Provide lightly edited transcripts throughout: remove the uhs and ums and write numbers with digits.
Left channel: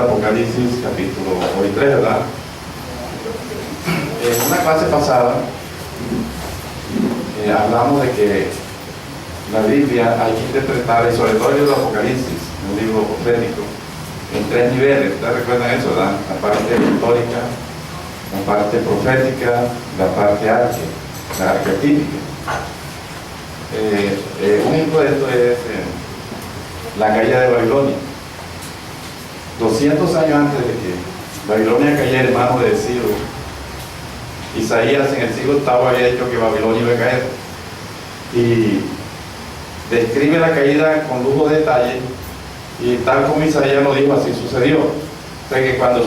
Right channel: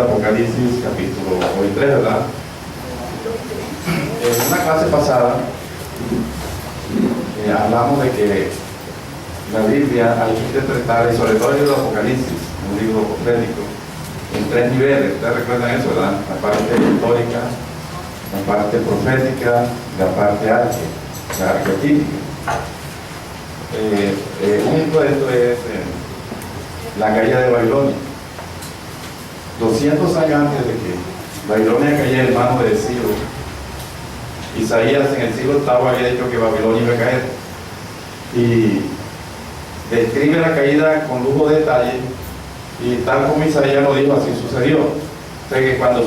Apocalipsis capítulo 3, ¿verdad? En una clase pasada hablamos de que la Biblia hay que interpretar, y sobre todo el libro de Apocalipsis, un libro profético, en 3 niveles. Ustedes recuerdan eso, ¿verdad? La parte histórica, la parte profética, la parte arquetípica. Un ejemplo de esto es la caída de Babilonia. 200 años antes de que Babilonia cayera en manos de Ciro, Isaías en el siglo VIII había dicho que Babilonia iba a caer y describe la caída con lujo de detalle, y tal como Isaías lo dijo, así sucedió. O sea que cuando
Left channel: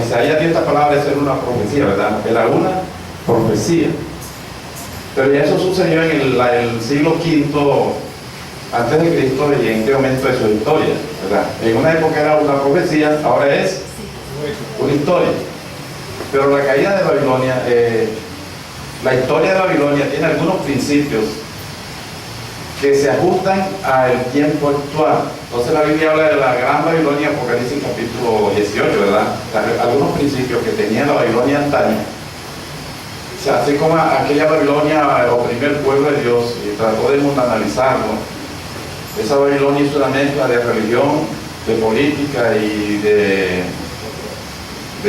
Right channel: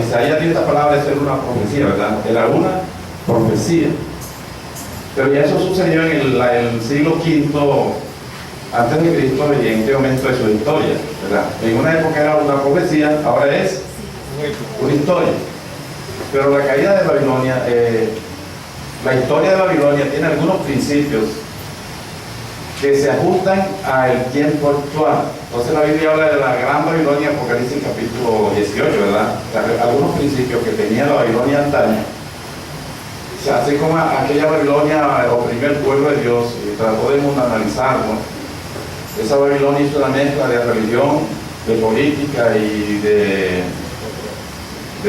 Isaías dio esta palabra, eso era una profecía, ¿verdad? Era una profecía, pero ya eso sucedió en el siglo V antes de Cristo, y en qué momento de su historia, ¿verdad? En una época era una profecía, ahora es una historia. Pero la caída de Babilonia, la historia de Babilonia tiene algunos principios que se ajustan al tiempo actual. Entonces la Biblia habla de la gran Babilonia, Apocalipsis capítulo 18, ¿verdad? Algunos principios que tenía la Babilonia antaño. O sea, así como aquella Babilonia oprimió el pueblo de Dios y trató de mundanalizarlo. Esa Babilonia hizo una mezcla de religión, de política y de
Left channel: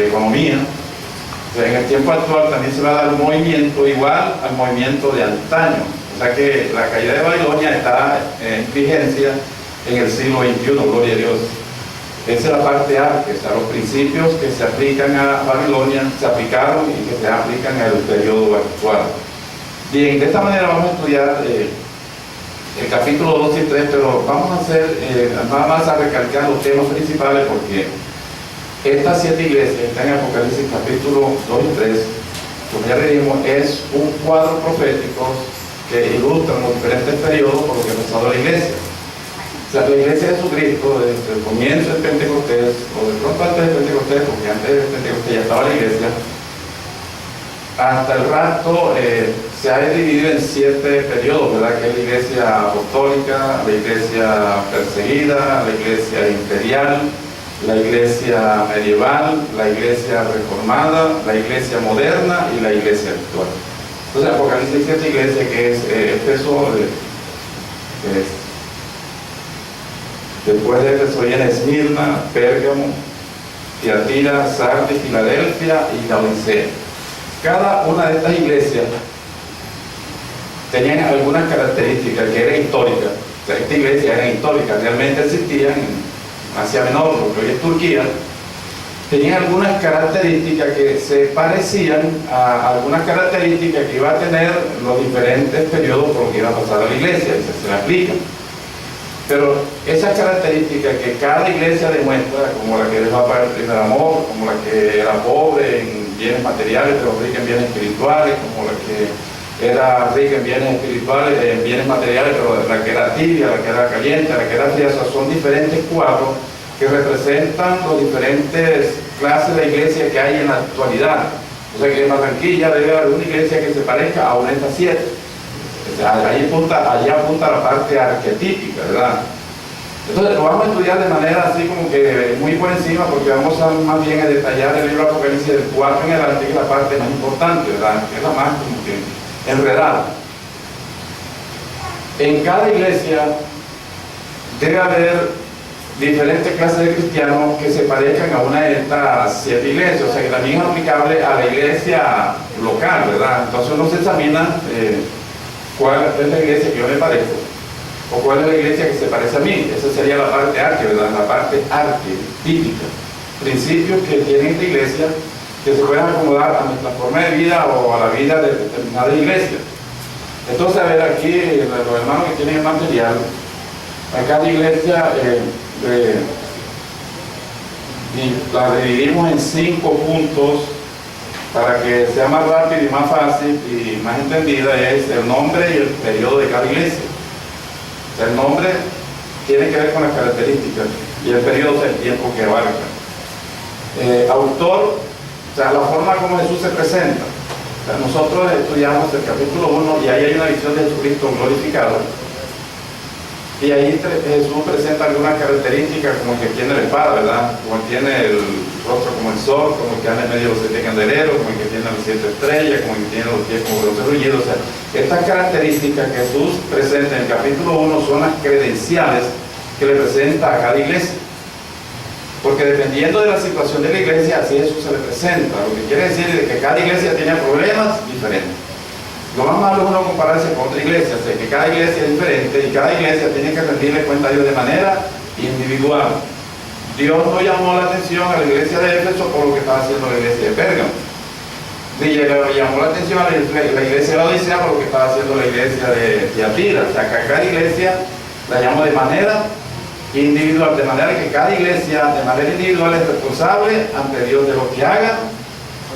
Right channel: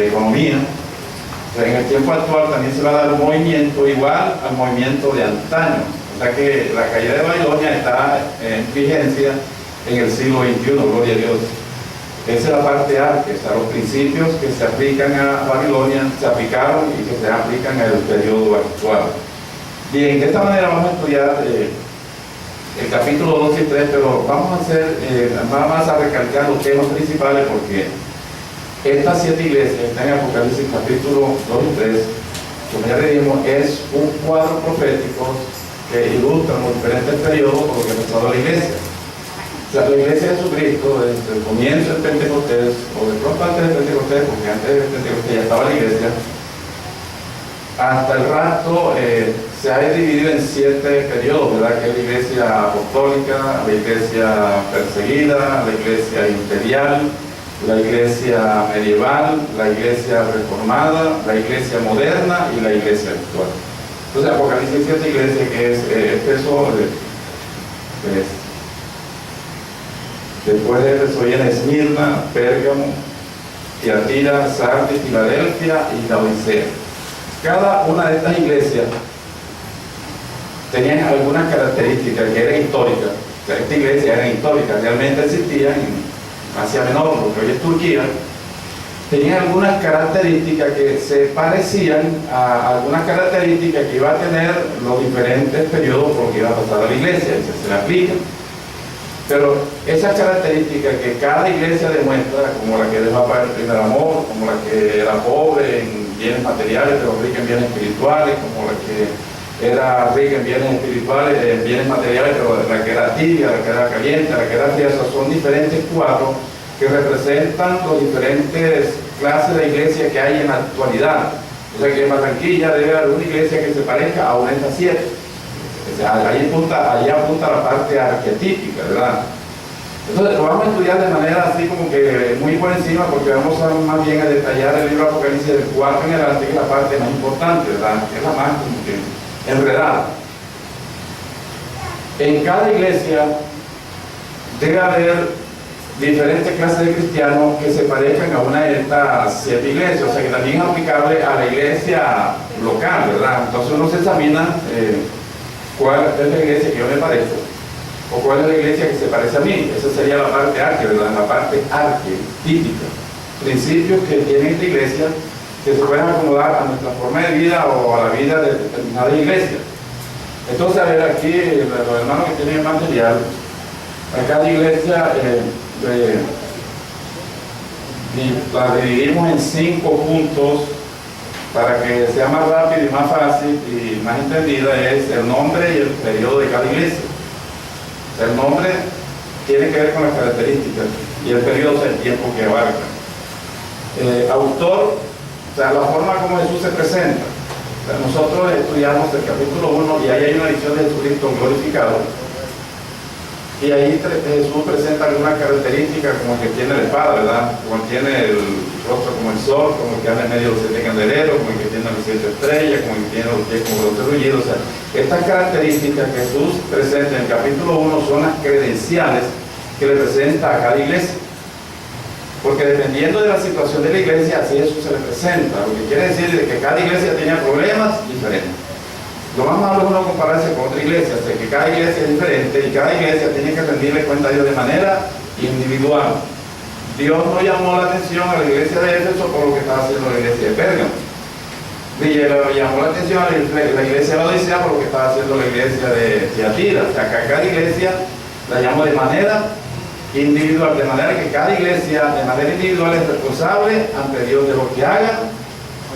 economía. O sea, en el tiempo actual también se va a dar un movimiento igual al movimiento de antaño. O sea que la caída de Babilonia está en vigencia en el siglo XXI, gloria a Dios. Esa es la parte arque, o sea, los principios que se aplican a Babilonia se aplicaron y que se aplican al periodo actual. Bien, de esta manera vamos a estudiar el capítulo 2 y 3, pero vamos a hacer nada más a recalcar los temas principales, porque estas 7 iglesias que están en Apocalipsis capítulo 2 y 3, como ya le dijimos, es un cuadro profético que ilustra los diferentes periodos por lo que ha pasado la iglesia. O sea, la iglesia de Jesucristo, desde el comienzo del Pentecostés, o de pronto antes del Pentecostés, porque antes del Pentecostés ya estaba la iglesia, hasta el rapto se ha dividido en 7 periodos, ¿verdad? Que es la iglesia apostólica, la iglesia perseguida, la iglesia imperial, la iglesia medieval, la iglesia reformada, la iglesia moderna y la iglesia actual. Entonces Apocalipsis 7 iglesias, que es Éfeso, después de Éfeso viene Esmirna, Pérgamo, Tiatira, Sardis, Filadelfia y Laodicea. Cada una de estas iglesias tenían algunas características que eran históricas. O sea, estas iglesias eran históricas, realmente existían en Asia Menor, lo que hoy es Turquía. Tenían algunas características que se parecían a algunas características que iba a tener los diferentes periodos por los que iba a pasar a la iglesia, y se le aplican. Pero esas características que cada iglesia demuestra, como la que dejó para el primer amor, como la que era pobre en bienes materiales pero rica en bienes espirituales, como la que era rica en bienes espirituales, en bienes materiales, pero la que era tibia, la que era caliente, la que era fría, son diferentes cuadros que representan las diferentes clases de iglesia que hay en la actualidad. O sea que en Barranquilla debe haber una iglesia que se parezca a una de estas 7. O sea, allí apunta la parte arquetípica, ¿verdad? Entonces lo vamos a estudiar de manera así como que muy por encima, porque vamos a más bien a detallar el libro de Apocalipsis del 4 en adelante, que es la parte más importante, ¿verdad? Que es la más como que enredada. En cada iglesia debe haber diferentes clases de cristianos que se parezcan a una de estas 7 iglesias, o sea que también es aplicable a la iglesia local, ¿verdad? Entonces uno se examina cuál es la iglesia que yo me parezco, o cuál es la iglesia que se parece a mí. Esa sería la parte arque, ¿verdad? La parte arquetípica. Principios que tiene esta iglesia que se pueden acomodar a nuestra forma de vida o a la vida de determinada iglesia. Entonces, a ver, aquí los hermanos que tienen el material, a cada iglesia la dividimos en 5 puntos para que sea más rápido y más fácil y más entendida. Es el nombre y el periodo de cada iglesia. O sea, el nombre tiene que ver con las características y el periodo es el tiempo que abarca. Autor, o sea, la forma como Jesús se presenta. O sea, nosotros estudiamos el capítulo 1 y ahí hay una visión de Jesucristo glorificado. Y ahí Jesús presenta algunas características como el que tiene la espada, ¿verdad? Como el que tiene el rostro como el sol, como el que anda en medio de los 7 candeleros, como el que tiene las 7 estrellas, como el que tiene los pies como los brullidos. O sea, estas características que Jesús presenta en el capítulo 1 son las credenciales que le presenta a cada iglesia. Porque dependiendo de la situación de la iglesia, así Jesús se le presenta. Lo que quiere decir es que cada iglesia tiene problemas diferentes. Lo más malo es uno compararse con otra iglesia, o sea, que cada iglesia es diferente y cada iglesia tiene que rendirle cuenta a Dios de manera individual. Dios no llamó la atención a la iglesia de Éfeso por lo que estaba haciendo la iglesia de Pérgamo. Ni le llamó la atención a la iglesia de la Odisea por lo que estaba haciendo la iglesia de Tiatira. O sea, que a cada iglesia la llamó de manera individual, de manera que cada iglesia de manera individual es responsable ante Dios de lo que haga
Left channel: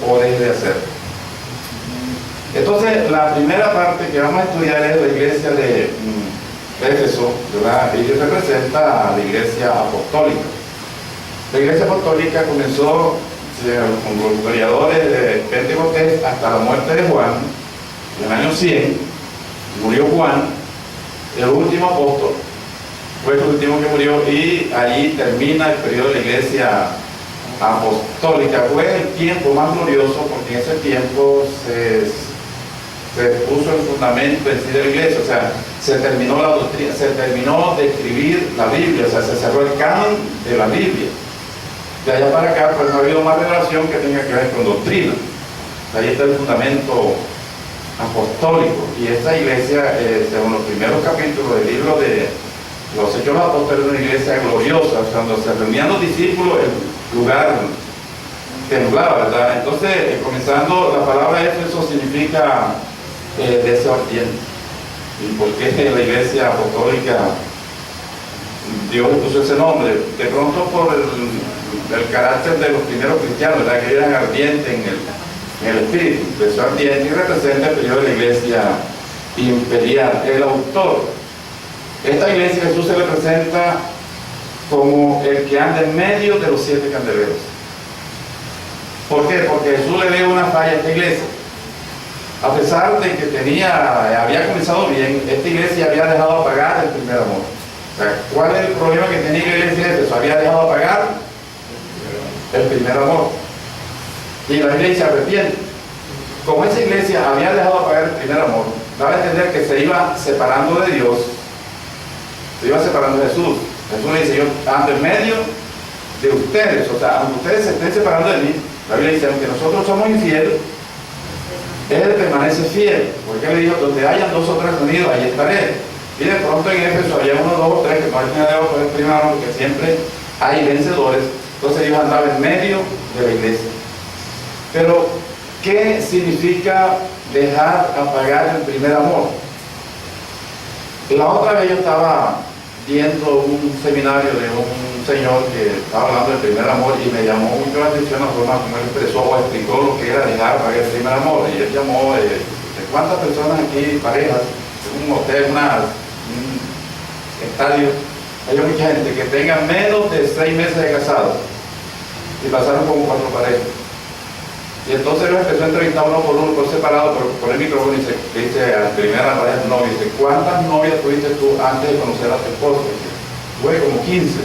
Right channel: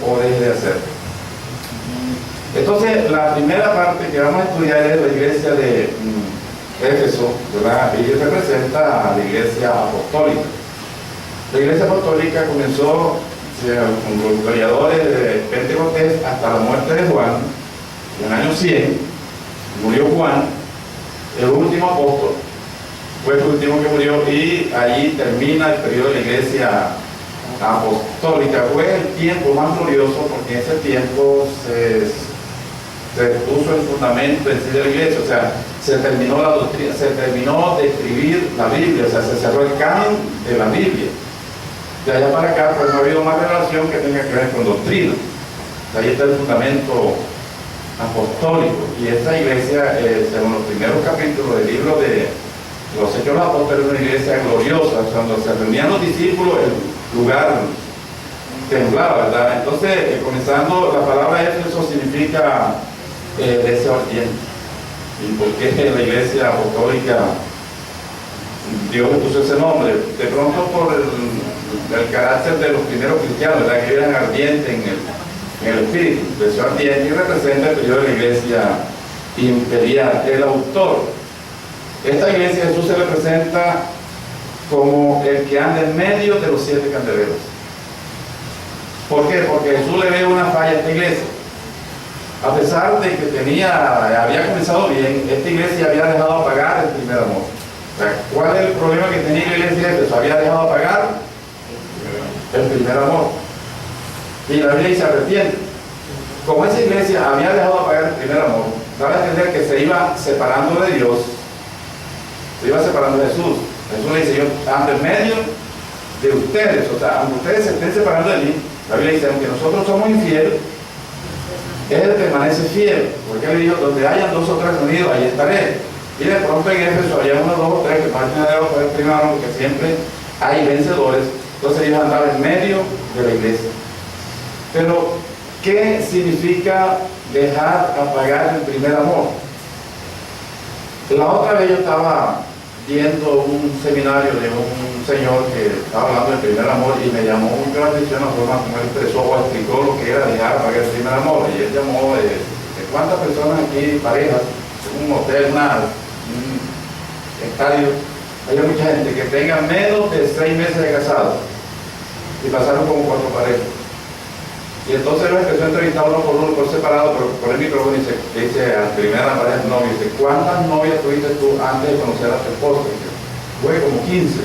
o deje de hacer. Entonces, la primera parte que vamos a estudiar es la iglesia de Éfeso, ¿verdad? Y representa a la iglesia apostólica. La iglesia apostólica comenzó con los historiadores de Pentecostés hasta la muerte de Juan, en el año 100, murió Juan, el último apóstol, fue el último que murió, y ahí termina el periodo de la iglesia apostólica. Fue el tiempo más glorioso porque en ese tiempo se puso el fundamento en sí de la iglesia, o sea, se terminó la doctrina, se terminó de escribir la Biblia, o sea, se cerró el canon de la Biblia. De allá para acá, pues no ha habido más revelación que tenga que ver con doctrina. Ahí está el fundamento apostólico, y esta iglesia, según los primeros capítulos del libro de los Hechos de los Apóstoles, es una iglesia gloriosa. Cuando se reunían los discípulos, el lugar temblaba, ¿verdad? Entonces, comenzando, la palabra Éfeso significa deseo ardiente. ¿Y por qué la iglesia apostólica Dios le puso ese nombre? De pronto por el carácter de los primeros cristianos, ¿verdad? Que eran ardientes en el espíritu. Deseo ardiente, y representa el periodo de la iglesia imperial. El autor, esta iglesia, Jesús se le presenta como el que anda en medio de los 7 candeleros. ¿Por qué? Porque Jesús le ve una falla a esta iglesia. A pesar de que había comenzado bien, esta iglesia había dejado apagar el primer amor. O sea, ¿cuál es el problema que tenía la iglesia de Éfeso? Había dejado apagar el primer amor. Y la Biblia dice arrepiente. Como esa iglesia había dejado apagar el primer amor, daba a entender que se iba separando de Dios, se iba separando de Jesús. Jesús le dice, yo ando en medio de ustedes, o sea, aunque ustedes se estén separando de mí, la Biblia dice, aunque nosotros somos infieles, Él permanece fiel, porque Él dijo, donde hayan 2 o 3 reunidos, ahí estaré. Y de pronto en Éfeso había 1, 2 o 3 que no habían dejado por el primer amor, porque siempre hay vencedores. Entonces ellos andaban en medio de la iglesia. Pero, ¿qué significa dejar apagar el primer amor? La otra vez yo estaba viendo un seminario de un señor que estaba hablando del primer amor, y me llamó mucho la atención la forma como él expresó o explicó lo que era dejar apagar el primer amor. Y él llamó de cuántas personas aquí, parejas, en un hotel, un estadio, hay mucha gente que tenga menos de 6 meses de casados y pasaron como 4 parejas. Y entonces lo empezó a entrevistar uno por separado, pero por el micrófono, y dice a la primera pareja novia, dice, ¿cuántas novias tuviste tú antes de conocer a tu esposo? Fue como 15.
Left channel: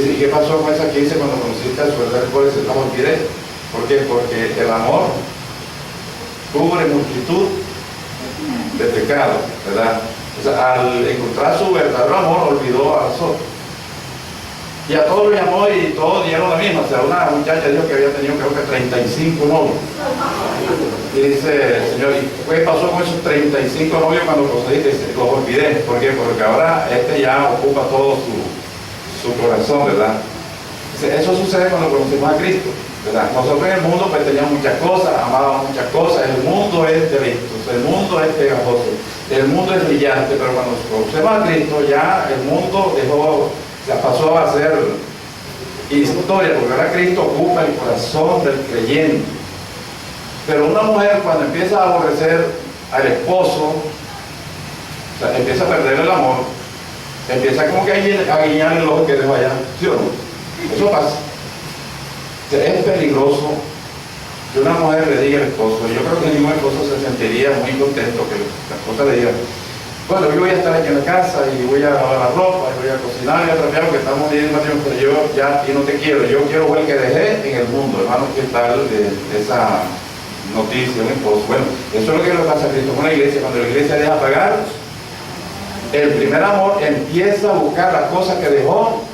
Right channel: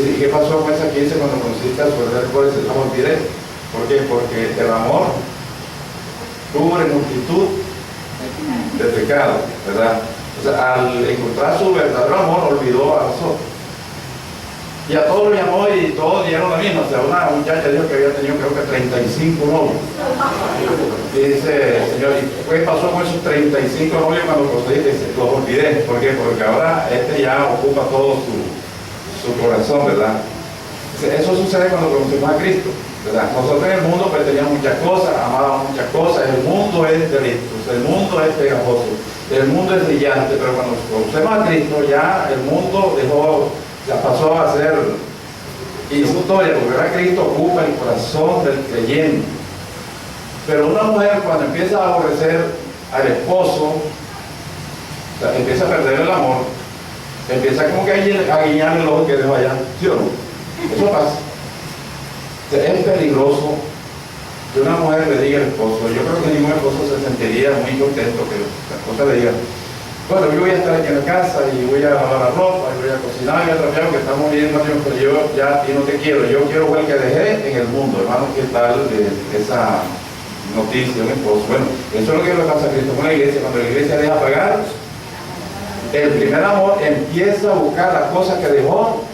¿Y qué pasó con esas 15 cuando conociste a su verdadero esposo? Dice, no me olvidé. ¿Por qué? Porque el amor cubre multitud de pecados, ¿verdad? O sea, al encontrar su verdadero amor, olvidó a los otros. Y a todos lo llamó y todos dieron la misma. O sea, una muchacha dijo que había tenido, creo que 35 novios. Y dice, Señor, ¿y qué pasó con esos 35 novios cuando procediste? Dice, los olvidé. ¿Por qué? Porque ahora ya ocupa todo su corazón, ¿verdad? Dice, eso sucede cuando conocemos a Cristo, ¿verdad? Nosotros en el mundo pues teníamos muchas cosas, amábamos muchas cosas, el mundo es de vistos, el mundo es pegajoso, el mundo es brillante, pero cuando conocemos a Cristo ya el mundo pasó a ser historia, porque ahora Cristo ocupa el corazón del creyente. Pero una mujer, cuando empieza a aborrecer al esposo, o sea, empieza a perder el amor, empieza como que a guiñar el ojo que dejó allá, ¿sí o no? Eso pasa. O sea, es peligroso que una mujer le diga al esposo. Yo creo que ningún esposo se sentiría muy contento que la esposa le diga, bueno, yo voy a estar aquí en la casa y voy a lavar la ropa, y voy a cocinar y a trapear porque estamos viviendo años, pero yo ya y no te quiero, yo quiero ver el que dejé en el mundo, hermano, ¿qué tal de esa noticia, mi esposo? Bueno, eso es lo que le pasa a Cristo con la iglesia. Cuando la iglesia deja pagar, el primer amor empieza a buscar las cosas que dejó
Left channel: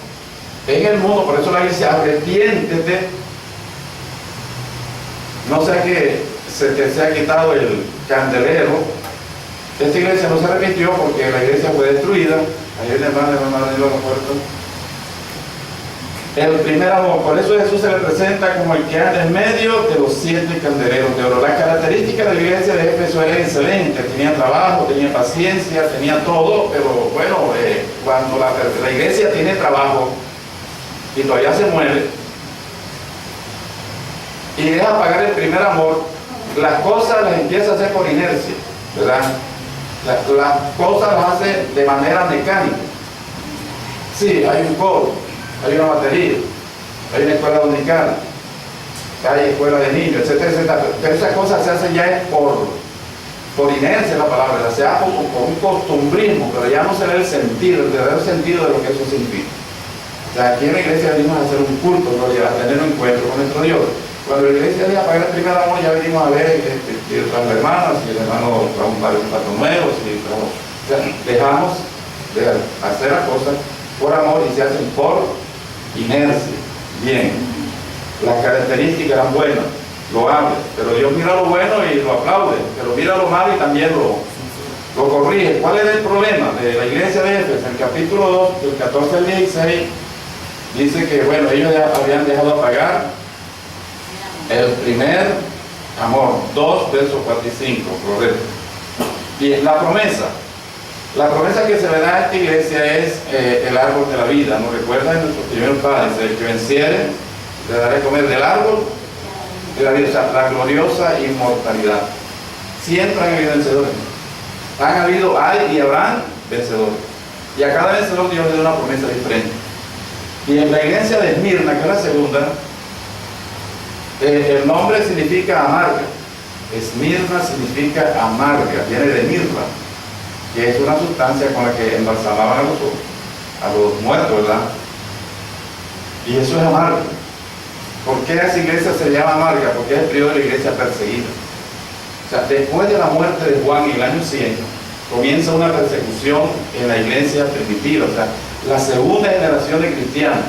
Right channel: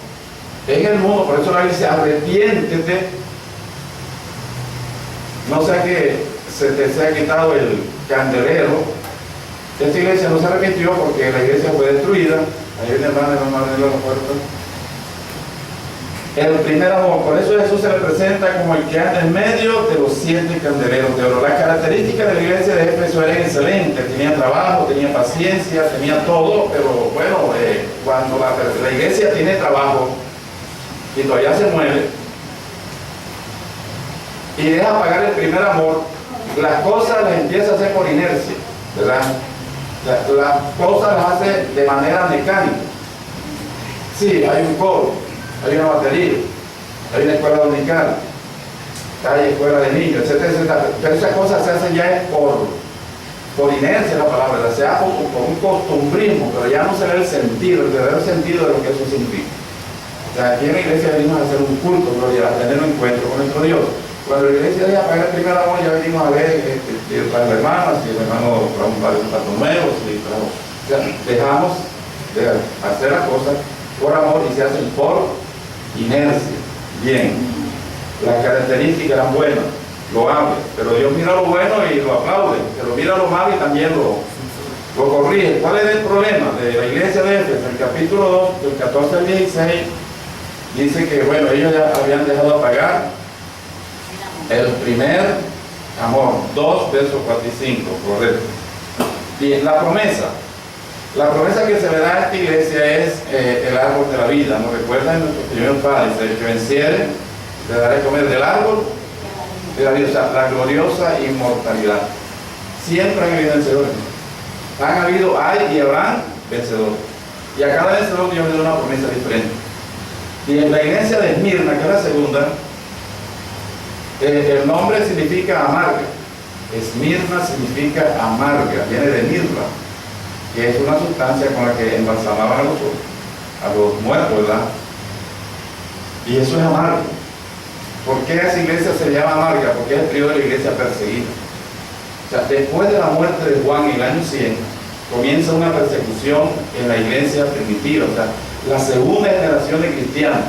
en el mundo. Por eso la iglesia, arrepiéntete, no sea que se te sea quitado el candelero. Esta iglesia no se arrepintió porque la iglesia fue destruida. Ahí viene hermano de la puerta. El primer amor, por eso Jesús se le presenta como el que anda en medio de los 7 candeleros de oro. Las características de la iglesia de Éfeso eran excelentes, tenía trabajo, tenía paciencia, tenía todo, pero bueno, cuando la iglesia tiene trabajo y todavía se mueve y deja pagar el primer amor, las cosas las empieza a hacer por inercia, ¿verdad? Las cosas las hace de manera mecánica. Sí, hay un coro, hay una batería, hay una escuela dominical, hay escuela de niños, etcétera, etcétera. Pero esas cosas se hacen ya por inercia, la palabra, se hace por un costumbrismo, pero ya no se ve el sentido, el verdadero sentido de lo que eso significa. O sea, aquí en la iglesia venimos a hacer un culto, gloria, a tener un encuentro con nuestro Dios. Cuando la iglesia deja pagar el primer amor, ya venimos a ver las hermanas, y el hermano trae un par de zapatos nuevos, o sea, dejamos de hacer las cosas por amor y se hacen por inercia. Bien, las características eran buenas, loables, pero Dios mira lo bueno y lo aplaude, pero mira lo malo y también lo corrige. ¿Cuál es el problema de la iglesia de Éfeso? En el capítulo 2, del 14 al 16, dice que, bueno, ellos ya habían dejado pagar el primer amor. 2 versos 4 y 5, correcto. Bien, la promesa que se le da a esta iglesia es el árbol de la vida. Nos recuerda en nuestros primeros padres: el que venciere, le daré comer del árbol de la vida, o sea, la gloriosa inmortalidad. Siempre han habido vencedores. Hay y habrán vencedores. Y a cada vencedor Dios le da una promesa diferente. Y en la iglesia de Esmirna, que es la segunda, el nombre significa amarga. Esmirna significa amarga, viene de mirra, que es una sustancia con la que embalsamaban a los muertos, ¿verdad? Y eso es amargo. ¿Por qué esa iglesia se llama amarga? Porque es el periodo de la iglesia perseguida. O sea, después de la muerte de Juan en el año 100, comienza una persecución en la iglesia primitiva, o sea, la segunda generación de cristianos.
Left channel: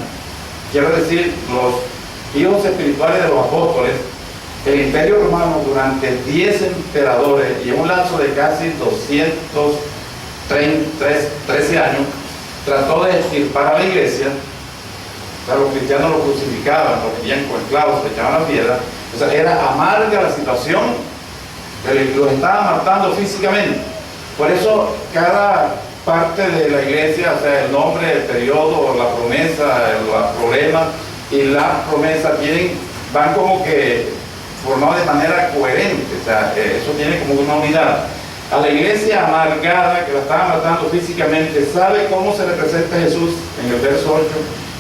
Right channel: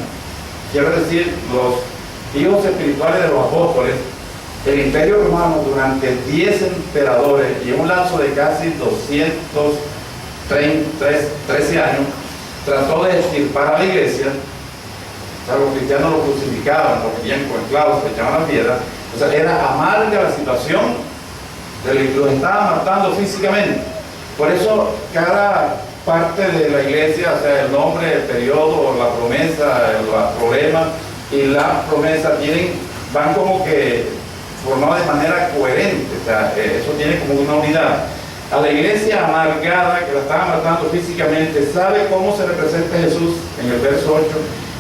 Quiero decir, los hijos espirituales de los apóstoles. El imperio romano durante 10 emperadores y en un lapso de casi 213 años trató de extirpar a la iglesia. O sea, los cristianos lo crucificaban, lo metían con clavos, se echaban la piedra. O sea, era amarga la situación, los estaban matando físicamente. Por eso cada parte de la iglesia, o sea, el nombre, el periodo, la promesa, el problema y la promesa van como que formados de manera coherente, o sea, eso tiene como una unidad. A la iglesia amargada, que la estaba matando físicamente, ¿sabe cómo se representa a Jesús en el verso 8?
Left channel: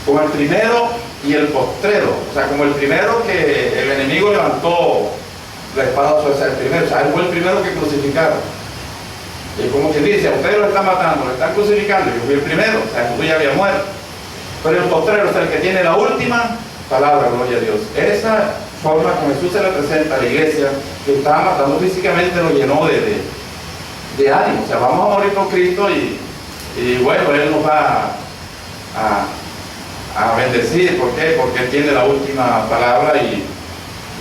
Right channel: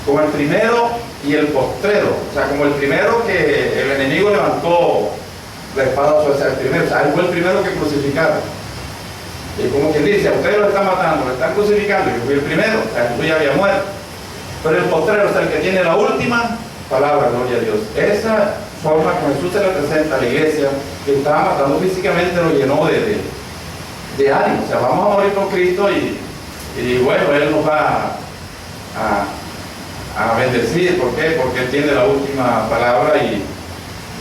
Como el primero y el postrero. O sea, como el primero que el enemigo levantó la espada, o sea, el primero, o sea, él fue el primero que crucificaron. Y como quien dice, a ustedes lo están matando, lo están crucificando, yo fui el primero, o sea, Jesús ya había muerto. Pero el postrero, o sea, el que tiene la última palabra, gloria a Dios. Esa forma como Jesús se le presenta a la iglesia que estaba matando físicamente lo llenó de ánimo. O sea, vamos a morir por Cristo y bueno, Él nos va a bendecir. ¿Por qué? Porque Él tiene la última palabra y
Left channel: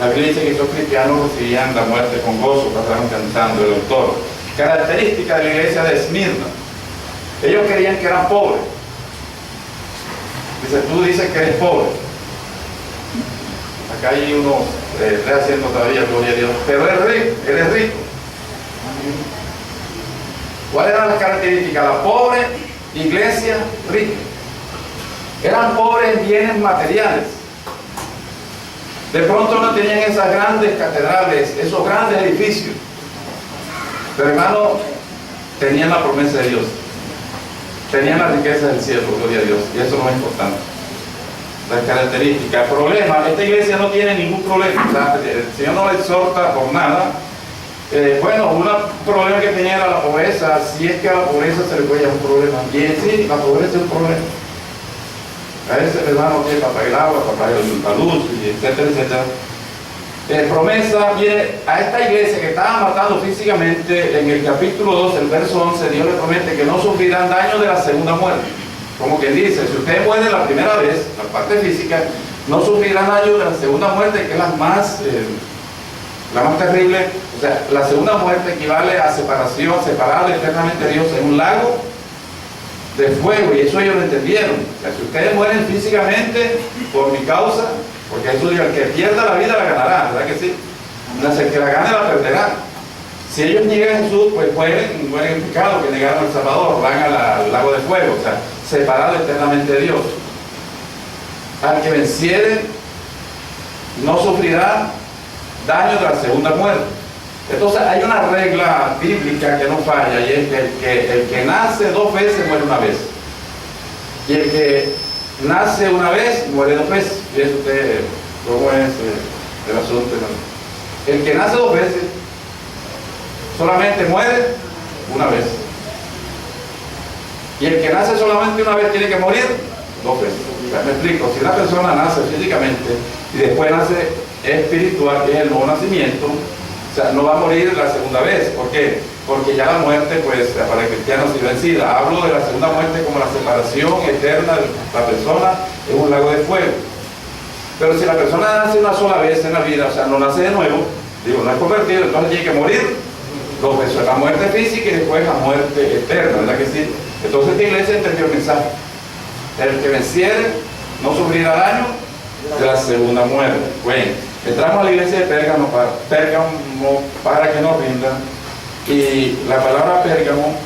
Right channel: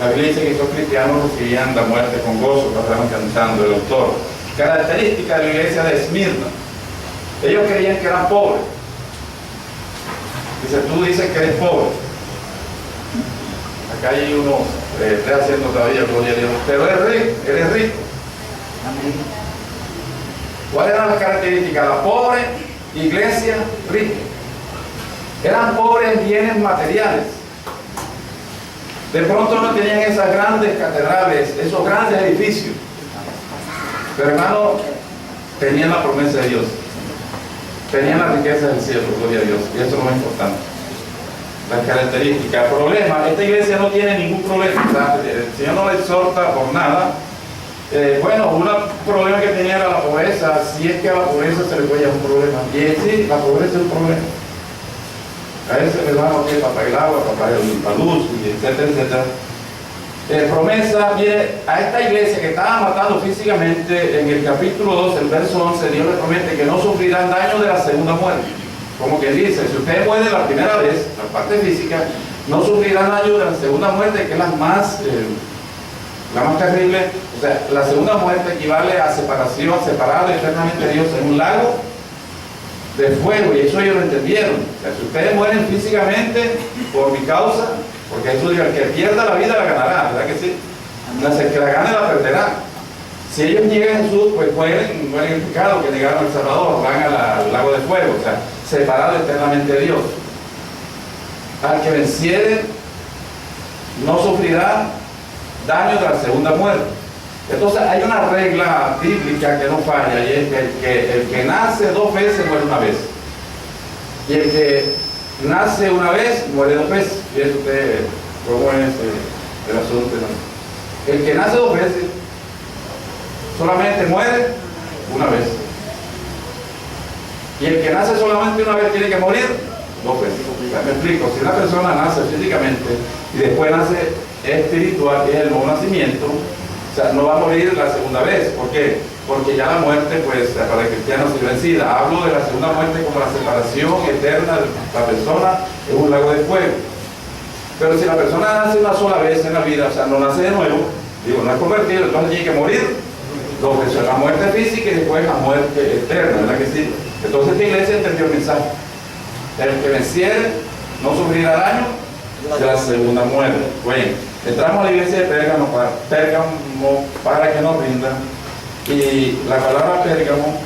la Biblia dice que esos cristianos recibían la muerte con gozo, pasaron cantando. El autor. Característica de la iglesia de Esmirna: ellos querían que eran pobres. Dice, tú dices que eres pobre. Acá hay uno, está haciendo todavía, gloria a Dios, pero eres rico. ¿Cuáles eran las características? La pobre iglesia rica. Eran pobres en bienes materiales. De pronto no tenían esas grandes catedrales, esos grandes edificios. Pero hermano, tenían la promesa de Dios. Tenían la riqueza del cielo, gloria a Dios. Y eso es lo más importante. Las características. El problema, esta iglesia no tiene ningún problema. El Señor no la exhorta por nada, Bueno, un problema que tenía era la pobreza, si es que a la pobreza se le puede llamar un problema. Y en sí, la pobreza es un problema. A veces hermano tiene para pagar el agua, para pagar la luz, y etcétera, etcétera. Promesa, mire, a esta iglesia que estaba matando físicamente, en el capítulo 2, el verso 11, Dios le promete que no sufrirán daño de la segunda muerte. Como que dice, si usted muere la primera vez, la parte física, no sufrirán daño de la segunda muerte, que es la más terrible. O sea, la segunda muerte equivale a separación, a separar eternamente a Dios en un lago de fuego, y eso ellos lo entendieron. O sea, si ustedes mueren físicamente por mi causa, porque Jesús dijo, el que pierda la vida la ganará, ¿verdad que sí? El que la gane la perderá. Si ellos niegan a Jesús, pues mueren en pecado, que negaron al Salvador, van al lago de fuego, o sea, separado eternamente de Dios. Al que venciere no sufrirá daño de la segunda muerte. Entonces hay una regla bíblica que no falla, y es que el que nace 2 veces muere una vez, y el que nace una vez muere 2 veces. Fíjese usted cómo es el asunto. El que nace 2 veces solamente muere una vez, y el que nace solamente una vez tiene que morir 2 veces. Me explico, si una persona nace físicamente y después nace espiritual, que es el nuevo nacimiento, o sea, no va a morir la segunda vez. ¿Por qué? Porque ya la muerte, pues, para el cristiano es vencida. Hablo de la segunda muerte como la separación eterna de la persona en un lago de fuego. Pero si la persona nace una sola vez en la vida, o sea, no nace de nuevo, digo, no es convertido, entonces tiene que morir 2 veces, la muerte física y después la muerte eterna, ¿verdad que sí? Entonces esta iglesia entendió el mensaje. El que venciere no sufrirá daño de la segunda muerte. Bueno, entramos a la iglesia de Pérgamo para que nos rinda. Y la palabra Pérgamo,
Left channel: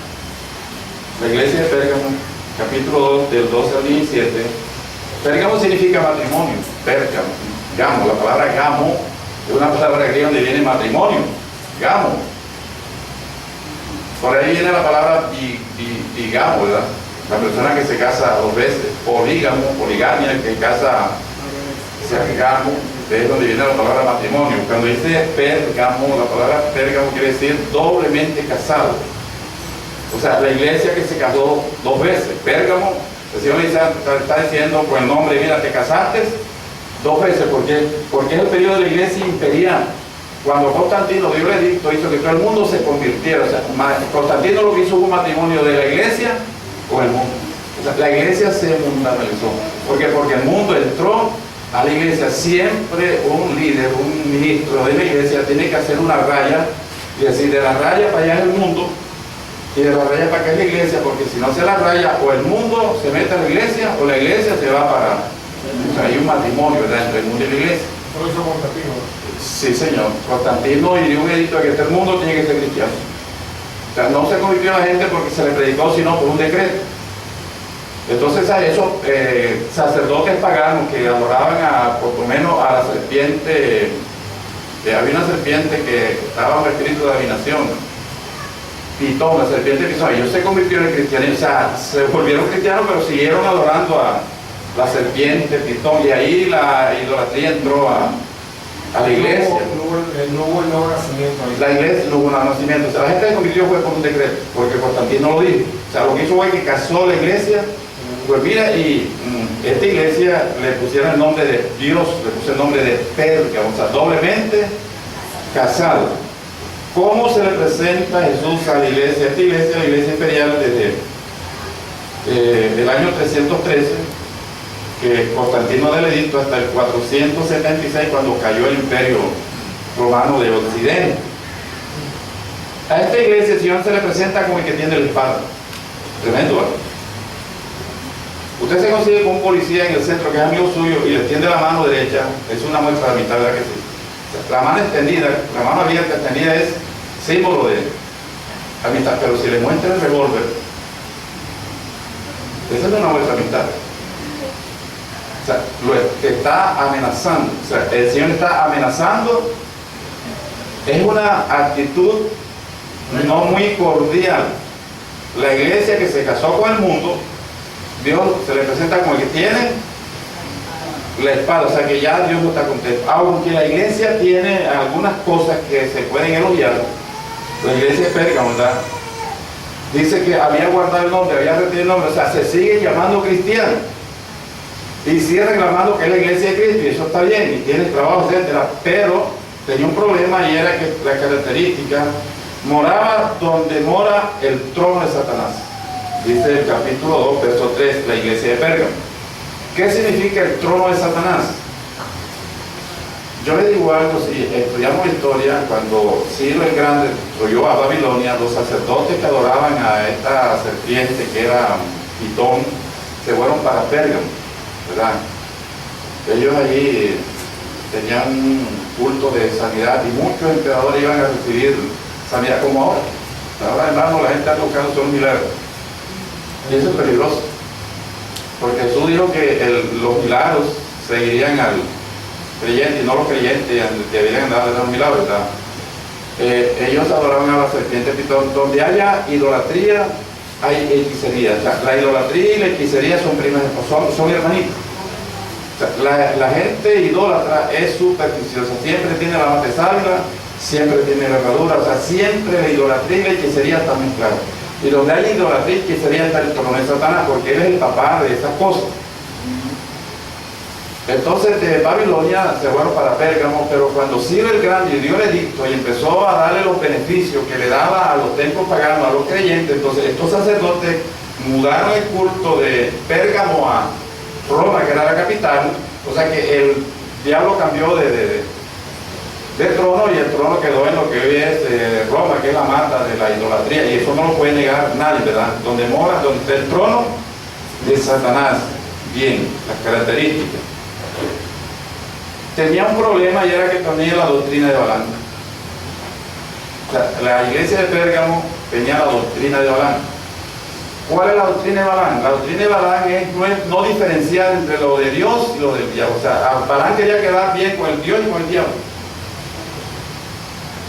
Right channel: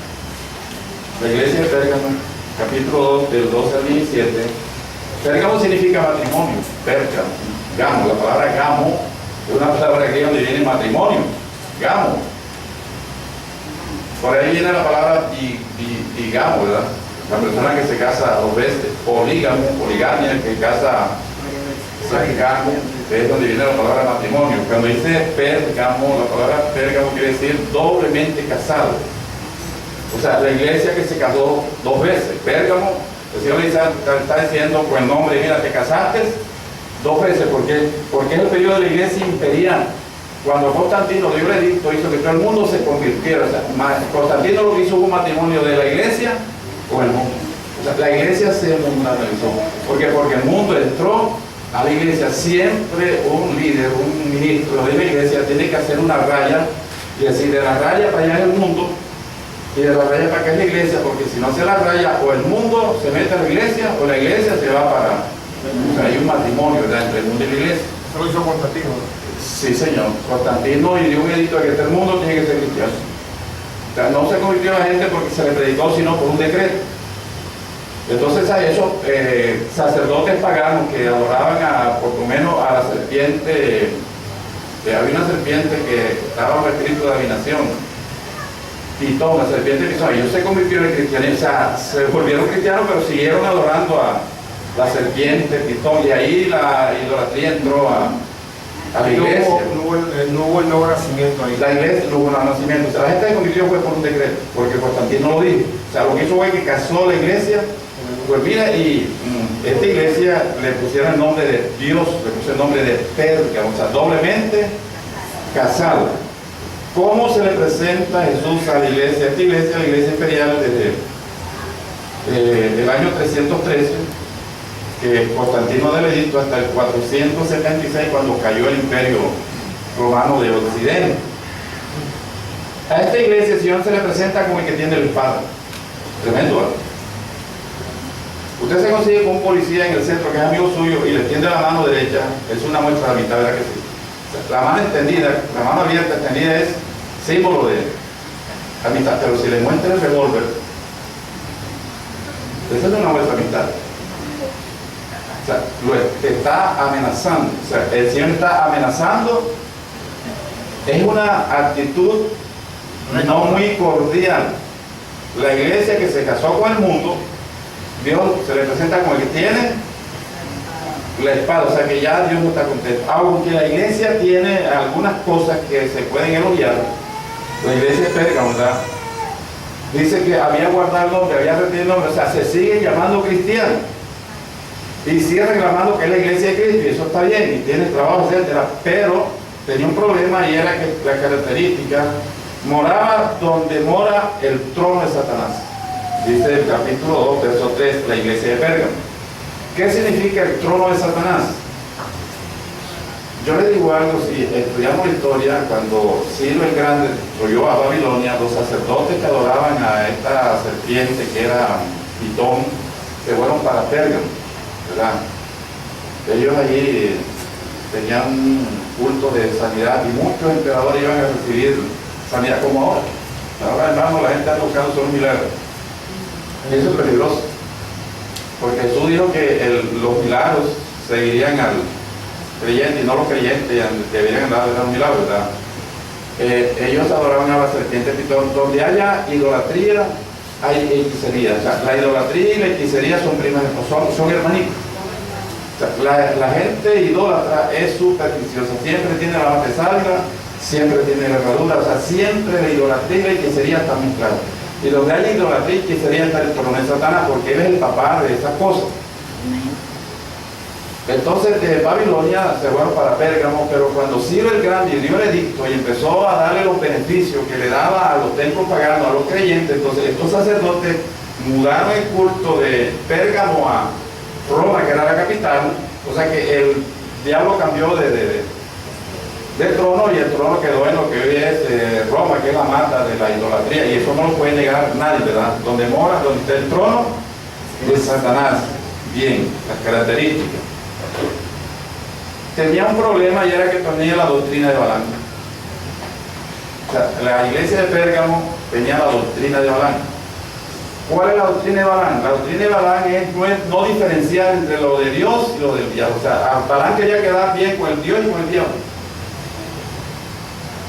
la iglesia de Pérgamo, capítulo 2, del 12 al 17, Pérgamo significa matrimonio. Pérgamo, gamo, la palabra gamo es una palabra griega donde viene matrimonio, gamo. Por ahí viene la palabra bigamo, ¿verdad? La persona que se casa 2 veces, polígamo, poligamia, el que casa, gamo, es donde viene la palabra matrimonio. Cuando dice Pérgamo, la palabra Pérgamo quiere decir doblemente casado. O sea, la iglesia que se casó 2 veces. Pérgamo, el Señor está diciendo con el nombre, mira, te casaste 2 veces. ¿Por qué? Porque es el periodo de la iglesia imperial. Cuando Constantino dio el edicto, hizo que todo el mundo se convirtiera. O sea, Constantino lo que hizo fue un matrimonio de la iglesia con el mundo. O sea, la iglesia se mundanizó. ¿Por qué? Porque el mundo entró a la iglesia. Siempre un líder, un ministro de la iglesia tiene que hacer una raya y decir, de la raya para allá es el mundo y de la raya para acá es la iglesia, porque si no hace la raya, o el mundo se mete a la iglesia o la iglesia se va para... O sea, hay un matrimonio, ¿verdad?, entre el mundo y la iglesia. ¿Eso lo hizo Constantino? Sí, señor. Constantino y dio un edicto de que todo el mundo tiene que ser cristiano. O sea, no se convirtió a la gente porque se le predicó, sino por un decreto. Entonces a esos sacerdotes paganos que adoraban por lo menos a la serpiente, había una serpiente que estaba en el espíritu de adivinación, Pitón, la serpiente Pitón, ellos se convirtieron en cristianos, o sea, se volvieron cristianos, pero siguieron adorando a la serpiente Pitón, y ahí la idolatría entró a la iglesia. No hubo el nuevo nacimiento ahí. La iglesia no hubo un nacimiento, o sea, la gente se convirtió fue por un decreto, porque Constantino lo dijo. O sea, lo que hizo fue que casó la iglesia. Pues mira, y esta iglesia le pusieron el nombre de Dios, le puso el nombre de Pérgamo, o sea, doblemente casado. ¿Cómo se le presenta a Jesús a la iglesia? Esta iglesia, la iglesia imperial, desde el año 313, que Constantino del edicto, hasta el 476, cuando cayó el imperio romano de Occidente. A esta iglesia el Señor se le presenta como el que tiene la espada. Tremendo, ¿verdad? Usted se consigue con un policía en el centro que es amigo suyo y le tiende la mano derecha, es una muestra de amistad, ¿verdad que sí? O sea, la mano extendida, la mano abierta extendida es símbolo de amistad, pero si le muestra el revólver, esa es una muestra de amistad. O sea, lo está amenazando, o sea, el Señor está amenazando, es una actitud no muy cordial. La iglesia que se casó con el mundo, Dios se le presenta como el que tiene la espada, o sea que ya Dios no está contento. Aunque la iglesia tiene algunas cosas que se pueden elogiar, la iglesia de Pérgamo, ¿verdad? Dice que había guardado el nombre, había retenido el nombre, o sea, se siguen llamando cristianos. Y sigue reclamando que es la iglesia de Cristo, y eso está bien, y tiene trabajo, etcétera, pero tenía un problema y era que la característica moraba donde mora el trono de Satanás. Dice el capítulo 2, verso 3, la iglesia de Pérgamo. ¿Qué significa el trono de Satanás? Yo le digo algo, si estudiamos historia, cuando Ciro el Grande destruyó a Babilonia, los sacerdotes que adoraban a esta serpiente que era Pitón, se fueron para Pérgamo, ¿verdad? Ellos allí tenían un culto de sanidad y muchos emperadores iban a recibir sanidad como ahora. Ahora, hermano, la gente está buscando son milagros. Y eso es peligroso. Porque Jesús dijo que los milagros seguirían al creyente y no los creyentes deberían dar los milagros, ¿verdad? Ellos adoraban a la serpiente Pitón. Donde haya idolatría, hay hechicería. O sea, la idolatría y la hechicería son hermanitos. O sea, la gente idólatra es supersticiosa, siempre tiene la mata de sábila, siempre tiene la herradura, o sea, siempre la idolatría y la hechicería están mezcladas. Y donde hay idolatría y hechicería está el trono de Satanás, porque él es el papá de esas cosas. Entonces de Babilonia se fueron para Pérgamo, pero cuando Ciro el Grande dio el edicto y empezó a darle los beneficios que le daba a los templos paganos, a los creyentes, entonces estos sacerdotes mudaron el culto de Pérgamo a Roma, que era la capital, o sea que el diablo cambió de trono y el trono quedó en lo que hoy es Roma, que es la mata de la idolatría, y eso no lo puede negar nadie, ¿verdad? Donde está el trono de Satanás. Bien, las características. Tenía un problema y era que tenía la doctrina de Balaam. O sea, la iglesia de Pérgamo tenía la doctrina de Balaam. ¿Cuál es la doctrina de Balaam? La doctrina de Balaam es no diferenciar entre lo de Dios y lo del diablo. O sea, Balaam quería quedar bien con el Dios y con el diablo.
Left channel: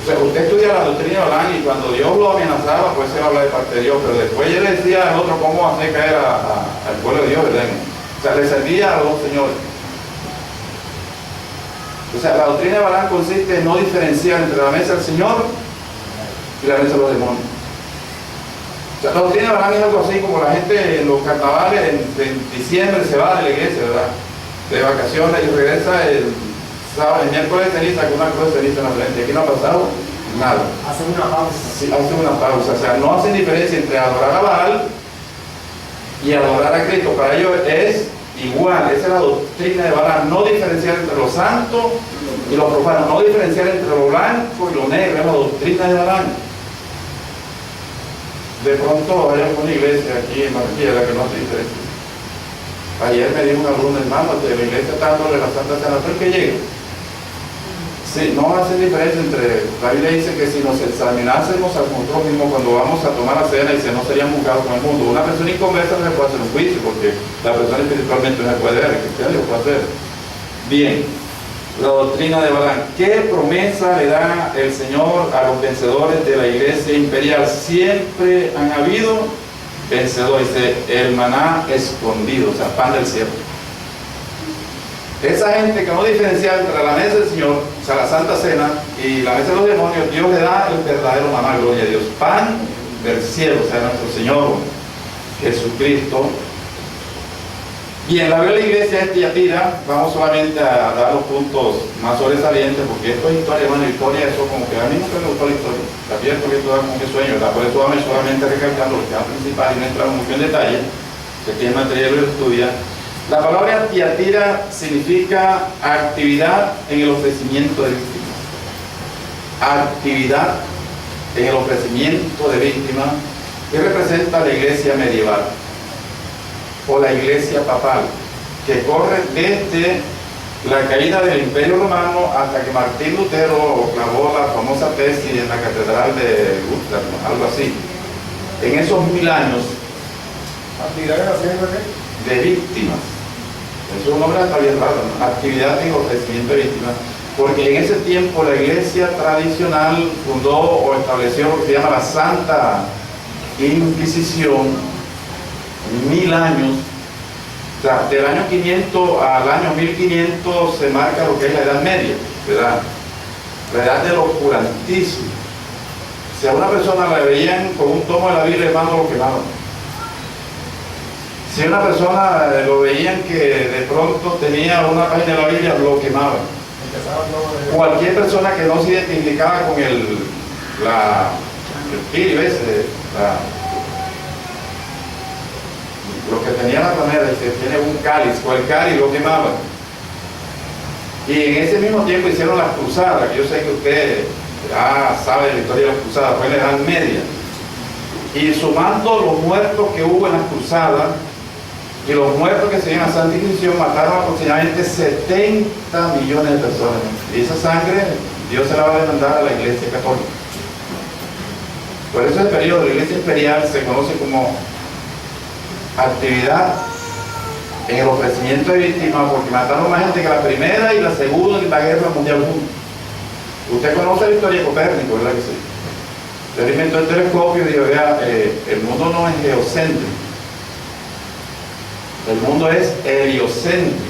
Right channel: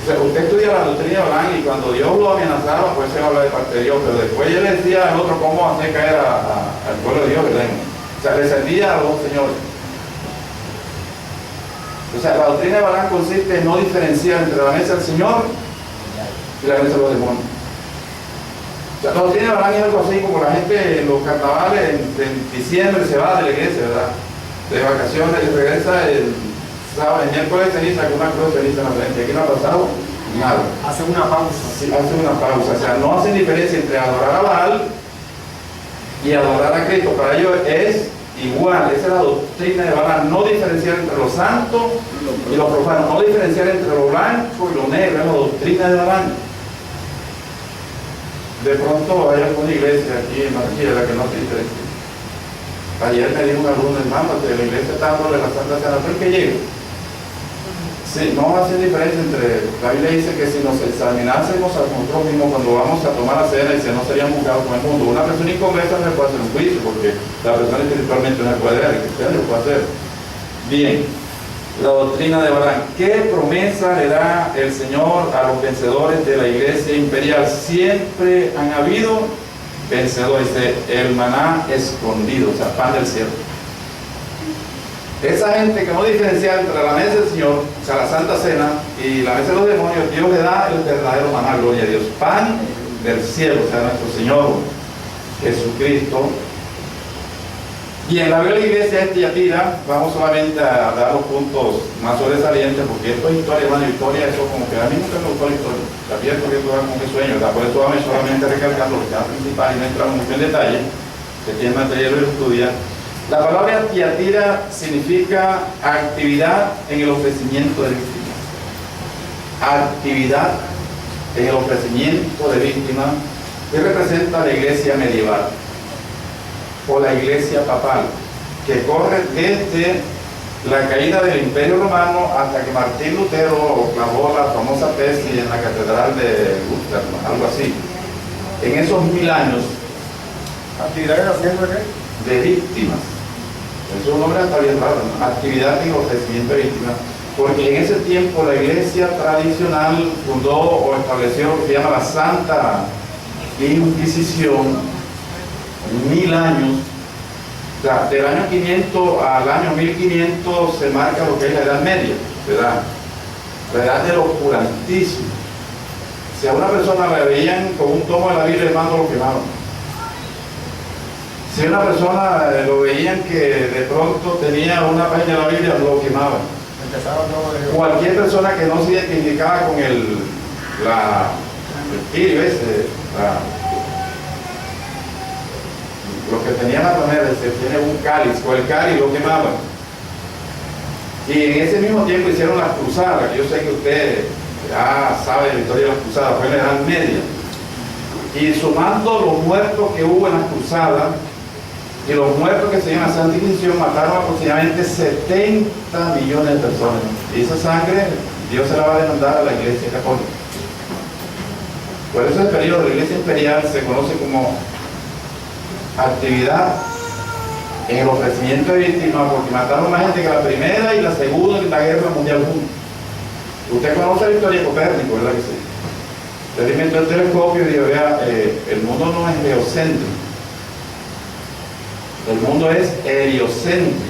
O sea, usted estudia la doctrina de Balaam y cuando Dios lo amenazaba, pues él habla de parte de Dios, pero después él le decía al otro cómo hacer caer al pueblo de Dios, ¿verdad? O sea, le servía a los dos señores. O sea, la doctrina de Balaam consiste en no diferenciar entre la mesa del Señor y la mesa de los demonios. O sea, la doctrina de Balaam es algo así como la gente en los carnavales en diciembre se va de la iglesia, ¿verdad? De vacaciones y regresa el sábado, el miércoles de ceniza con una cruz de ceniza en la frente. Aquí no ha pasado nada. Hacen una pausa. Sí, hacen una pausa. O sea, no hacen diferencia entre adorar a Baal y adorar a Cristo. Para ellos es igual. Esa es la doctrina de Balaam. No diferenciar entre lo santo y lo profano. No diferenciar entre lo blanco y lo negro. Es la doctrina de Balaam. De pronto hay alguna iglesia aquí en Barranquilla que no se diferencia. Ayer me dijo un alumno, hermano, que la iglesia está dándole la Santa Cena, pero que llegue. Sí, no hace diferencia entre, la Biblia dice que si nos examinásemos a nosotros mismos cuando vamos a tomar la cena y si no seríamos juzgados con el mundo, una persona inconversa no se puede hacer un juicio porque la persona espiritualmente no se puede ver, el cristiano lo puede hacer. Bien, la doctrina de Balaam. ¿Qué promesa le da el Señor a los vencedores de la iglesia imperial? Siempre han habido vencedores, el maná escondido, o sea, pan del cielo. Esa gente que no diferencia entre la mesa del Señor, o sea, la Santa Cena, y la mesa de los demonios, Dios le da el verdadero maná, gloria a Dios, pan del cielo, o sea, nuestro Señor Jesucristo. Y en la Biblia de la iglesia de Tiatira, vamos solamente a dar los puntos más sobresalientes, porque esto es historia, hermano, historia, eso como que a mí nunca me gustó la historia, también porque esto da como que sueño, ¿verdad? Por eso vamos solamente recalcando lo que es principal y no entramos mucho en detalle, que aquí el material lo estudia. La palabra Tiatira significa actividad en el ofrecimiento de víctimas. Actividad en el ofrecimiento de víctimas, que representa la iglesia medieval o la iglesia papal, que corre desde la caída del Imperio Romano hasta que Martín Lutero clavó la famosa tesis en la Catedral de Luterano, algo así. En esos 1000 años, ¿actividades haciendo qué? De víctimas. Eso es un nombre está bien raro, ¿no? Actividad en ofrecimiento de víctimas. Porque en ese tiempo la iglesia tradicional fundó o estableció lo que se llama la Santa Inquisición. 1000 años, o sea, del año 500 al año 1500 se marca lo que es la Edad Media, ¿verdad? La edad del oscurantismo. Si a una persona la veían con un tomo de la Biblia, hermano, lo quemaban. Si a una persona lo veían que de pronto tenía una página de la Biblia, lo quemaban. Empezaron todo Cualquier persona que no se identificaba con el kirio ese, lo que tenía la ramera, que tiene un cáliz, o el cáliz, lo quemaban. Y en ese mismo tiempo hicieron las cruzadas, que yo sé que usted ya sabe la historia de las cruzadas, fue en la Edad Media. Y sumando los muertos que hubo en las cruzadas y los muertos que se dieron a la Santa Inquisición, mataron aproximadamente 70 millones de personas. Y esa sangre Dios se la va a demandar a la Iglesia Católica. Por eso el periodo de la Iglesia Imperial se conoce como actividad en el ofrecimiento de víctimas, porque mataron más gente que la Primera y la Segunda y la Guerra Mundial juntos. Usted conoce la historia de Copérnico, ¿verdad que sí? Usted inventó el telescopio y dijo, vea, el mundo no es geocéntrico, el mundo es heliocéntrico.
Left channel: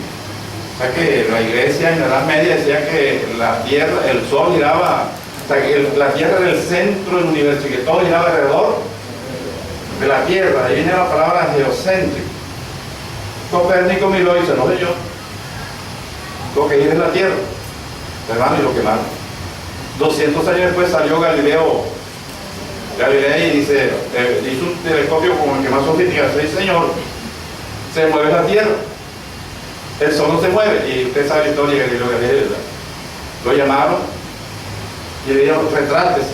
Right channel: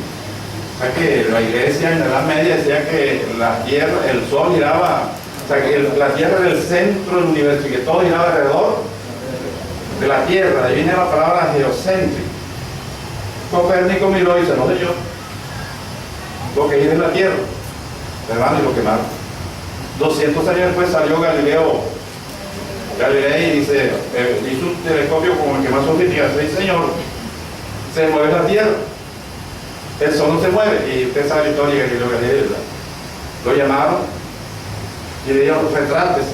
O sea que la Iglesia en la Edad Media decía que la Tierra, el Sol giraba, o sea que la Tierra era el centro del universo y que todo giraba alrededor de la Tierra. De ahí viene la palabra geocéntrico. Copérnico miró y dice, no sé yo, lo que gira es la Tierra, hermano, y lo quemaron. 200 años después salió Galilei y dice, hizo un telescopio como el que más sofisticado. Sí, señor, se mueve la Tierra, el sol no se mueve. Y usted sabe la historia de Galileo Galilei, ¿verdad? Lo llamaron y le dijeron, retrátese.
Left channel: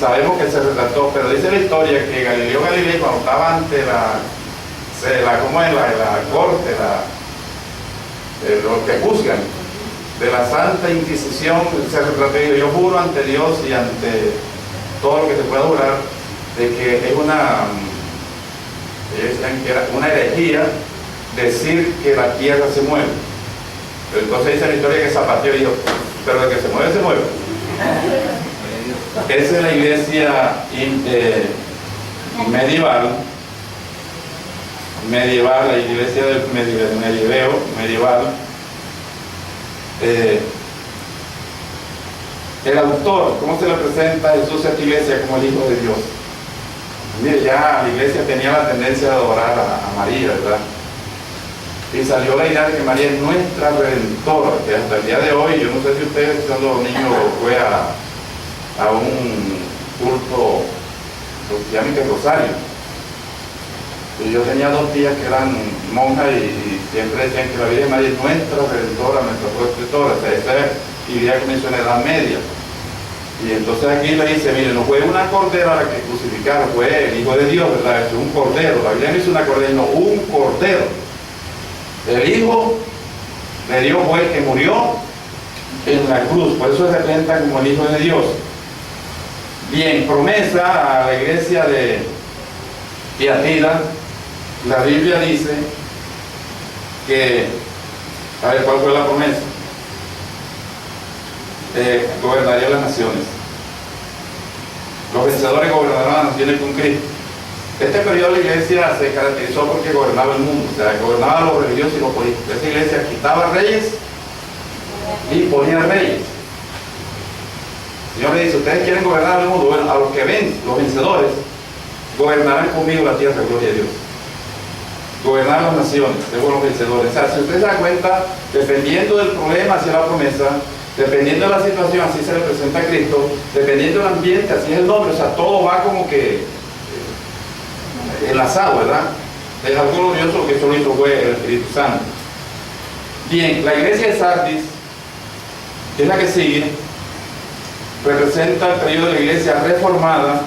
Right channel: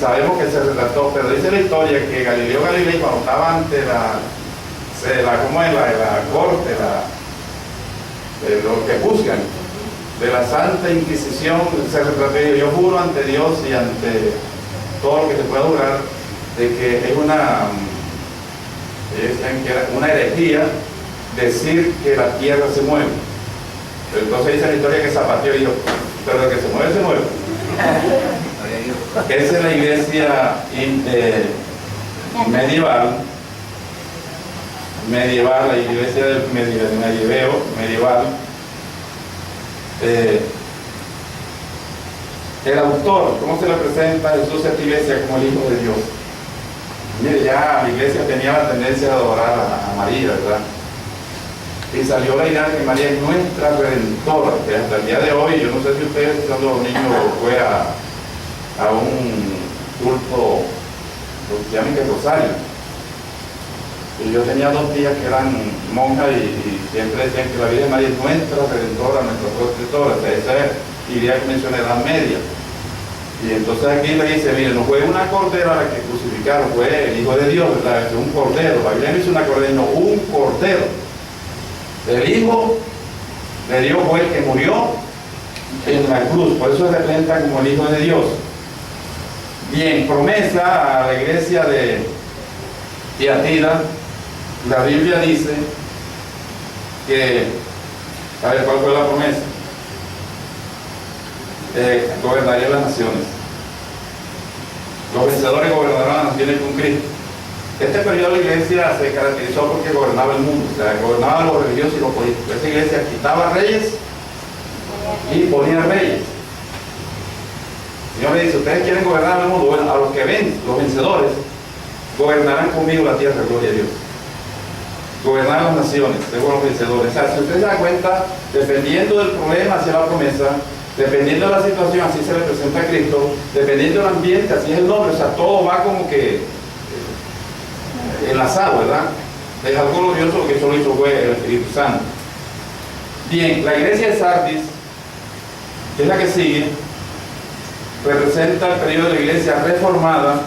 Sabemos que se retrató, pero dice la historia que Galileo Galilei, cuando estaba ante la corte, los que juzgan de la Santa Inquisición, se retrató y dijo, yo juro ante Dios y ante todo lo que se pueda jurar de que es una herejía decir que la Tierra se mueve. Pero entonces dice la historia que zapateó y dijo, pero de que se mueve, se mueve. Esa es la iglesia medieval, la iglesia del medieval. El autor, ¿cómo se le presenta a Jesús a esta iglesia? Como el Hijo de Dios. Mire, ya la iglesia tenía la tendencia de adorar a María, ¿verdad? Y salió la idea de que María es nuestra redentora, que hasta el día de hoy, yo no sé si ustedes cuando niños fue a un culto, lo que llaman que rosario. Y yo tenía dos tías que eran monjas y siempre decían que la Virgen María es nuestra redentora, nuestra protectora. O sea, esa idea que mencioné, Edad Media. Y entonces aquí le dice, mire, no fue una cordera la que crucificaron, fue el Hijo de Dios, ¿verdad? Es un cordero. La Biblia no dice una cordera, no, un cordero. El Hijo de Dios fue el que murió en la cruz, por eso se representa como el Hijo de Dios. Bien, promesa a la iglesia de Tiatira. La Biblia dice que, a ver, ¿cuál fue la promesa? Gobernaría las naciones. Los vencedores gobernarán las naciones con Cristo. Este periodo de la iglesia se caracterizó porque gobernaba el mundo, o sea, gobernaba los religiosos y los políticos. Esta iglesia quitaba reyes y ponía reyes. El Señor le dice, ustedes quieren gobernar el mundo, bueno, a los que ven, los vencedores, gobernarán conmigo la tierra, gloria a Dios. Gobernar las naciones, luego los vencedores. O sea, si usted se da cuenta, dependiendo del problema hacia la promesa, dependiendo de la situación, así se le presenta a Cristo, dependiendo del ambiente, así es el nombre. O sea, todo va como que enlazado, ¿verdad? Es algo glorioso, que eso lo hizo fue el Espíritu Santo. Bien, la iglesia de Sardis, que es la que sigue, representa el periodo de la iglesia reformada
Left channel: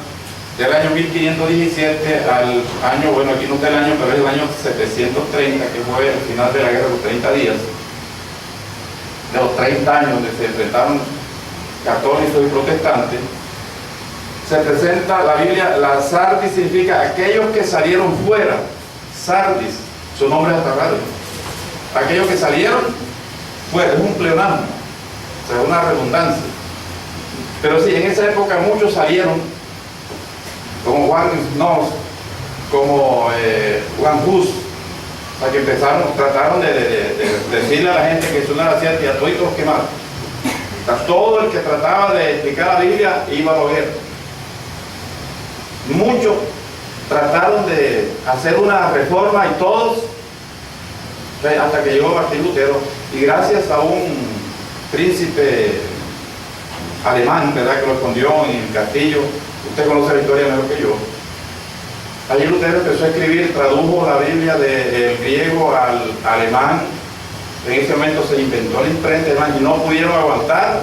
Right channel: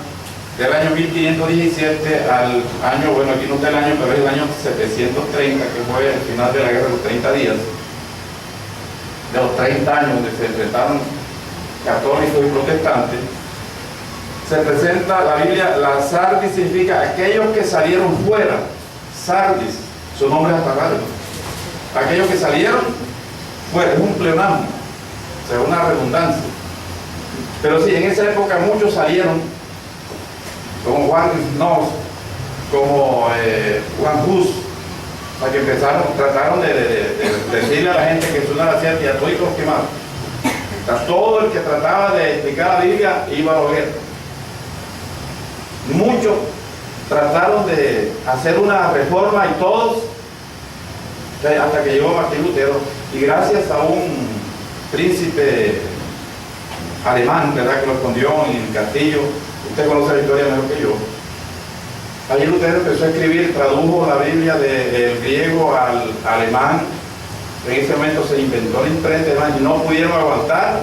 del año 1517 al año, bueno, aquí no está el año, pero es el año 730, que fue el final de la guerra de los 30 días, de los 30 años donde se enfrentaron católicos y protestantes. Se presenta la Biblia, la Sardis significa aquellos que salieron fuera. Sardis, su nombre es hasta raro. Aquellos que salieron fuera, es un pleonasmo, o sea, una redundancia. Pero sí, en esa época muchos salieron, como Juan Nos, como Juan Hus, o sea, que trataron de decirle a la gente que eso no era cierto y a todos los quemados. O sea, todo el que trataba de explicar la Biblia iba a la hoguera. Muchos trataron de hacer una reforma y todos, hasta que llegó Martín Lutero, y gracias a un príncipe alemán, ¿verdad?, que lo escondió en el castillo. Usted conoce la historia mejor que yo. Allí Lutero empezó a escribir, tradujo la Biblia del griego al alemán. En ese momento se inventó la imprenta y no pudieron aguantar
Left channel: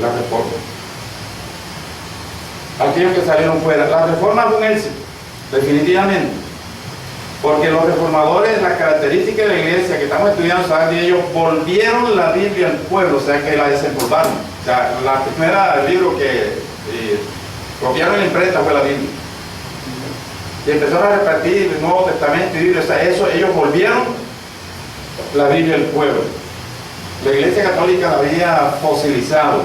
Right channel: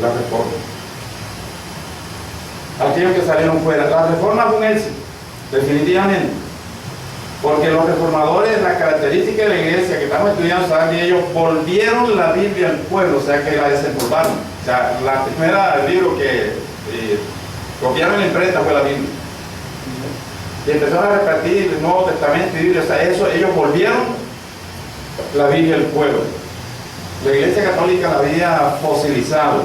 la reforma. Aquellos que salieron fuera. La reforma fue un éxito, definitivamente. Porque los reformadores, la característica de la iglesia que estamos estudiando, saben que ellos volvieron la Biblia al pueblo, o sea que la desempolvaron. O sea, la primera libro que copiaron en la imprenta fue la Biblia. Y empezaron a repartir el Nuevo Testamento y Biblia, o sea, eso, ellos volvieron la Biblia al pueblo. La iglesia católica la había fosilizado.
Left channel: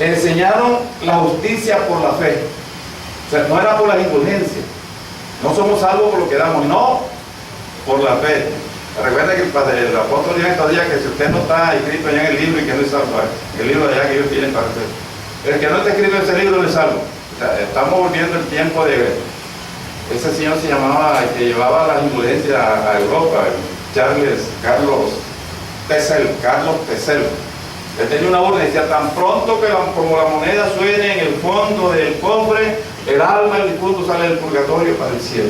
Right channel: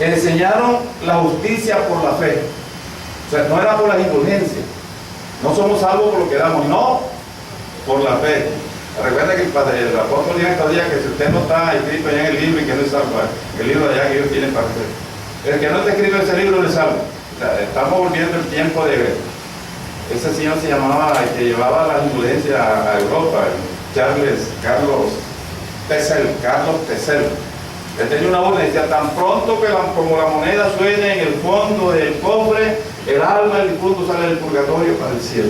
Enseñaron la justicia por la fe. O sea, no era por las indulgencias. No somos salvos por lo que damos, no por la fe. Recuerda que el apóstol dijo estos días que si usted no está escrito allá en el libro y que no es salvo, el libro de allá que ellos tienen para usted. El que no está escrito en ese libro no es salvo. O sea, estamos volviendo el tiempo de... Ese señor se llamaba, el que llevaba las indulgencias a Europa, Carlos Tesel. Él tenía una orden, decía, tan pronto que como la moneda suene en el fondo del cofre, el alma del difunto sale del purgatorio para el cielo.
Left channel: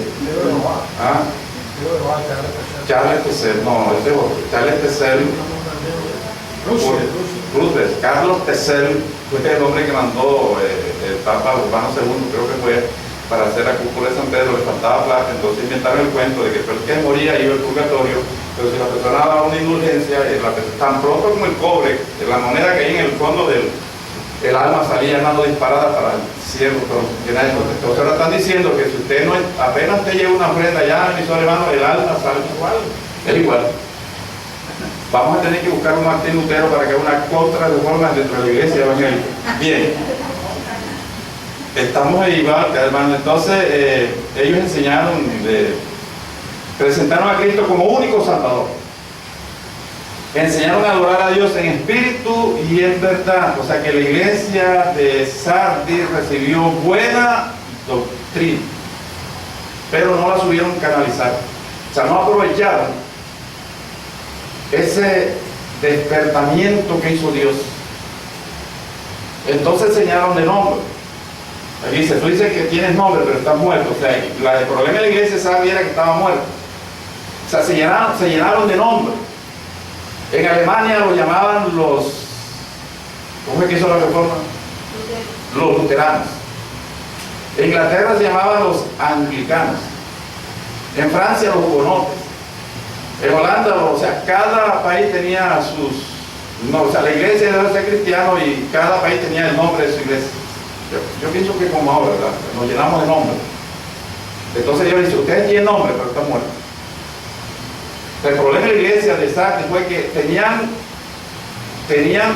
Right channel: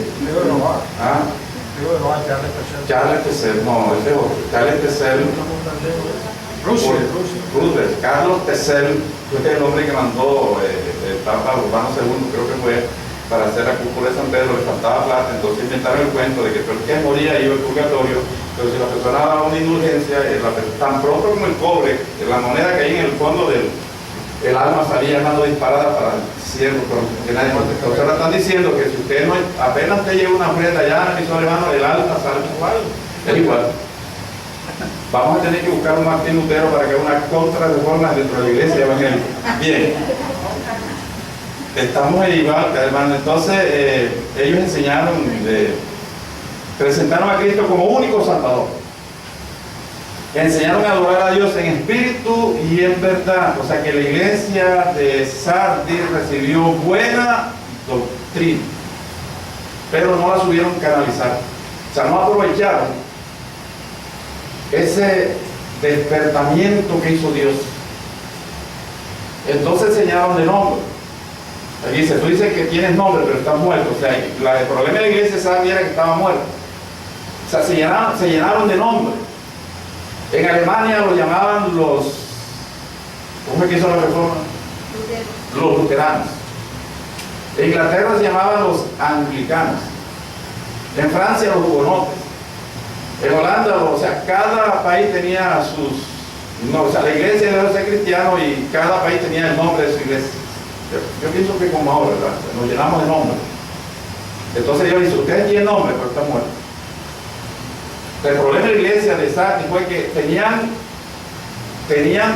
¿Ah? Charles Tesel, no, este es otro. Charles Tesel. Roosevelt. Carlos Tesel fue el hombre que mandó el Papa Urbano II, creo que fue, para hacer la cúpula de San Pedro, le faltaba plata, entonces inventaron el cuento de que el que moría iba al purgatorio, pero si la persona daba una indulgencia, tan pronto como el cobre, la moneda que hay en el fondo del alma salía mano disparada para el cielo, pero que nadie contestó. Ahora están diciendo que si usted no, apenas te lleva una ofrenda ya en el mismo hermano, el alma sale igual, es igual. Vamos a tener que buscar un Martín Lutero para que haga una contra-reforma dentro de la iglesia evangélica. Bien. Estamos ahí, hermano. Entonces, ellos enseñaron, presentaron a Cristo como único Salvador. Enseñaron a adorar a Dios en espíritu y en verdad. O sea que la iglesia de Sardis recibió buena doctrina, pero no la supieron canalizar. O sea, no aprovecharon ese despertamiento que hizo Dios. Entonces enseñaron de nombre. Aquí dice, tú dices que tienes nombre, pero estás muerto. O sea, el problema de la iglesia Sardis era que estaba muerto. O sea, se llenaron de nombre. En Alemania lo llamaban los... ¿Cómo es que hizo la reforma? Los luteranos. En Inglaterra se llamaban los anglicanos. En Francia los hugonotes. En Holanda, o sea, cada país tenía sus... No, o sea, la iglesia debe ser cristiano y cada país tenía el nombre de su iglesia. Yo pienso que como ahora, ¿verdad? Nos llenamos de nombres. Entonces yo le dije, ustedes tienen nombre, pero están muertos. El problema de la iglesia de Sardis fue que tenían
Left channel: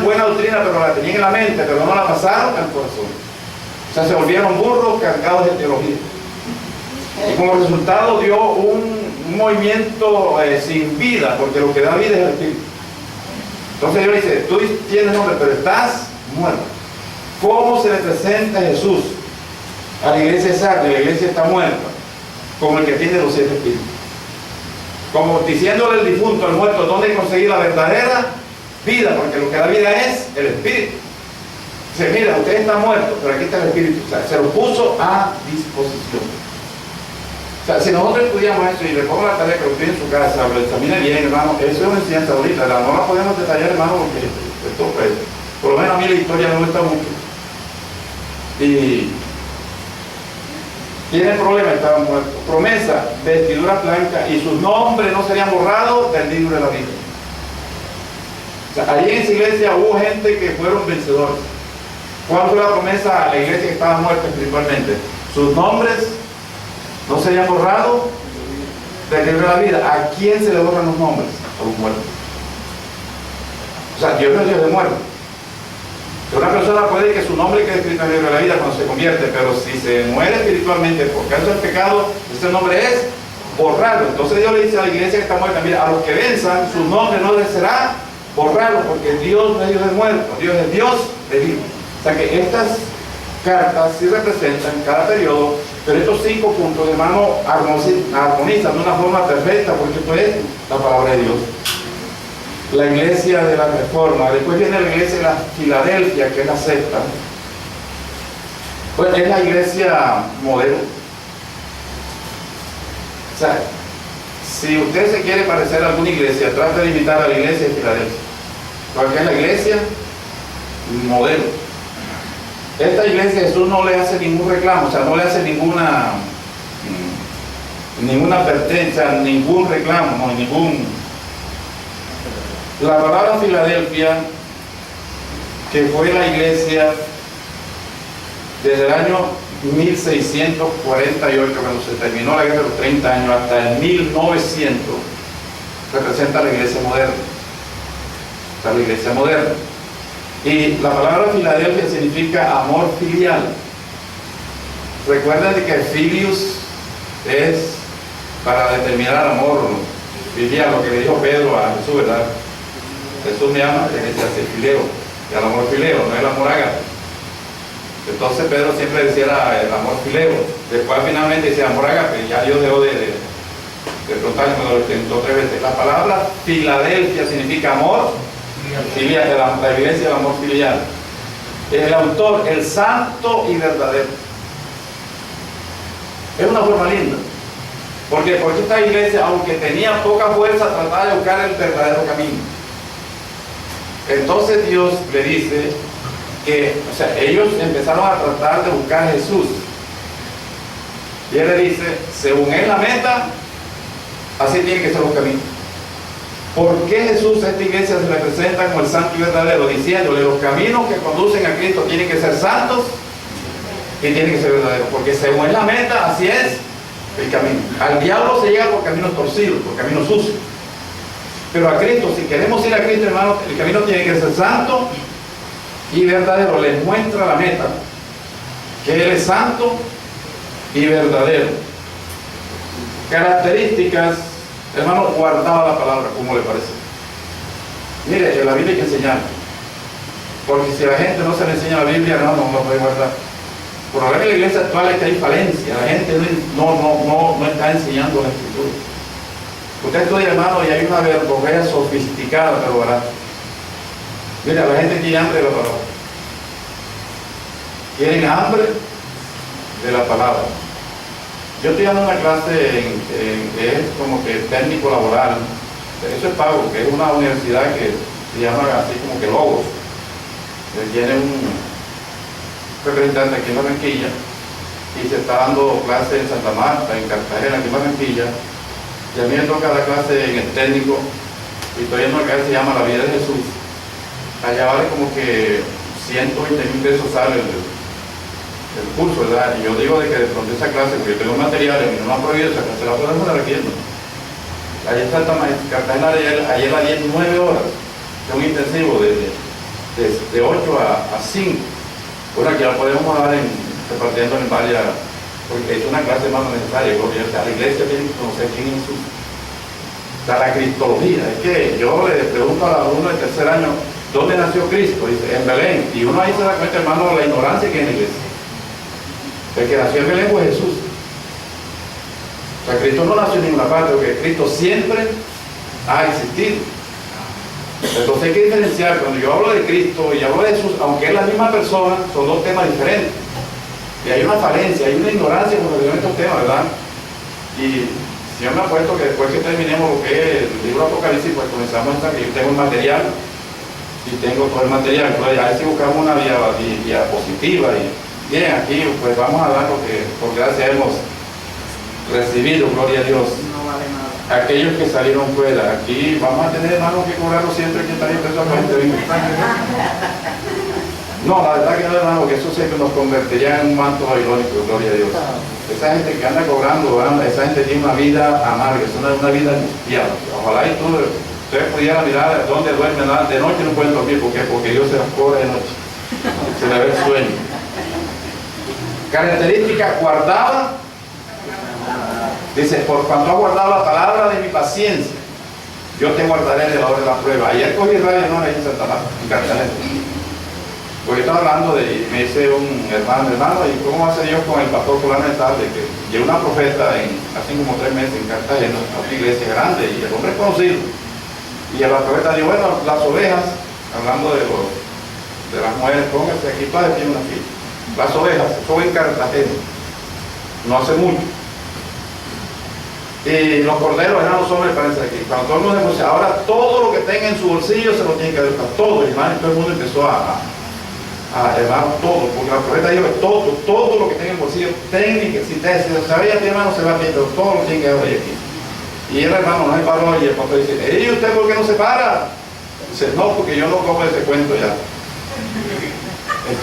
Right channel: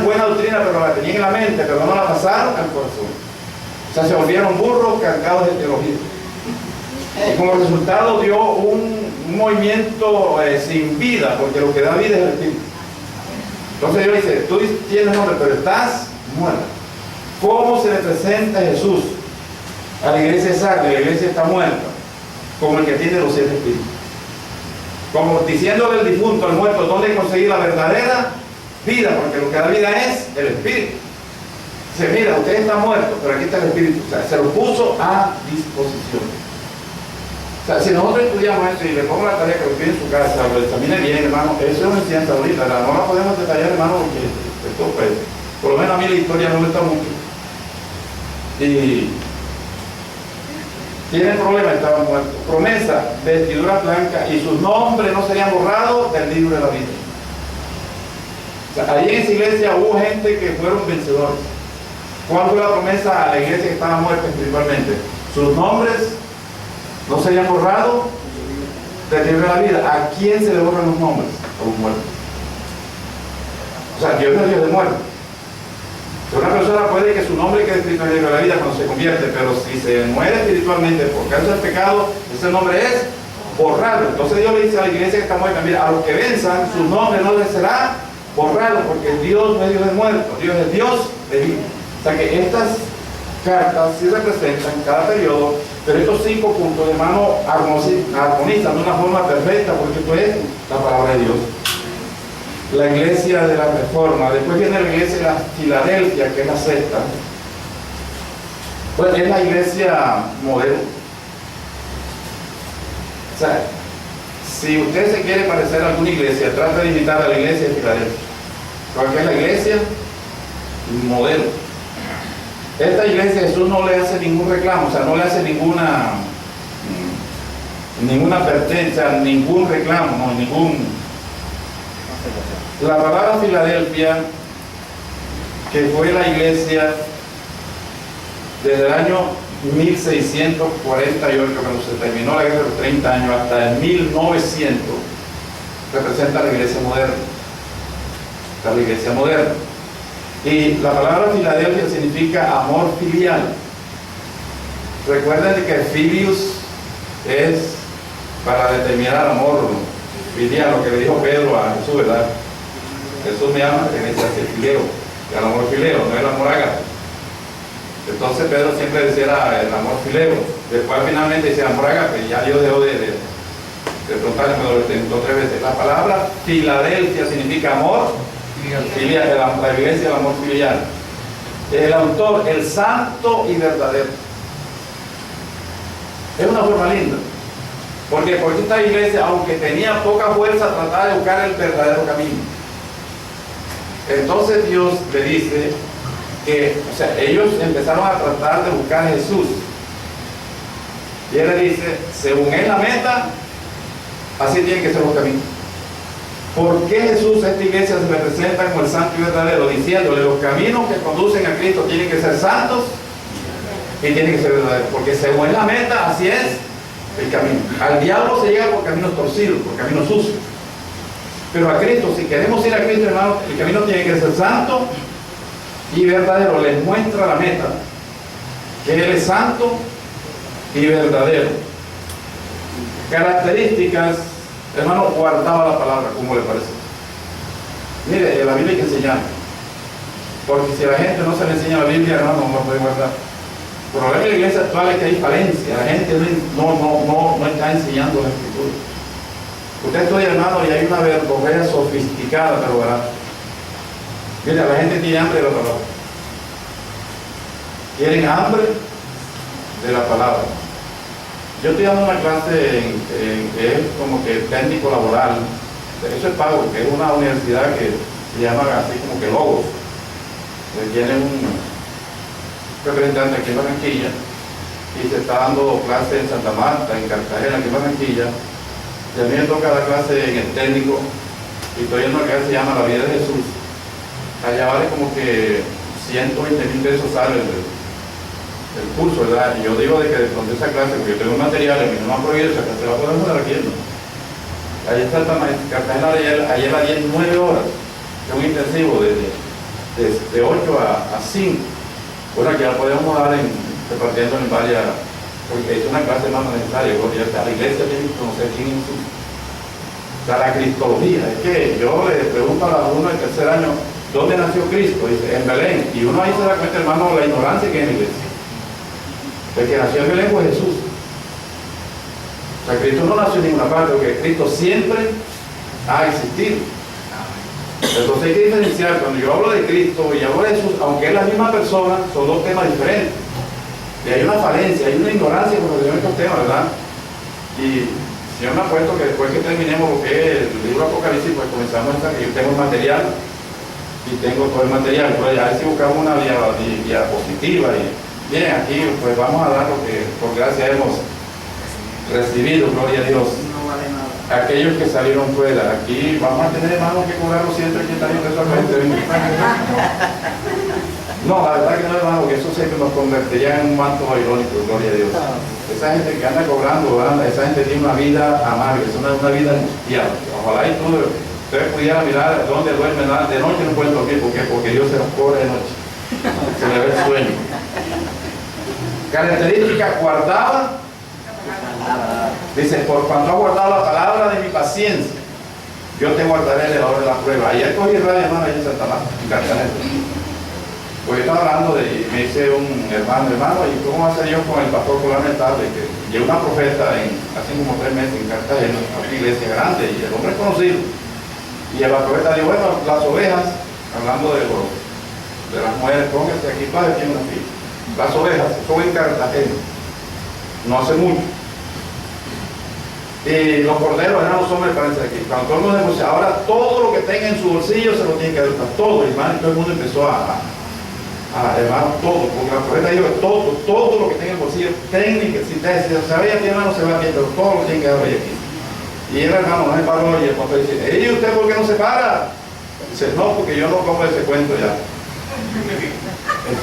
buena doctrina, pero la tenían en la mente, pero no la pasaron al corazón. O sea, se volvieron burros cargados de teología. Y como resultado dio un movimiento sin vida, porque lo que da vida es el espíritu. Entonces Dios dice, tú tienes nombre, pero estás muerto. ¿Cómo se le presenta Jesús a la iglesia de Sardis? La iglesia está muerta, como el que tiene los 7 espíritus. Como diciéndole al difunto, al muerto, ¿dónde conseguir la verdadera vida? Porque lo que da vida es el espíritu. Dice, mira, usted está muerto, pero aquí está el espíritu. O sea, se lo puso a disposición. O sea, si nosotros estudiamos esto y le pongo la tarea que lo pide en su casa, lo examine bien, hermano, eso es una enseñanza bonita. No la podemos detallar, hermano, porque esto, pues, por lo menos a mí la historia no me gusta mucho. Y tiene problema, estaban muertos. Promesa, vestiduras blancas, y sus nombres no serían borrados del libro de la vida. O sea, allí en esa iglesia hubo gente que fueron vencedores. ¿Cuál fue la promesa a la iglesia que estaba muerta espiritualmente? Sus nombres no serían borrados del libro de la vida. ¿A quién se le borran los nombres? A un muerto. O sea, Dios no es Dios de muertos. Una persona puede que su nombre quede escrito en el libro de la vida cuando se convierte, pero si se muere espiritualmente por causa del pecado, ese nombre es borrarlo. Entonces Dios le dice a la iglesia que está muerta, mira, a los que venzan, su nombre no les será borrarlo, porque Dios no es Dios de muertos, Dios es Dios de vida. O sea que estas cartas sí representan cada periodo Pero estos 5 puntos, hermano, armonizan de una forma perfecta, porque esto es la palabra de Dios. La iglesia de la Reforma, después viene la iglesia de la Filadelfia, que es la sexta. Pues es la iglesia modelo. O sea, si usted se quiere parecer a alguna iglesia, trata de imitar a la iglesia de Filadelfia, porque es la iglesia modelo. Esta iglesia Jesús no le hace ningún reclamo, o sea, no le hace ninguna advertencia, ningún reclamo, no, ningún. La palabra Filadelfia, que fue la iglesia desde el año 1648, cuando se terminó la guerra de los 30 años, hasta el 1900, representa la iglesia moderna. Está la iglesia moderna. Y la palabra Filadelfia significa amor filial. Recuerden que filius es para determinar amor filial, lo que le dijo Pedro a Jesús, ¿verdad? Jesús me ama, tiene que ser filero, y el amor filero, no el amor ágape. Entonces Pedro siempre decía el amor filero, después finalmente decía amor ágape, ya Dios dejó de preguntarle, me lo intentó 3 veces. La palabra Filadelfia significa amor filial, la iglesia del amor filial. El autor, el santo y verdadero. Es una forma linda. Porque esta iglesia, aunque tenía poca fuerza, trataba de buscar el verdadero camino. Entonces Dios le dice que, o sea, ellos empezaron a tratar de buscar a Jesús. Y él le dice, según es la meta, así tienen que ser los caminos. ¿Por qué Jesús a esta iglesia se le presenta como el santo y verdadero? Diciéndole, los caminos que conducen a Cristo tienen que ser santos y tienen que ser verdaderos. Porque según es la meta, así es el camino. Al diablo se llega por caminos torcidos, por caminos sucios. Pero a Cristo, si queremos ir a Cristo, hermano, el camino tiene que ser santo y verdadero. Les muestra la meta, que Él es santo y verdadero. Características, hermano, guardaba la palabra, ¿cómo le parece? Mire, en la Biblia hay que enseñar, porque si a la gente no se le enseña la Biblia, hermano, no lo puede guardar. Por lo menos en la iglesia actual es que hay falencia, la gente no está enseñando la Escritura. Usted estudia, hermano, y hay una verborrea sofisticada, pero ¿verdad? Mira, la gente tiene hambre de la palabra. Tienen hambre de la palabra. Yo estoy dando una clase que es como que técnico laboral. Eso es pago, que es una universidad que se llama así como que Logos. Tiene un representante aquí en Barranquilla y se está dando clase en Santa Marta, en Cartagena, aquí en Barranquilla. Y a mí me toca dar clase en el técnico y estoy en una clase que se llama La Vida de Jesús. Allá vale como que 120,000 pesos sale el curso, ¿verdad? Y yo digo de que de pronto esa clase, porque yo tengo materiales, a mí no me han prohibido esa clase, la podemos dar aquí, ¿no? Allí está Cartagena, ayer la 19 horas, es un intensivo de 8 a 5. Bueno, aquí la podemos dar repartiendo en varias, porque es una clase más necesaria, porque a la iglesia tiene que conocer quién es Jesús. O sea, la cristología, es que yo le pregunto a alumno del 3er año, ¿dónde nació Cristo? Dice, en Belén. Y uno ahí se da cuenta, hermano, la ignorancia que hay en la iglesia. El que nació en Belén fue Jesús. O sea, Cristo no nació en ninguna parte, porque Cristo siempre ha existido. Entonces hay que diferenciar, cuando yo hablo de Cristo y hablo de Jesús, aunque es la misma persona, son dos temas diferentes. Y hay una falencia, hay una ignorancia con relación a estos temas, ¿verdad? Y si yo me apuesto que después que terminemos lo que es el libro de Apocalipsis, pues comenzamos esta, que yo tengo el material y tengo todo el material. Entonces a ver si buscamos una diapositiva y bien, aquí pues vamos a dar lo que por gracia hemos recibido, gloria a Dios. No vale nada. Aquellos que salieron fuera, aquí vamos a tener, hermanos, que cobrarlo siempre que salió de esa gente. No, la verdad que no, hermano, que eso siempre nos convertiría en un manto babilónico, gloria a Dios. Esa gente que anda cobrando, ¿verdad? Esa gente tiene una vida amarga, es una vida angustiada. Ojalá y ustedes pudieran mirar dónde duermen, de noche no pueden dormir, ¿por qué? Porque Dios se los cobra de noche. Se le ve el sueño. Característica guardada. Dice, por cuanto ha guardado la palabra de mi paciencia, yo te guardaré de la hora de la prueba. Ayer cogí radio, hermano, ahí en Santa Marta, en Cartagena. Porque yo estaba hablando de, me dice un hermano, ¿y cómo hace Dios con el pastor fulano de tal? De que llegó una profeta hace como 3 meses en Cartagena, a una iglesia grande, y el hombre es conocido. Y la profeta dijo, bueno, las ovejas, hablando de las mujeres, pónganse aquí para decir una fila. Las ovejas, son en Cartagena, no hace mucho. Y los corderos eran los hombres para aquí. Cuando todo el mundo negocia, ahora todo lo que tenga en su bolsillo se lo tiene que dar, todo, hermano, y todo el mundo empezó hermano, todo, porque la profeta dijo que todo lo que tenga en el bolsillo, técnica, si se vaya a ti, hermano, se va bien, pero todo lo tiene que dar aquí. Y el hermano no se paró y el pastor dice, ¿y usted por qué no se para? Dice, no, porque yo no como ese cuento ya.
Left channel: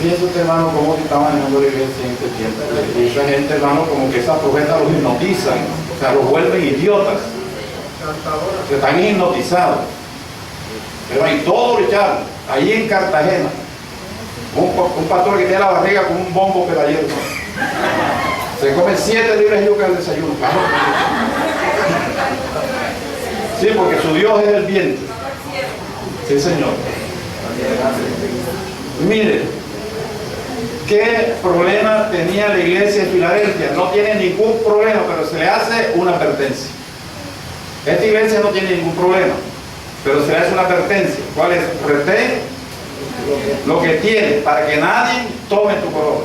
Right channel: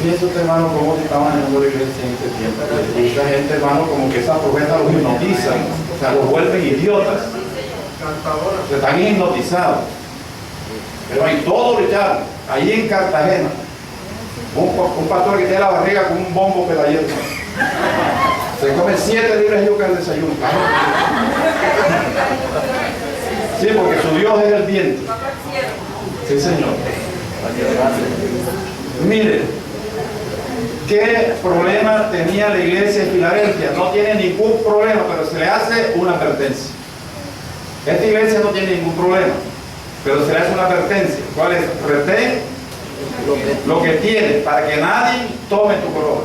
Fíjese usted, hermano, cómo se está manejando la iglesia en este tiempo. Y esa gente, hermano, como que esas profetas los hipnotizan, o sea, los vuelven idiotas. Se están hipnotizados. Pero hay todo lo echaron, ahí en Cartagena. Un pastor que tiene la barriga con un bombo pedallero. Se come 7 libras de yuca al desayuno. Sí, porque su Dios es el viento. Sí, Señor. Mire, ¿qué problema tenía la iglesia de Filadelfia? No tiene ningún problema, pero se le hace una advertencia. Esta iglesia no tiene ningún problema, pero se le hace una advertencia. ¿Cuál es? Retén lo que tiene, para que nadie tome tu corona.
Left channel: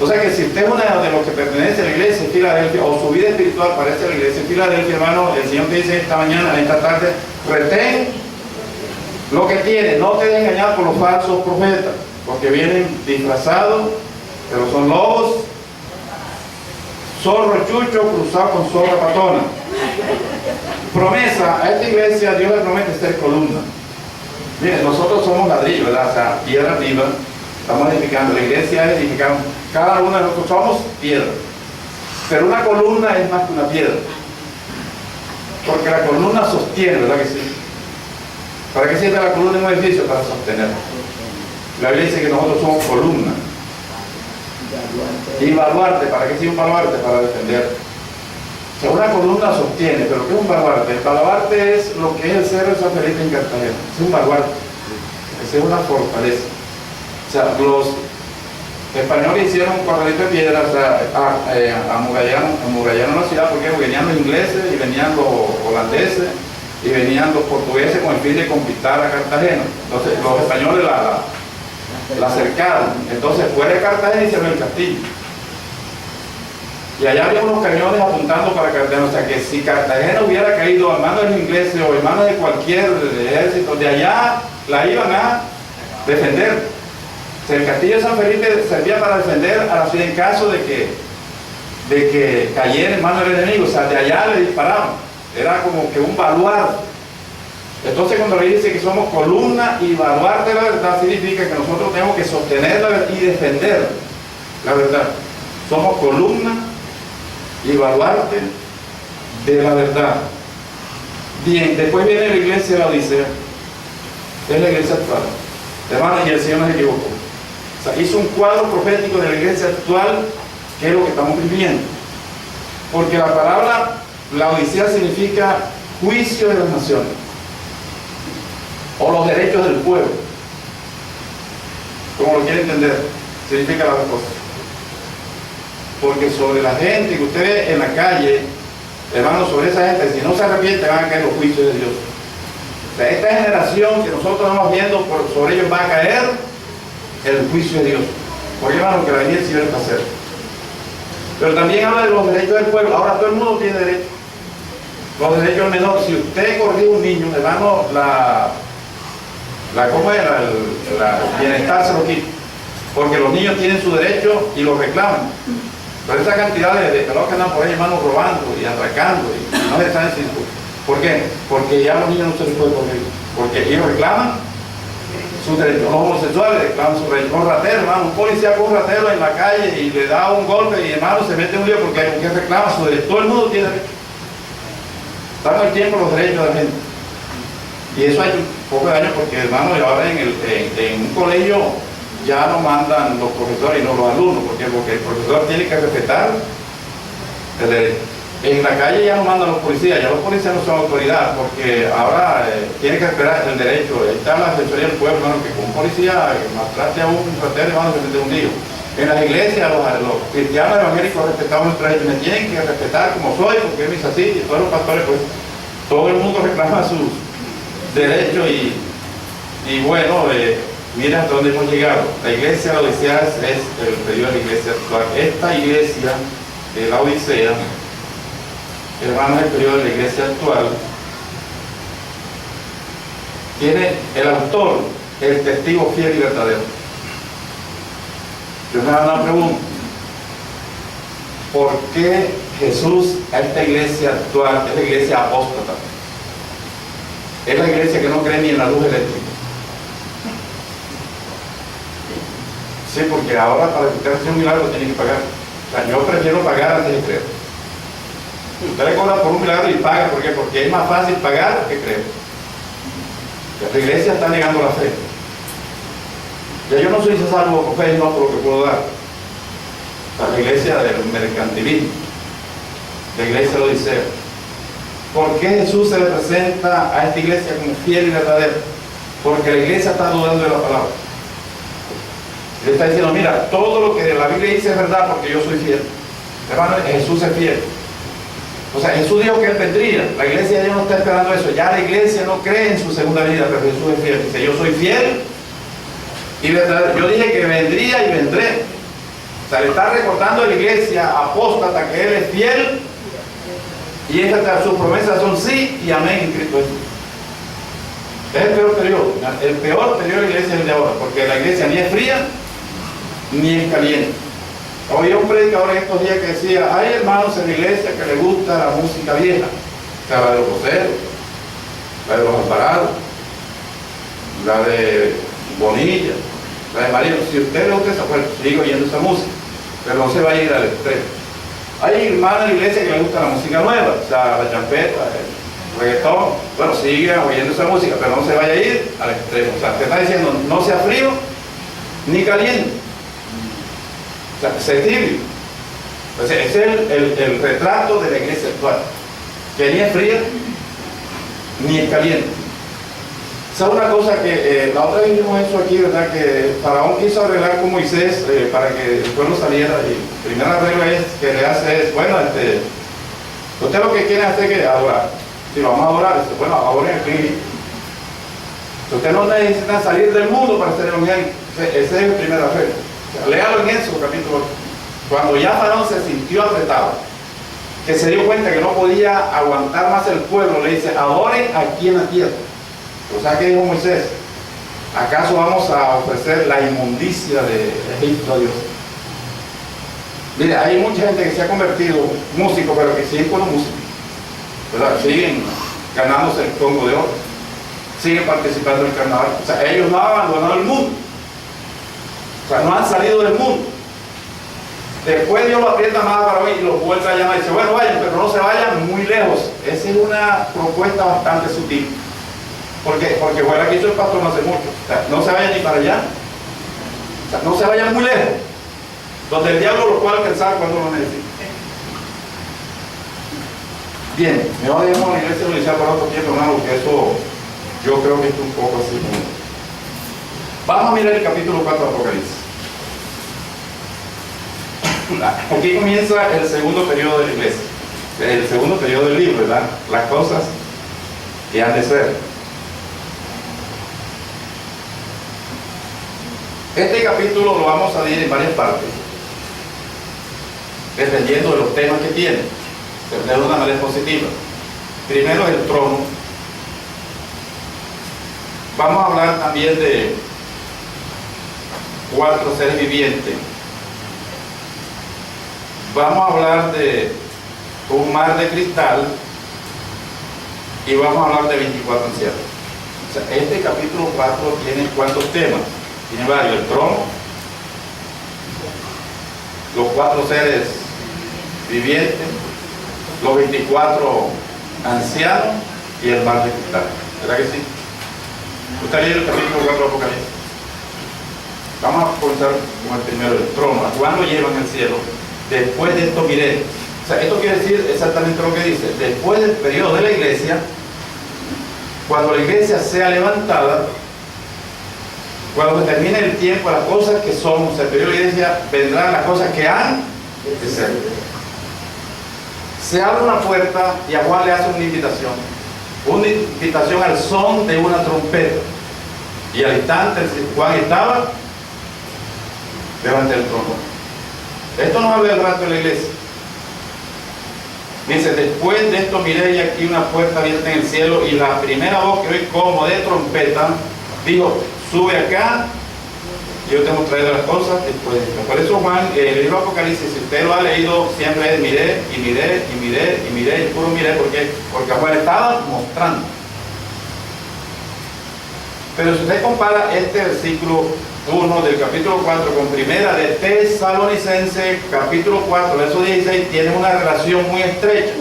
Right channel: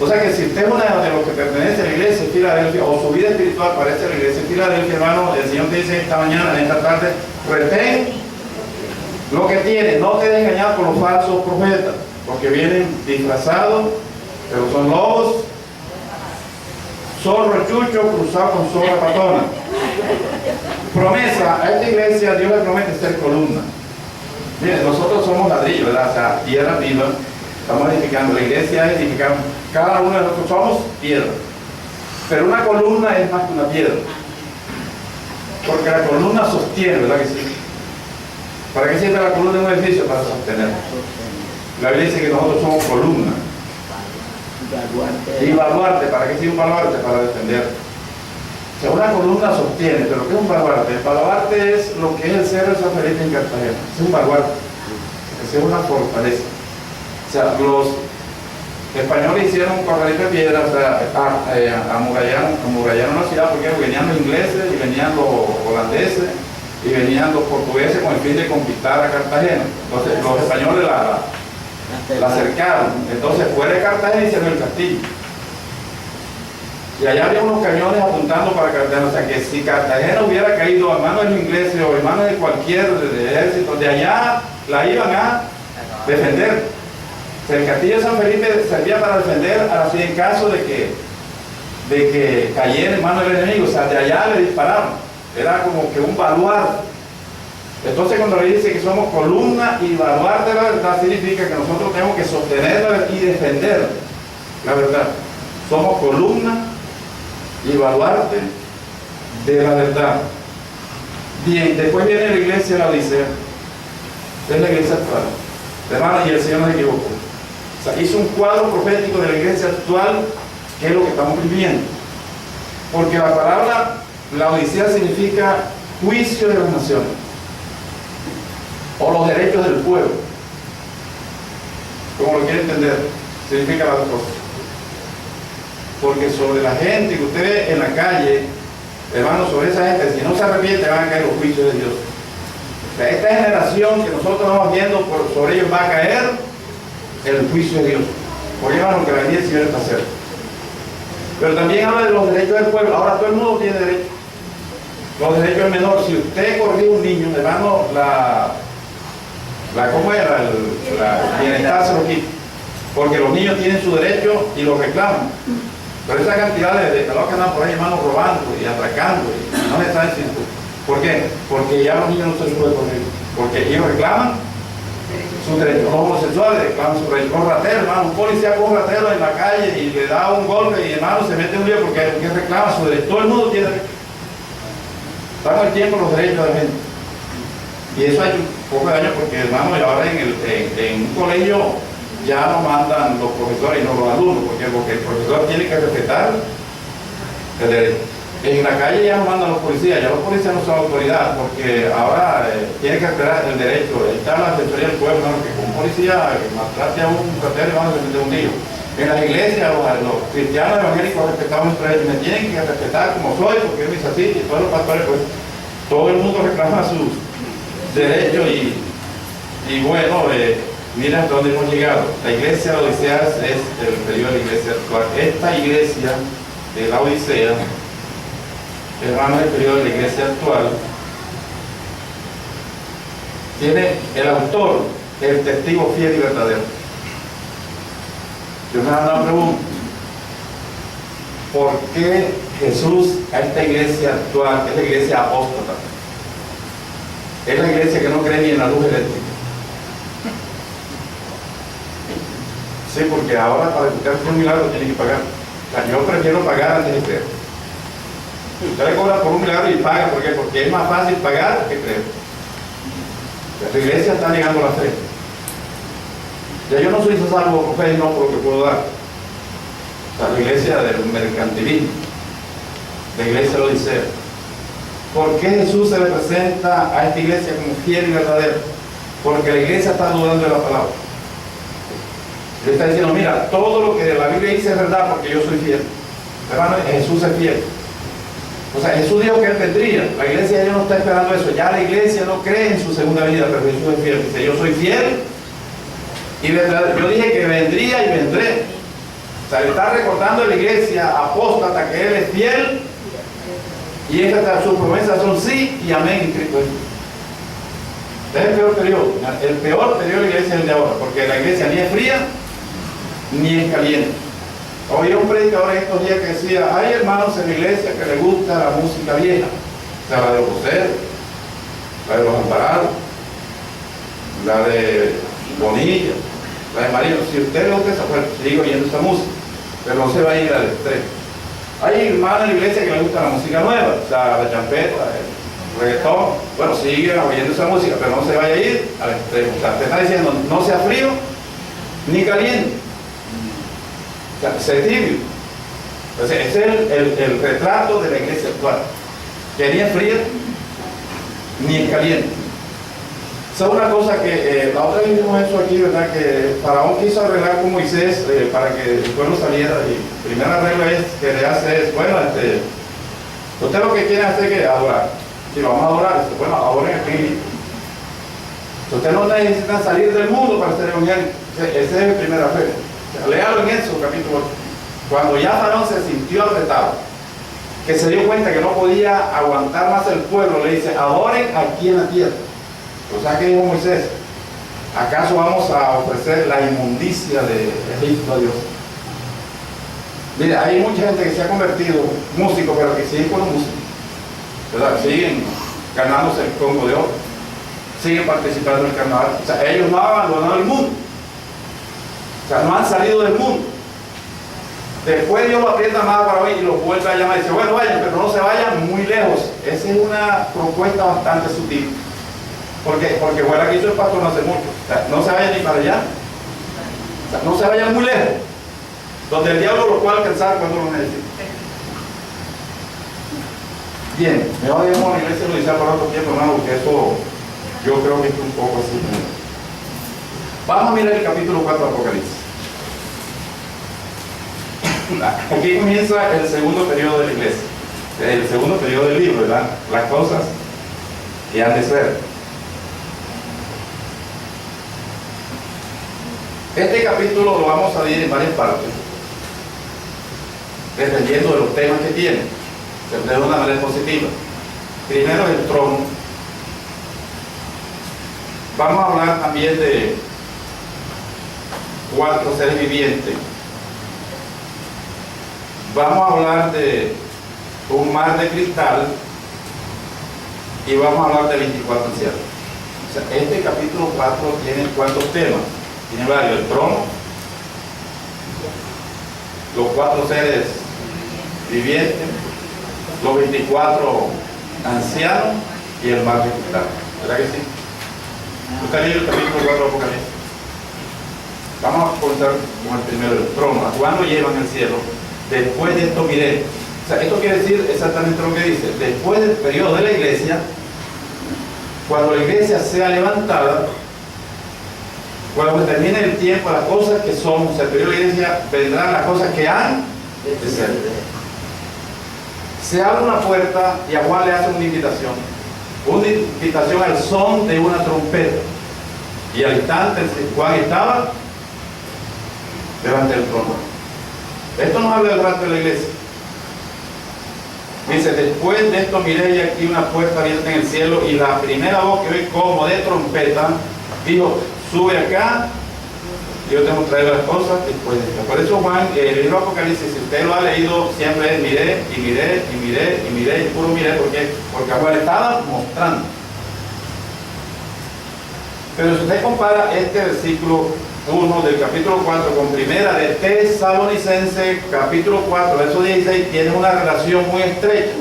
O sea que si usted es una de los que pertenece a la iglesia de Filadelfia, o su vida espiritual parece a la iglesia de Filadelfia, hermano, el Señor te dice esta mañana, esta tarde, retén lo que tiene, no te dejes engañar por los falsos profetas, porque vienen disfrazados, pero son lobos, zorro chucho cruzado con zorra patona. Promesa, a esta iglesia Dios le promete ser columna. Miren, nosotros somos ladrillos, ¿verdad? O sea, tierra viva, estamos edificando, la iglesia es edificando, cada uno de nosotros somos piedra, pero una columna es más que una piedra, porque la columna sostiene, ¿verdad que sí? ¿Para qué sirve la columna en un edificio? Para sostener. La Biblia dice que nosotros somos columna. Y baluarte, ¿para qué sirve un baluarte? Para defender. O sea, una columna sostiene, pero ¿qué es un baluarte? El baluarte es lo que es el Cerro de San Felipe en Cartagena. Es un baluarte. Es una fortaleza. O sea, los españoles hicieron un corralito de piedra, o sea, amurallaron la ciudad porque venían los ingleses y venían los holandeses y venían los portugueses con el fin de conquistar a Cartagena. Entonces los españoles la cercaron. Entonces fuera de Cartagena y se ve el castillo. Y allá había unos cañones apuntando para Cartagena. O sea que si Cartagena hubiera caído en manos de los ingleses o en manos de cualquier ejército, de allá la iban a defender. O sea, el castillo de San Felipe servía para defender a la ciudad en caso de que cayera en manos del enemigo. O sea, de allá le disparaban. Era como que un baluarte. Entonces cuando le dice que somos columna y baluarte de la verdad, significa que nosotros tenemos que sostener la verdad y defender la verdad. Somos columna y baluarte de la verdad. Bien, después viene la iglesia de la Odisea. Es la iglesia actual. Hermanos, y el Señor no se equivocó. O sea, hizo un cuadro profético de la iglesia actual, que es lo que estamos viviendo. Porque la palabra la Odisea significa juicio de las naciones o los derechos del pueblo, como lo quiere entender, significa las dos cosas. Porque sobre la gente que usted ve en la calle, hermanos, sobre esa gente, si no se arrepiente, van a caer los juicios de Dios. O sea, esta generación que nosotros estamos viendo, sobre ellos va a caer el juicio de Dios. Porque, hermanos, que la venida del Señor está cerca. Pero también habla de los derechos del pueblo. Ahora todo el mundo tiene derecho. Los derechos del menor. Si usted corrige a un niño, hermano, ¿cómo era? El bienestar se lo quita. Porque los niños tienen su derecho y lo reclaman. Pero esa cantidad de pelos que andan por ahí, hermano, robando y atracando, y no se están diciendo. ¿Por qué? Porque ya los niños no se les puede corregir. Porque ellos reclaman sus derechos. Los homosexuales reclaman sus derechos. Un ratero, hermano, un policía con un ratero en la calle y le da un golpe y, hermano, se mete en un lío porque reclama sus derechos. Todo el mundo tiene derecho. Están al tiempo los derechos de la gente. Y eso ha hecho un poco de daño porque, hermano, ahora en un colegio ya no mandan los profesores y no los alumnos, porque el profesor tiene que respetar el derecho. En la calle ya no mandan los policías, ya los policías no son autoridad, porque ahora tiene que esperar el derecho. Ahí está la defensoría del pueblo, hermano, que con un policía maltrate a un ratero, hermano, se mete un lío. En las iglesias, los cristianos evangélicos respetamos nuestra ley, me tienen que respetar como soy, porque es así, y todos los pastores, pues, todo el mundo reclama sus derechos y bueno, mira hasta dónde hemos llegado. La iglesia de la Odisea es el periodo de la iglesia actual. Esta iglesia de la Odisea, hermanos, el periodo de la iglesia actual, tiene el autor, el testigo fiel y verdadero. Yo me hago una pregunta: ¿por qué Jesús a esta iglesia actual, es la iglesia apóstata, es la iglesia que no cree ni en la luz eléctrica? Sí, porque ahora para que usted haga un milagro tiene que pagar. O sea, yo prefiero pagar antes de creer. Usted le cobra por un milagro y paga, ¿por qué? Porque es más fácil pagar que creer. La iglesia está negando la fe. Ya yo no soy salvo por fe, no por lo que puedo dar. O sea, la iglesia del mercantilismo, la iglesia de la Odisea. ¿Por qué Jesús se le presenta a esta iglesia como fiel y verdadero? Porque la iglesia está dudando de la palabra. Le está diciendo, mira, todo lo que la Biblia dice es verdad porque yo soy fiel. Hermano, Jesús es fiel. O sea, Jesús dijo que Él vendría. La iglesia ya no está esperando eso. Ya la iglesia no cree en su segunda vida, pero Jesús es fiel. Dice, yo soy fiel y verdadero. Yo dije que vendría y vendré. O sea, le está recordando a la iglesia apóstata que Él es fiel y sus promesas son sí y amén en Cristo Jesús. Es el peor periodo. El peor periodo de la iglesia es el de ahora, porque la iglesia ni es fría ni es caliente. Oí un predicador en estos días que decía, hay hermanos en la iglesia que les gusta la música vieja, o sea, la de los voceros, la de los amparados, la de Bonilla, la de María. Si usted le gusta esa, pues sigue oyendo esa música, pero no se va a ir al extremo. Hay hermanos en la iglesia que les gusta la música nueva, o sea, la champeta, el reggaetón. Bueno, sigue oyendo esa música, pero no se vaya a ir al extremo. O sea, te está diciendo, no sea frío ni caliente. O sea, sé tibio. Entonces, ese es el retrato de la iglesia actual, que ni es fría ni es caliente. ¿Sabe una cosa que la otra vez vimos eso aquí, verdad? Que Faraón quiso arreglar con Moisés para que el pueblo saliera, y la primera regla que le hace es, bueno, usted lo que quiere hacer es que adorar. Si vamos a adorar, bueno, adoren aquí. Usted no necesita salir del mundo para ser evangélico. Esa es la primera regla. Léalo en Éxodo capítulo 8. Cuando ya Faraón se sintió apretado, que se dio cuenta que no podía aguantar más el pueblo, le dice, adoren aquí en la tierra. O sea, ¿qué dijo Moisés? ¿Acaso vamos a ofrecer la inmundicia de Egipto a Dios? Mire, hay mucha gente que se ha convertido músico, pero que siguen con los músicos, ¿verdad? Siguen ganándose el Congo de oro, siguen participando en el carnaval. O sea, ellos no han abandonado el mundo. O sea, no han salido del mundo. Después Dios lo aprieta más para hoy y los vuelve a llamar y dice, bueno, vayan, pero no se vayan muy lejos. Esa es una propuesta bastante sutil. Porque fue la que hizo el pastor no hace mucho. O sea, no se vayan ni para allá. O sea, no se vayan muy lejos. Donde el diablo lo puede alcanzar cuando lo necesite. Bien, mejor dejemos a la iglesia lo iniciar por otro tiempo, hermano, porque eso yo creo que es un poco así. Vamos a mirar el capítulo 4 de Apocalipsis. Aquí comienza el segundo periodo de la iglesia, el segundo periodo del libro, ¿verdad? Las cosas que han de ser. Este capítulo lo vamos a dividir en varias partes, dependiendo de los temas que tiene, de una manera positiva. Primero el trono. Vamos a hablar también de 4 seres vivientes. Vamos a hablar de un mar de cristal y vamos a hablar de 24 ancianos. O sea, este capítulo 4 tiene ¿cuántos temas? Tiene varios: el trono, los 4 seres vivientes, los 24 ancianos y el mar de cristal. ¿Verdad que sí? Usted lee el capítulo 4 de Apocalipsis. Vamos a comenzar con el primero, el trono. ¿A cuándo llevan el cielo? Después de esto miré, O sea, esto quiere decir exactamente lo que dice. Después del periodo de la iglesia, cuando la iglesia sea levantada, cuando termine el tiempo, las cosas que son, o sea, el periodo de la iglesia, vendrán las cosas que han de ser. Se abre una puerta y a Juan le hace una invitación al son de una trompeta. Y al instante Juan estaba delante del trono. Esto nos habla del rato de la iglesia. Dice, después de esto miré y aquí una puerta abierta en el cielo, y la primera voz que oí como de trompeta dijo, sube acá, yo te mostraré las cosas después de esto. Por eso Juan, el libro de Apocalipsis, si usted lo ha leído, siempre es miré, y miré, y miré, y miré, y puro miré, porque Juan estaba mostrando. Pero si usted compara este versículo 1 del capítulo 4 con primera de Tesalonicenses, capítulo 4, verso 16, tiene una relación muy estrecha.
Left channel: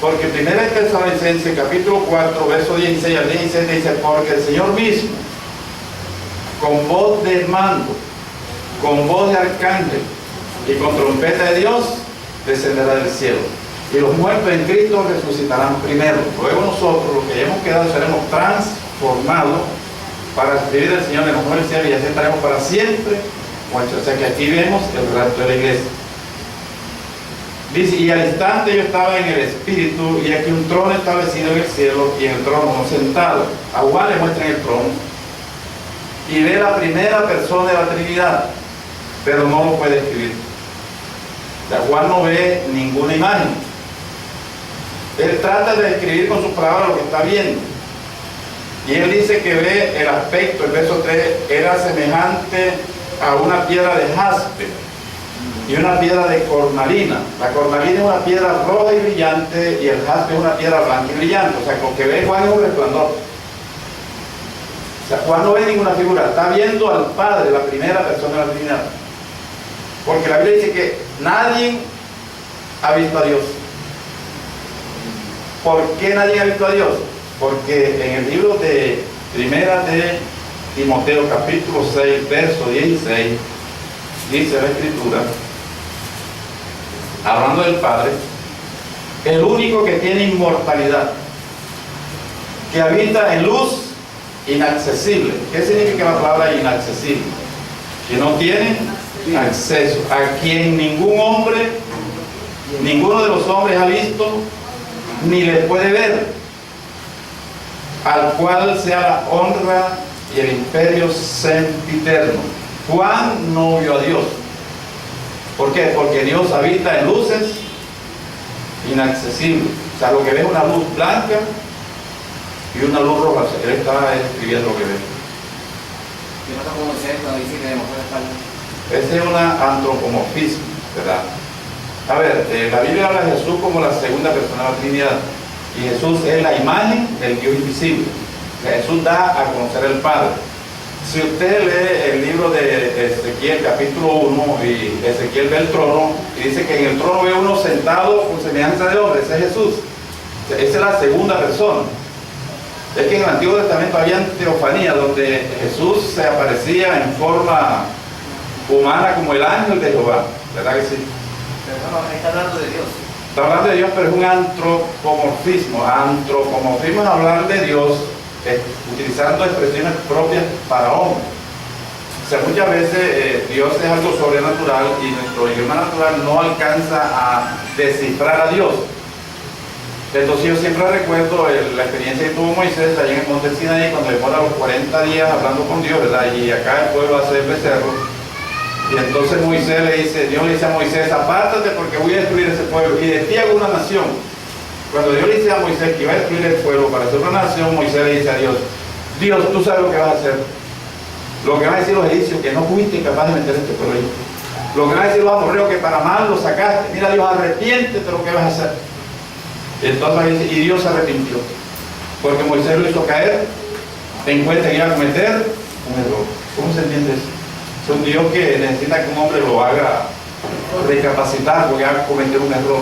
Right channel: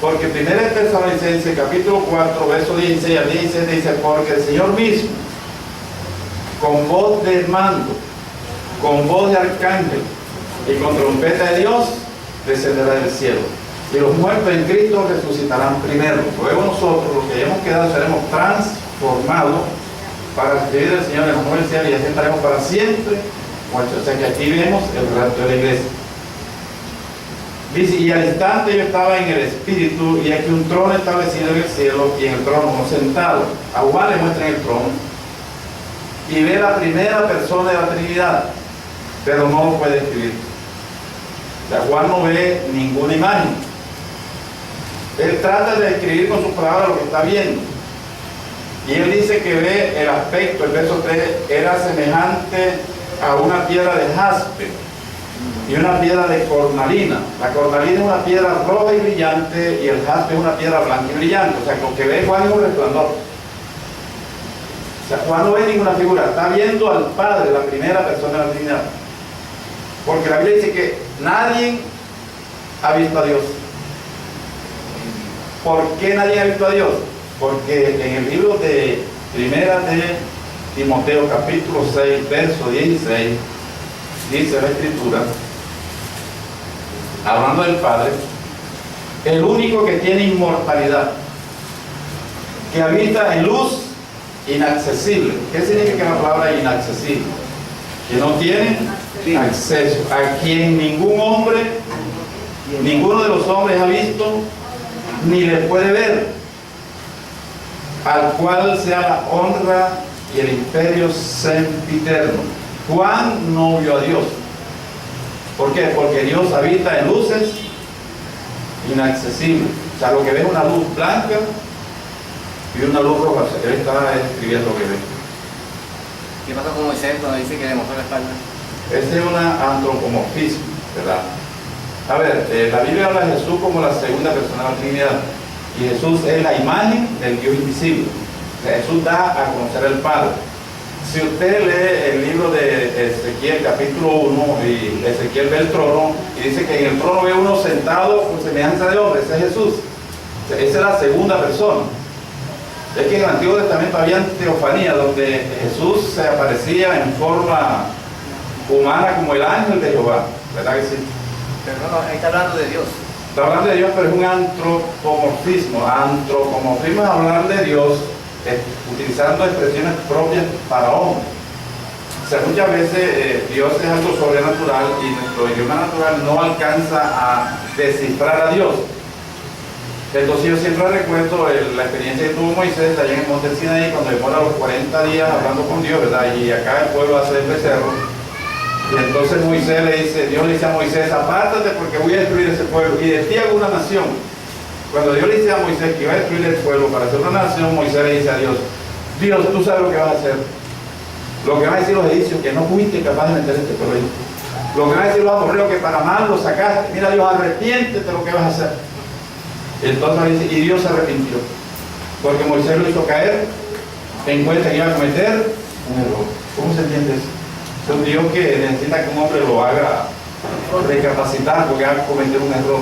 Porque primera de Tesalonicenses, capítulo 4, verso 16 al 16 dice, porque el Señor mismo, con voz de mando, con voz de arcángel y con trompeta de Dios, descenderá del cielo. Y los muertos en Cristo resucitarán primero. Luego nosotros, los que hayamos quedado, seremos transformados para recibir del Señor en los nuevos cielos y así estaremos para siempre muertos. O sea que aquí vemos el rapto de la iglesia. Dice, y al instante yo estaba en el Espíritu, y aquí un trono establecido en el cielo, y en el trono uno sentado. A Juan le muestran el trono, y ve la primera persona de la Trinidad, pero no lo puede escribir. O sea, Juan no ve ninguna imagen. Él trata de describir con sus palabras lo que está viendo. Y él dice que ve el aspecto, el verso 3, era semejante a una piedra de jaspe y una piedra de cornalina. La cornalina es una piedra roja y brillante, y el jaspe es una piedra blanca y brillante. O sea, lo que ve Juan es un resplandor. O sea, Juan no ve ninguna figura, está viendo al Padre, la primera persona de la Trinidad. Porque la Biblia dice que nadie ha visto a Dios. ¿Por qué nadie ha visto a Dios? Porque en el libro de Primera de Timoteo, capítulo 6, verso 16, dice la Escritura, hablando del Padre, el único que tiene inmortalidad, que habita en luz inaccesible. ¿Qué significa la palabra inaccesible? Que no tiene acceso, a quien ningún hombre, ninguno de los hombres ha visto, ni le puede ver, al cual sea la honra y el imperio sempiterno. Juan no vio a Dios. ¿Por qué? Porque Dios habita en luces inaccesibles. O sea, lo que ve es una luz blanca y una luz roja. O sea, él está escribiendo lo que ve. ¿Qué pasa con Moisés cuando dice que demostró la espalda? Ese es un antropomorfismo, ¿verdad? A ver, la Biblia habla de Jesús como la segunda persona de la Trinidad, y Jesús es la imagen del Dios invisible. O sea, Jesús da a conocer al Padre. Si usted lee el libro de Ezequiel, capítulo 1, y Ezequiel ve el trono, y dice que en el trono ve uno sentado con semejanza de hombre, ese es Jesús. O sea, esa es la segunda persona. Es que en el Antiguo Testamento había teofanía, donde Jesús se aparecía en forma humana como el ángel de Jehová, ¿verdad que sí? Pero no, ahí está hablando de Dios. Está hablando de Dios, pero es un antropomorfismo. Antropomorfismo es hablar de Dios utilizando expresiones propias para hombres. O sea, muchas veces Dios es algo sobrenatural y nuestro idioma natural no alcanza a descifrar a Dios. Entonces yo siempre recuerdo la experiencia que tuvo Moisés allá en el monte Sinaí, cuando demora los 40 días hablando con Dios, ¿verdad? Y acá el pueblo hace el becerro. Y entonces Moisés le dice, Dios le dice a Moisés, apártate porque voy a destruir ese pueblo y de ti hago una nación. Cuando Dios le dice a Moisés que iba a destruir el pueblo para hacer una nación, Moisés le dice a Dios, Dios, tú sabes lo que vas a hacer. Lo que van a decir los egipcios, que no fuiste capaz de meter este pueblo ahí. Lo que van a decir los amorreos, que para mal lo sacaste. Mira, Dios, arrepiéntete de lo que vas a hacer. Y entonces dice, y Dios se arrepintió, porque Moisés lo hizo caer en cuenta que iba a cometer un error. ¿Cómo se entiende eso? Es un Dios que necesita que un hombre lo haga recapacitar porque va a cometer un error.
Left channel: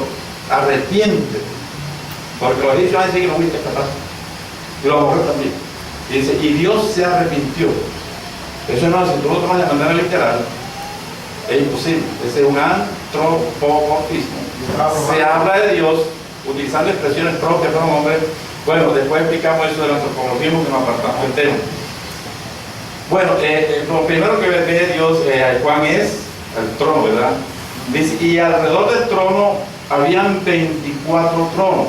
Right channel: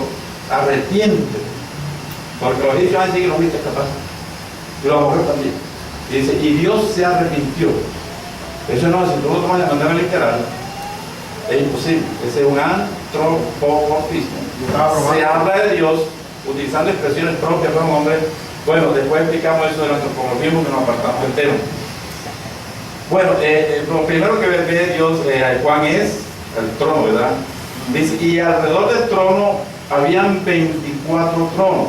Arrepiente, porque los egipcios van a decir que no fuiste capaz, y los amorreos también. Y dice, y Dios se arrepintió. Eso no, si tú lo tomas de manera literal, es imposible. Ese es un antropomorfismo. se habla de Dios utilizando expresiones propias para un hombre. Bueno, después explicamos eso del antropomorfismo que nos apartamos del tema. Bueno, lo primero que ve Dios, Juan, es el trono, ¿verdad? Dice, y alrededor del trono habían 24 tronos.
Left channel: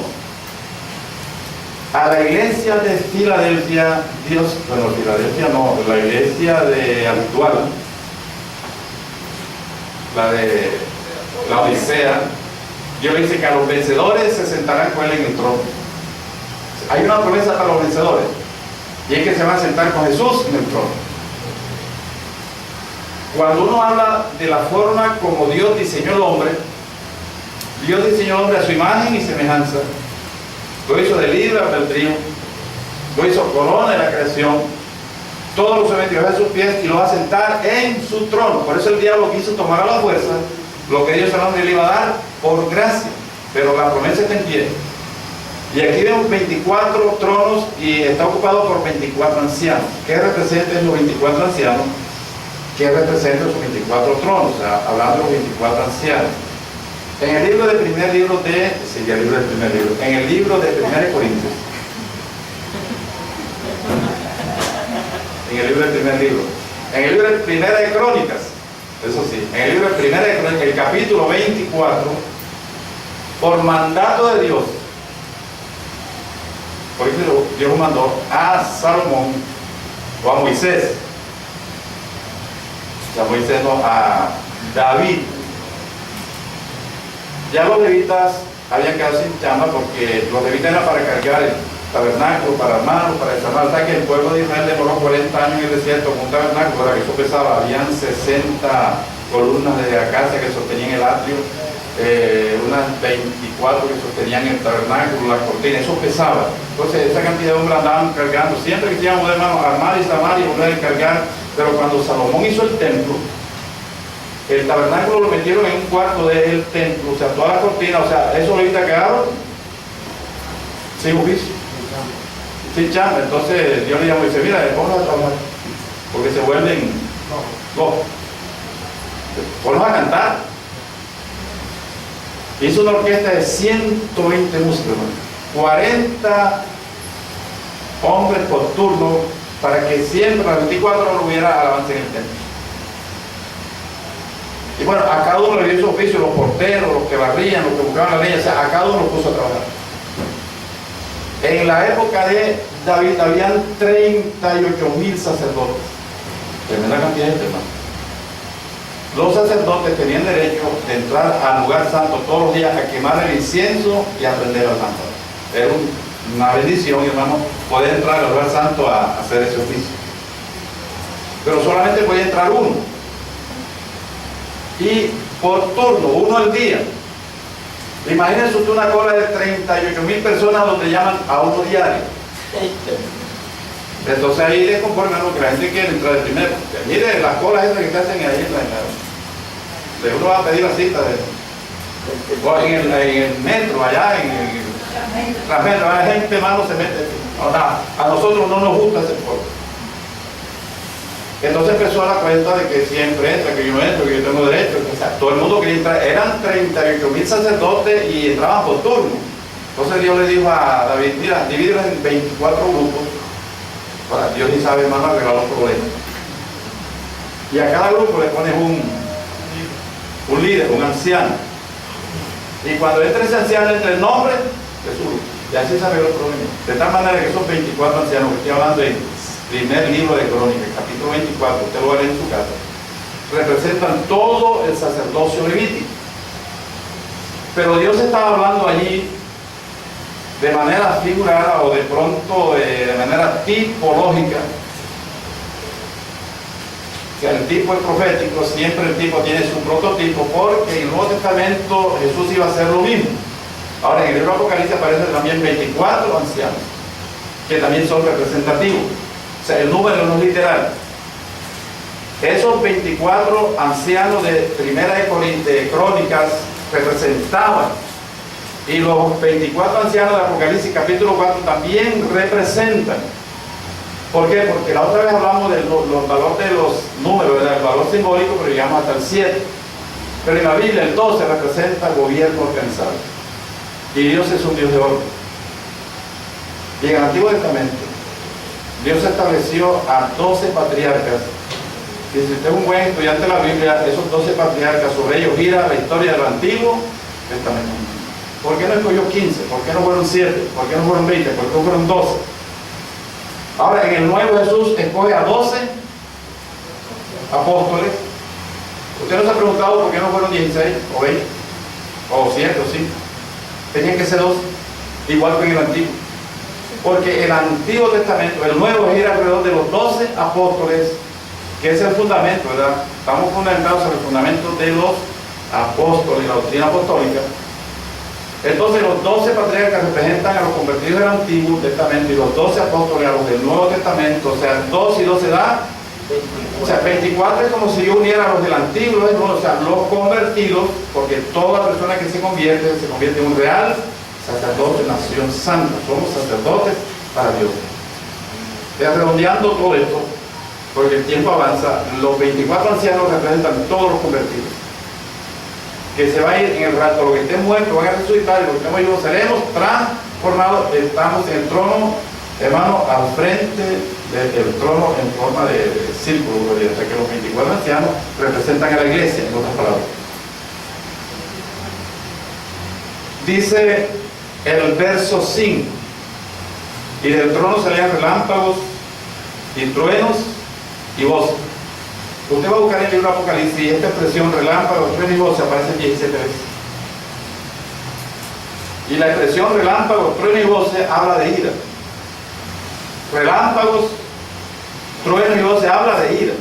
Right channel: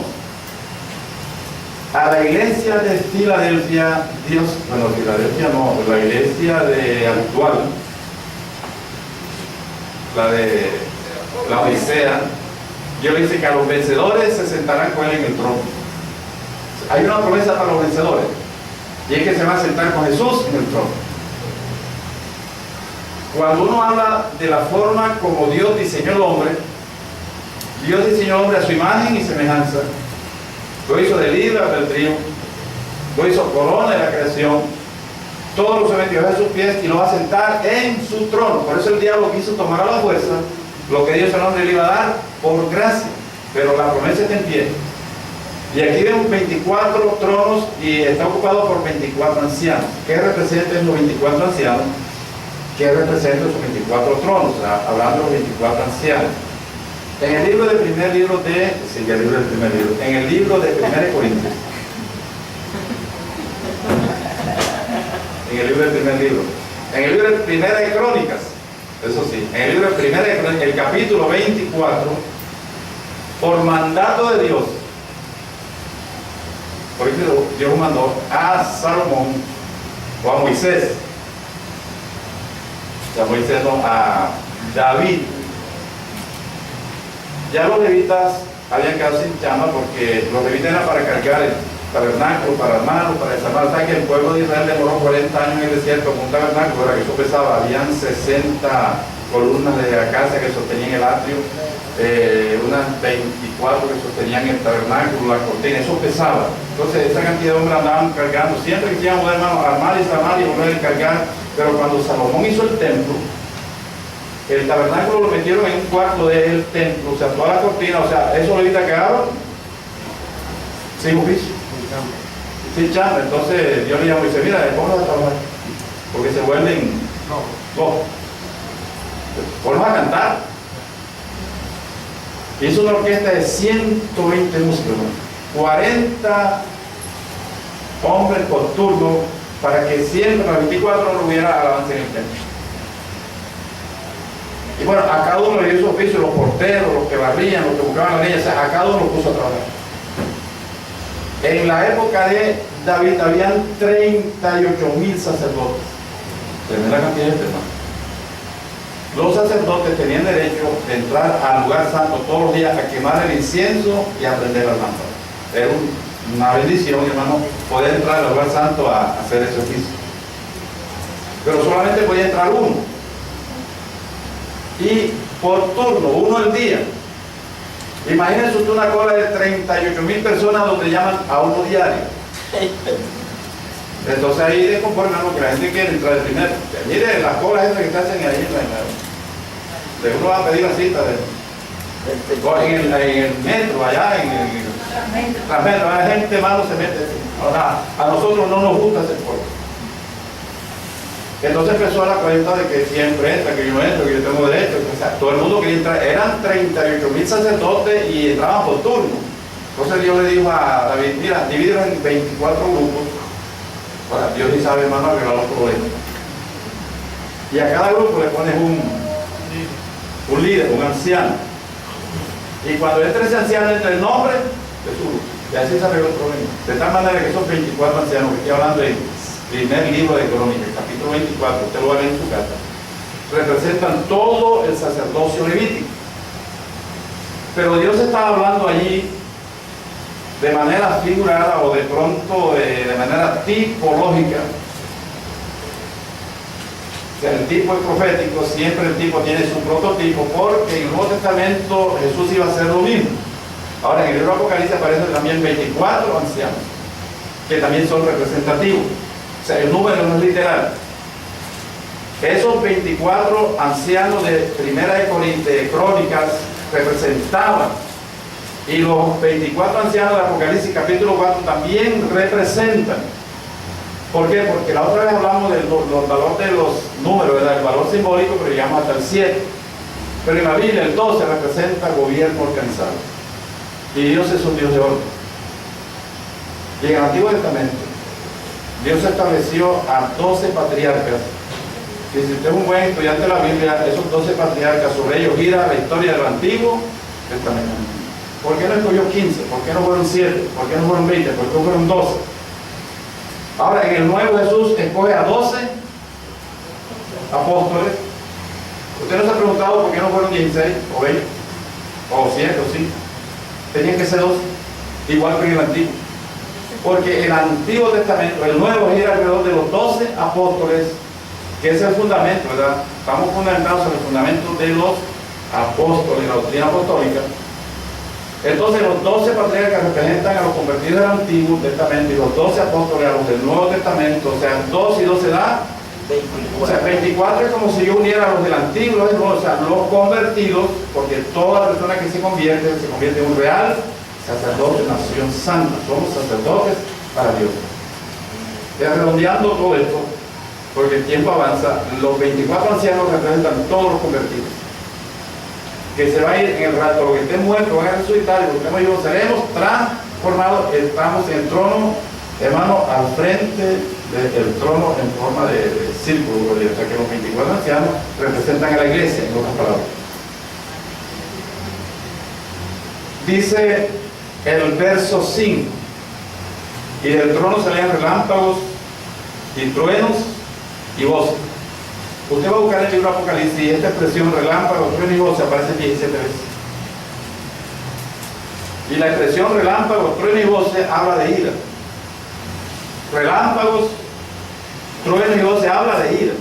A la iglesia de Filadelfia, Dios, bueno, Filadelfia no, la iglesia de actual, la de la Odisea, Dios le dice que a los vencedores se sentarán con él en el trono. Hay una promesa para los vencedores, y es que se van a sentar con Jesús en el trono. Cuando uno habla de la forma como Dios diseñó el hombre, Dios diseñó al hombre a su imagen y semejanza. Lo hizo de libre albedrío, lo hizo corona de la creación, todo lo sometió a sus pies y lo va a sentar en su trono. Por eso el diablo quiso tomar a la fuerza lo que Dios al hombre le iba a dar por gracia, pero la promesa está en pie. Y aquí vemos 24 tronos y está ocupado por 24 ancianos. ¿Qué representan los 24 ancianos? ¿Qué representan esos 24 tronos? O sea, hablando de los 24 ancianos. En el libro del primer libro de... Sí, el libro del primer libro. En el libro de 1 Corintios. En el libro del primer libro. En el libro de Primera de Crónicas. Eso sí. En el libro de Primera de Crónicas, el capítulo 24, por mandato de Dios. Por eso Dios mandó a Salomón o a Moisés. A Moisés no, a David. Ya los levitas habían quedado sin chamba porque los levitas eran para cargar el tabernáculo, para armarlo, para desarmarlo. O sea que el pueblo de Israel demoró 40 años en el desierto con un tabernáculo, para que eso pesaba. Habían 60 columnas de acacia que sostenían el atrio, unas 24 que sostenían el tabernáculo, la cortina, eso pesaba. Entonces esa cantidad de hombres andaban cargando, siempre que se iban a poder, hermano, armar y desarmar y volver a cargar. Pero cuando Salomón hizo el templo, el tabernáculo lo metieron en un cuarto del templo, o sea, toda la cortina, o sea, esos levitas quedaron sin oficio, sin chamba. Entonces Dios le llamó y dice, mira, ponlos a trabajar, porque se vuelven locos. Ponlos a cantar. Hizo una orquesta de 120 músicos, 40 hombres por turno, para que siempre a las 24 horas hubiera alabanza en el templo. Y bueno, a cada uno le dio su oficio, los porteros, los que barrían, los que buscaban la leña, o sea, a cada uno lo puso a trabajar. En la época de David habían 38,000 sacerdotes. Tremenda cantidad de gente, hermano. Los sacerdotes tenían derecho de entrar al lugar santo todos los días a quemar el incienso y a prender la lámpara. Era una bendición, hermano, poder entrar al lugar santo a hacer ese oficio. Pero solamente podía entrar uno. Y por turno, uno al día. Imagínense usted una cola de 38,000 personas donde llaman a uno diario. Entonces ahí de conforme a lo que la gente quiere entrar de primero. Mire las colas esas que se hacen ahí de uno va a pedir la cita en el metro, allá en el transmetro, la gente malo se mete. Ahora, a nosotros no nos gusta ese pueblo. Entonces empezó a dar cuenta de que siempre entra, que yo entro, que yo tengo derecho. O sea, todo el mundo quería entrar. Eran 38,000 sacerdotes y entraban por turno. Entonces Dios le dijo a David, mira, divídelos en 24 grupos. Ahora, Dios ni sabe, hermano, arreglar los problemas. Y a cada grupo le pones un líder, un anciano. Y cuando entre ese anciano, entre el nombre de su grupo. Y así se arregló el problema. De tal manera que esos 24 ancianos que estoy hablando en primer libro de Crónicas, capítulo 24, usted lo va a leer en su casa, representan todo el sacerdocio levítico. Pero Dios estaba hablando allí de manera figurada o de pronto de manera tipológica. O sea, el tipo es profético, siempre el tipo tiene su prototipo, porque en el Nuevo Testamento Jesús iba a hacer lo mismo. Ahora en el libro de Apocalipsis aparecen también 24 ancianos, que también son representativos. O sea, el número no es literal. Esos 24 ancianos de Primera de Crónicas representaban, y los 24 ancianos de Apocalipsis capítulo 4 también representan. ¿Por qué? Porque la otra vez hablamos del valor de los números, ¿verdad? El valor simbólico, pero llegamos hasta el 7. Pero en la Biblia el 12 representa gobierno organizado. Y Dios es un Dios de orden. Y en el Antiguo Testamento, Dios estableció a 12 patriarcas. Y si usted es un buen estudiante de la Biblia, esos 12 patriarcas, sobre ellos gira la historia del Antiguo Testamento. ¿Por qué no escogió 15? ¿Por qué no fueron 7? ¿Por qué no fueron 20? ¿Por qué no fueron 12? Ahora, en el Nuevo Jesús escoge a 12 apóstoles. Usted no se ha preguntado por qué no fueron 16 o 20 o 7 o 5. Tenían que ser 12, igual que en el Antiguo. Porque el Antiguo Testamento, el Nuevo, gira alrededor de los 12 apóstoles, que es el fundamento, ¿verdad? Estamos fundamentados en el fundamento de los apóstoles, la doctrina apostólica. Entonces los 12 patriarcas representan a los convertidos del Antiguo Testamento y los 12 apóstoles a los del Nuevo Testamento. O sea, 2 y 12 da 24. O sea, 24 es como si yo uniera a los del Antiguo y los del Nuevo, o sea, los convertidos, porque toda persona que se convierte en un real sacerdote, nación santa. Somos sacerdotes para Dios. Ya redondeando todo esto, porque el tiempo avanza, los 24 ancianos representan todos los convertidos, que se va a ir en el rato, los que estén muertos van a resucitar, y los que estemos vivos seremos transformados. Estamos en el trono, hermano, al frente del trono en forma de círculo, o sea que los 24 ancianos representan a la iglesia, en otras palabras. Dice el verso 5, y del trono salían relámpagos y truenos y voces. Usted va a buscar en el libro de Apocalipsis y esta expresión relámpago, trueno y voces aparece 17 veces. Y la expresión relámpago, trueno y voces habla de ira. Relámpagos, trueno y voces habla de ira.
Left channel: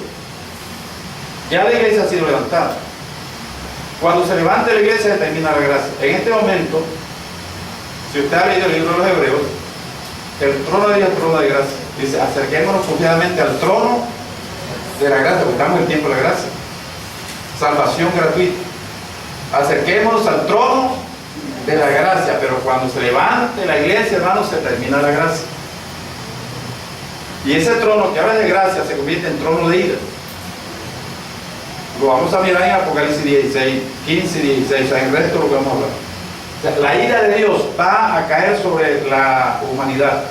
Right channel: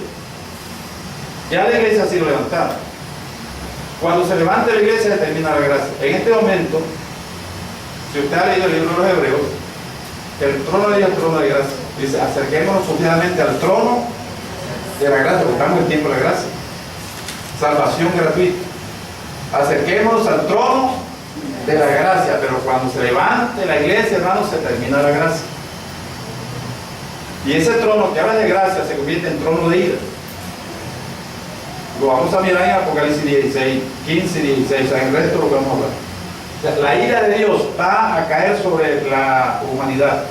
Ya la iglesia ha sido levantada. Cuando se levante la iglesia se termina la gracia. En este momento, si usted ha leído el libro de los Hebreos, el trono de Dios es el trono de gracia. Dice, acerquémonos confiadamente al trono de la gracia, porque estamos en el tiempo de la gracia. Salvación gratuita. Acerquémonos al trono de la gracia, pero cuando se levante la iglesia, hermanos, se termina la gracia. Y ese trono que habla de gracia se convierte en trono de ira. Lo vamos a mirar en Apocalipsis 16, 15 y 16, o sea, en el resto lo que vamos a hablar. O sea, la ira de Dios va a caer sobre la humanidad.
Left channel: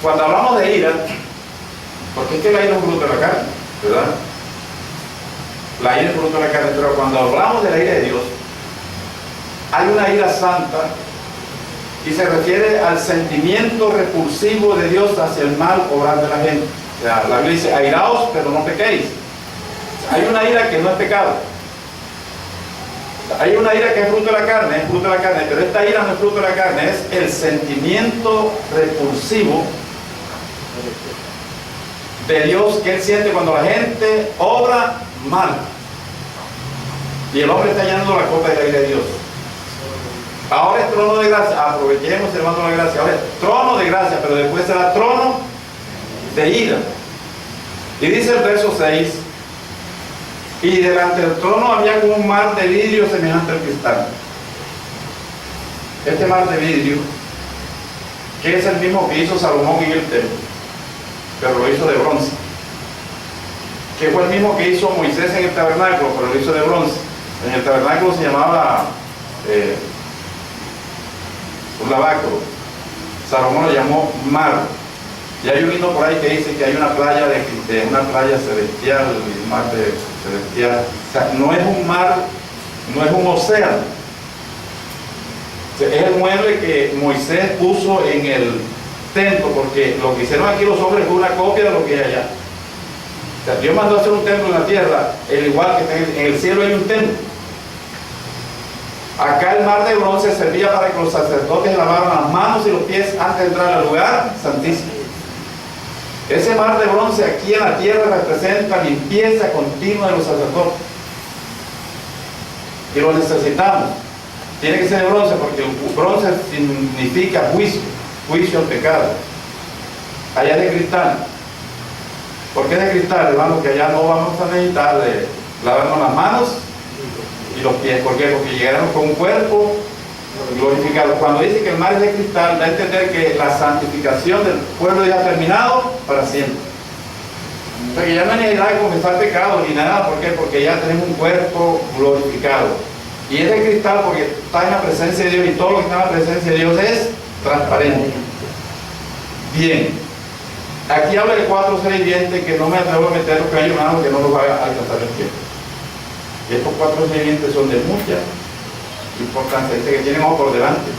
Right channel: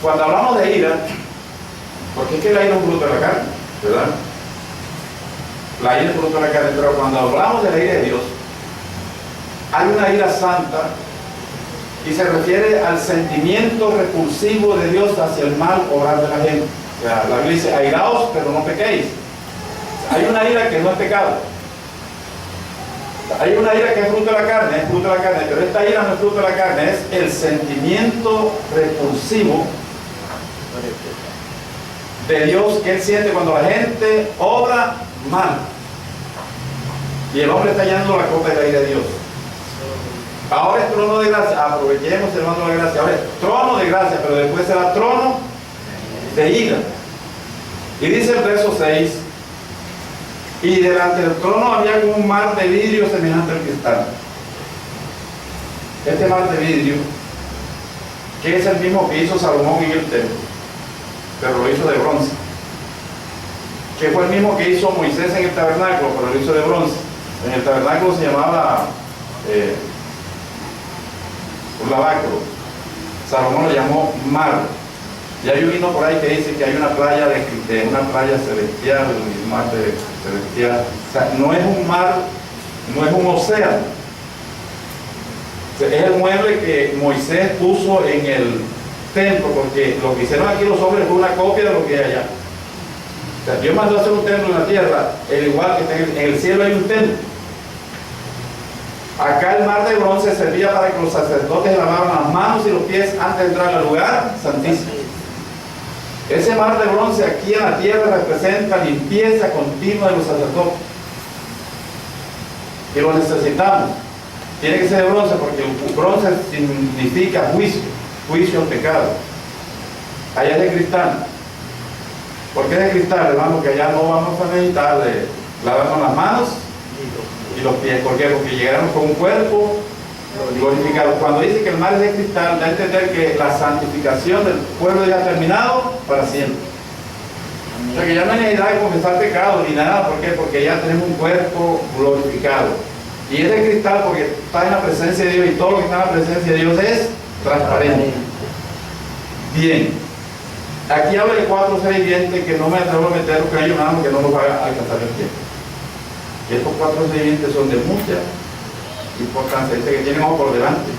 Cuando hablamos de ira, porque es que la ira es un fruto de la carne, ¿verdad? La ira es fruto de la carne, pero cuando hablamos de la ira de Dios, hay una ira santa y se refiere al sentimiento repulsivo de Dios hacia el mal obrar de la gente. O sea, la Biblia dice, airaos, pero no pequéis. Hay una ira que no es pecado. Hay una ira que es fruto de la carne, pero esta ira no es fruto de la carne, es el sentimiento repulsivo de Dios que Él siente cuando la gente obra mal. Y el hombre está llenando la copa de la ira de Dios. Ahora es trono de gracia, aprovechemos hermano la gracia. Ahora es trono de gracia, pero después será trono de ira. Y dice el verso 6, y delante del trono había como un mar de vidrio semejante al cristal. Este mar de vidrio, que es el mismo que hizo Salomón en el templo, pero lo hizo de bronce. Que fue el mismo que hizo Moisés en el tabernáculo, pero lo hizo de bronce. En el tabernáculo se llamaba un lavacro. Salomón lo llamó mar. Y hay un himno por ahí que dice que hay una playa una playa celestial, un mar celestial. O sea, no es un mar, no es un océano. O sea, es el mueble que Moisés puso en el templo, porque lo que hicieron aquí los hombres fue una copia de lo que hay allá. O sea, Dios mandó a hacer un templo en la tierra, el igual que en el cielo hay un templo. Acá el mar de bronce servía para que los sacerdotes lavaran las manos y los pies antes de entrar al lugar santísimo. Ese mar de bronce aquí en la tierra representa limpieza continua de los sacerdotes. Y lo necesitamos. Tiene que ser de bronce porque el bronce significa juicio al pecado. Allá es de cristal. ¿Por qué de cristal, hermano? Que allá no vamos a necesitar de lavarnos las manos y los pies. ¿Por qué? Porque llegaron con un cuerpo glorificado. Cuando dice que el mar es de cristal, da a entender que la santificación del pueblo ya ha terminado para siempre. O sea que ya no hay necesidad de confesar pecado ni nada. ¿Por qué? Porque ya tenemos un cuerpo glorificado. Y es de cristal porque está en la presencia de Dios y todo lo que está en la presencia de Dios es transparente. Bien, aquí habla de 4 o 6 dientes que no me atrevo a meter los callos nada porque no los va a alcanzar el tiempo. Y estos 4 o 6 dientes son de mucha importancia. Este que tiene ojos por delante,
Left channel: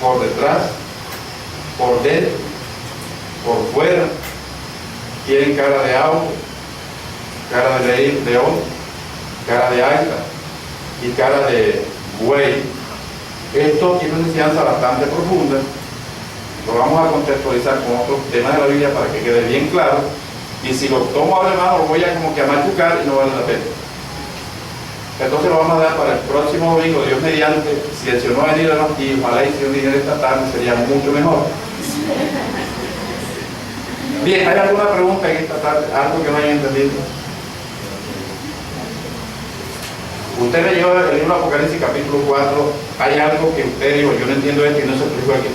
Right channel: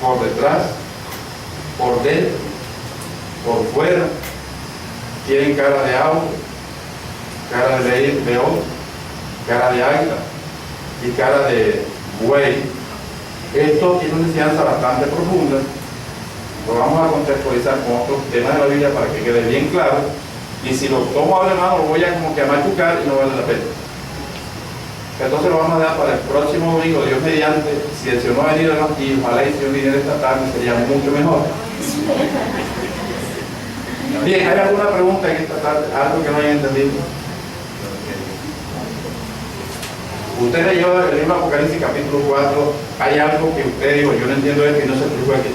por detrás, por dentro, por fuera, tienen cara de auto, cara de león, cara de águila y cara de buey. Esto tiene una enseñanza bastante profunda. Lo vamos a contextualizar con otros temas de la Biblia para que quede bien claro. Y si lo tomo a la mano, lo voy a como que a machucar y no vale la pena. Entonces lo vamos a dar para el próximo domingo, Dios mediante. Si el Señor no ha venido aquí, ojalá y si Dios viniera esta tarde, sería mucho mejor. Bien, ¿hay alguna pregunta en esta tarde? ¿Algo que no hayan entendido? Usted leyó el libro de Apocalipsis capítulo 4, hay algo que usted dijo, yo no entiendo esto y no se explicó aquí.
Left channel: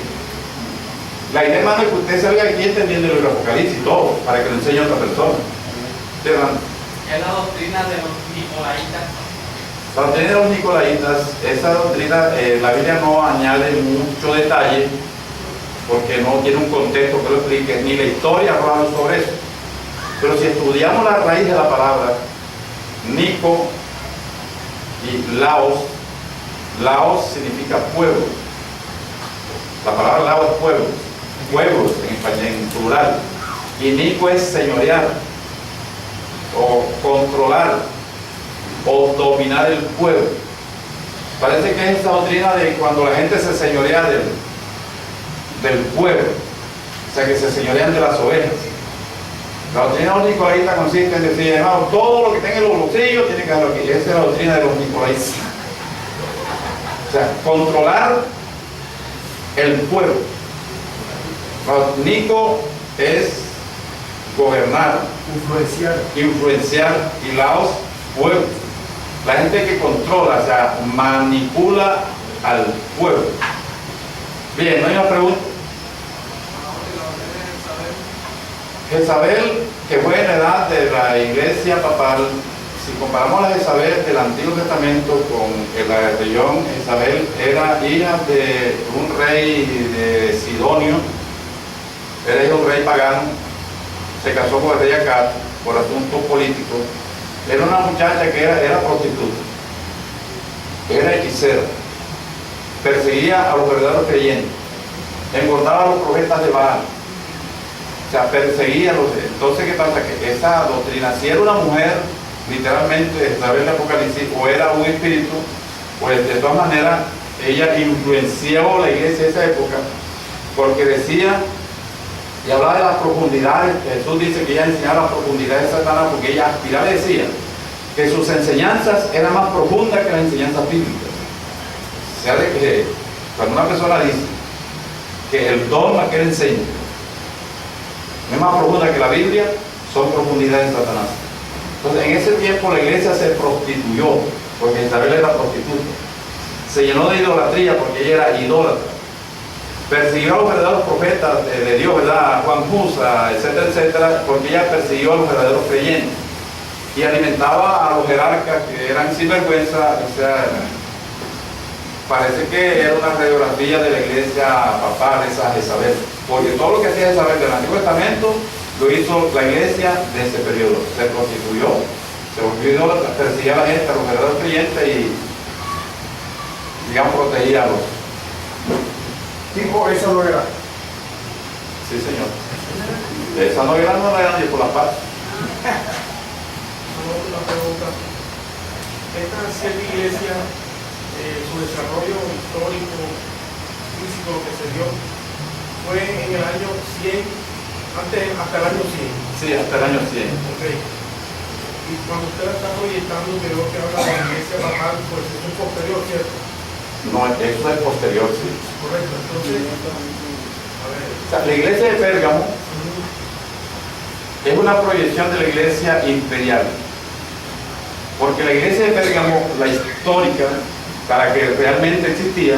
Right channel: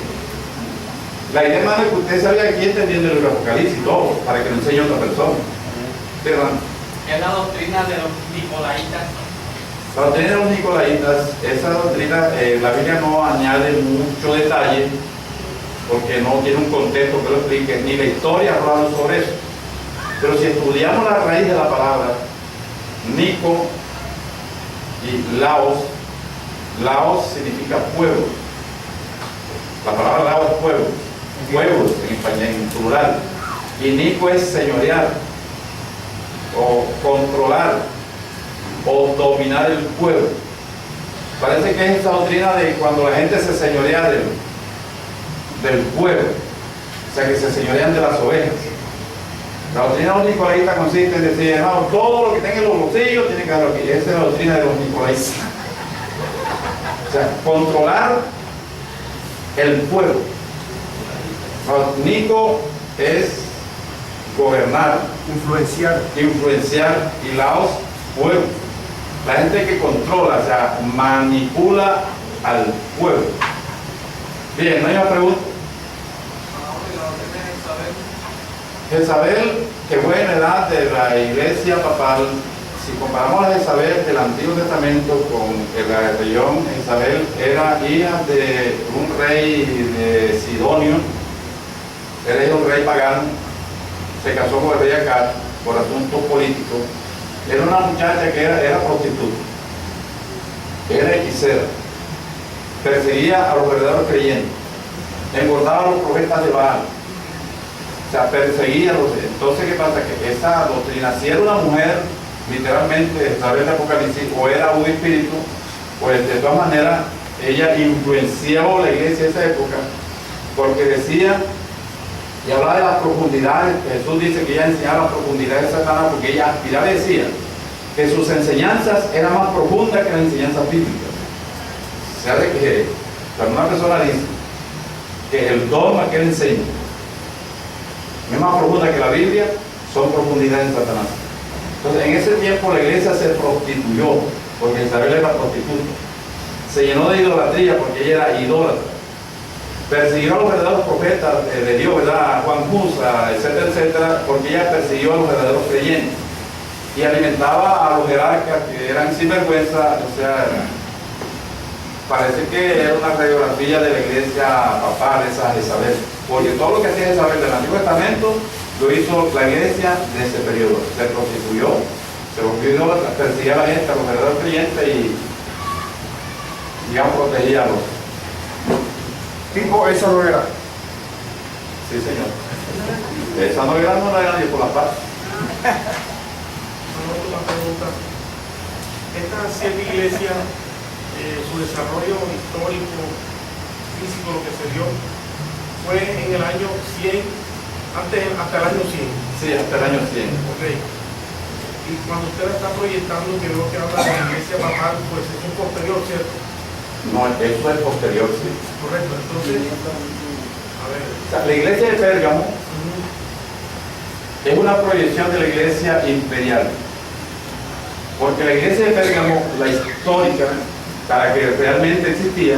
La idea, hermano, es que usted sabía aquí entendiendo el libro de Apocalipsis, todo, para que lo enseñe a otra persona. ¿Sí, hermano? Es la doctrina de los nicolaitas. La doctrina de los nicolaitas, esa doctrina, la Biblia no añade mucho detalle, porque no tiene un contexto que lo explique, ni la historia habla sobre eso. Pero si estudiamos la raíz de la palabra, Nico y Laos, Laos significa pueblo. La palabra Laos es pueblo, pueblos en español, en plural. Y Nico es señorear, o controlar, o dominar el pueblo. Parece que es esa doctrina de cuando la gente se señorea del pueblo, o sea que se señorean de las ovejas. La doctrina de los nicolaitas consiste en decir, hermano, todo lo que tenga en los bolsillos tiene que darlo aquí. Esa es la doctrina de los nicolaitas. O sea, controlar el pueblo. Nico es gobernar, influenciar, y Laos, pueblo. La gente que controla, o sea, manipula al pueblo. Bien, ¿no hay una pregunta? Jezabel, que fue en edad de la iglesia papal, si comparamos a Jezabel del Antiguo Testamento con la rebelión, Jezabel era hija de un rey de Sidonio, era hija de un rey pagano, se casó con el rey Acab por asuntos políticos. Era una muchacha que era prostituta, era hechicera, perseguía a los verdaderos creyentes, engordaba a los profetas de Baal. O sea, perseguía a los... Entonces, ¿qué pasa? Que esa doctrina, si era una mujer, literalmente, a través de Apocalipsis, o era un espíritu, pues de todas maneras, ella influenciaba la iglesia de esa época, porque decía, y hablaba de las profundidades, Jesús dice que ella enseñaba las profundidades de Satanás, porque ella aspiraba y decía que sus enseñanzas eran más profundas que las enseñanzas bíblicas. O sea, de que cuando una persona dice que el dogma que él enseña es más profunda que la Biblia, son profundidades de Satanás. Entonces, en ese tiempo la iglesia se prostituyó, porque Isabel era prostituta. Se llenó de idolatría porque ella era idólatra. Persiguió a los verdaderos profetas de Dios, ¿verdad? Juan Cusa, etcétera, etcétera, porque ella persiguió a los verdaderos creyentes. Y alimentaba a los jerarcas que eran sinvergüenza, o sea, parece que era una radiografía de la iglesia papal, esa Jezabel. Porque todo lo que hacía Jezabel del Antiguo Testamento lo hizo la iglesia de ese periodo. Se prostituyó, se volvió idólatra, perseguía a la gente, a los verdaderos creyentes y, digamos, protegía a los. Tipo esa novedad. Sí, señor. Esa novedad no la era ni por la paz. Una pregunta. Esta siete iglesia, su desarrollo histórico, físico, lo que se dio, fue en el año 100, hasta el año 100. Sí, hasta el año 100. Ok. Y cuando usted la está proyectando, que veo que habla de la iglesia papal, pues es un posterior, ¿cierto? No, eso es posterior, sí. Correcto. Entonces, a ver. O sea, la iglesia de Pérgamo es una proyección de la iglesia imperial. Porque la iglesia de Pérgamo, la histórica, para que realmente existía,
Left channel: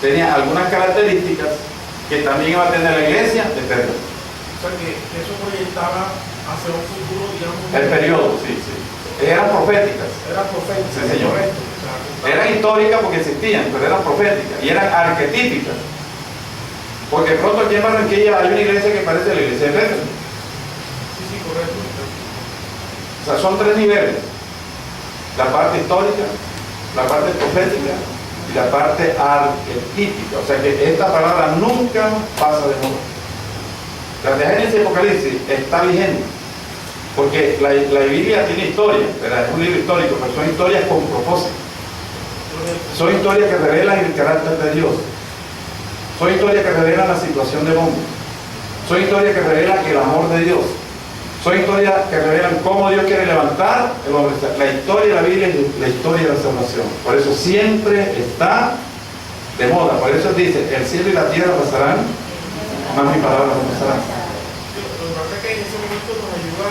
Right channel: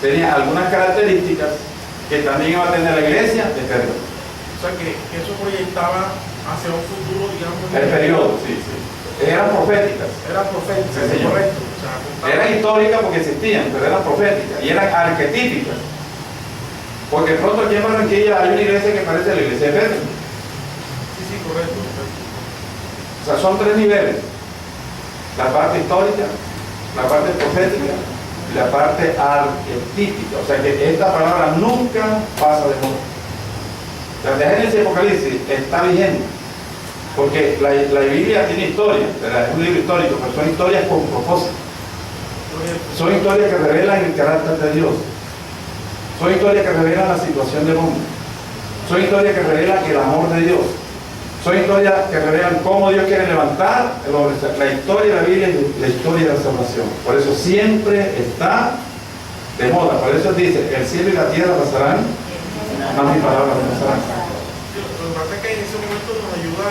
tenía algunas características que también iba a tener la iglesia de Pérgamo. O sea, que eso proyectaba hacia un futuro, digamos. El periodo, sí, sí. Eran proféticas. Era profética. Sí, señor. Correcto. O sea, apuntaba- Eran históricas porque existían, pero eran proféticas y eran arquetípicas. Porque de pronto aquí en Barranquilla hay una iglesia que parece la iglesia de Pedro. Sí, sí, correcto. O sea, son tres niveles. La parte histórica, la parte profética y la parte arquetípica. O sea que esta palabra nunca pasa de moda. La de Génesis y Apocalipsis está vigente. Porque la Biblia tiene historia, ¿verdad? Es un libro histórico, pero son historias con propósito. Son historias que revelan el carácter de Dios. Son historias que revelan la situación del hombre. Son historias que revelan el amor de Dios. Son historias que revelan cómo Dios quiere levantar el hombre. La historia de la Biblia es la historia de la salvación. Por eso siempre está de moda. Por eso dice, el cielo y la tierra pasarán, más mis palabras no pasarán. Lo que pasa es que en ese momento nos ayuda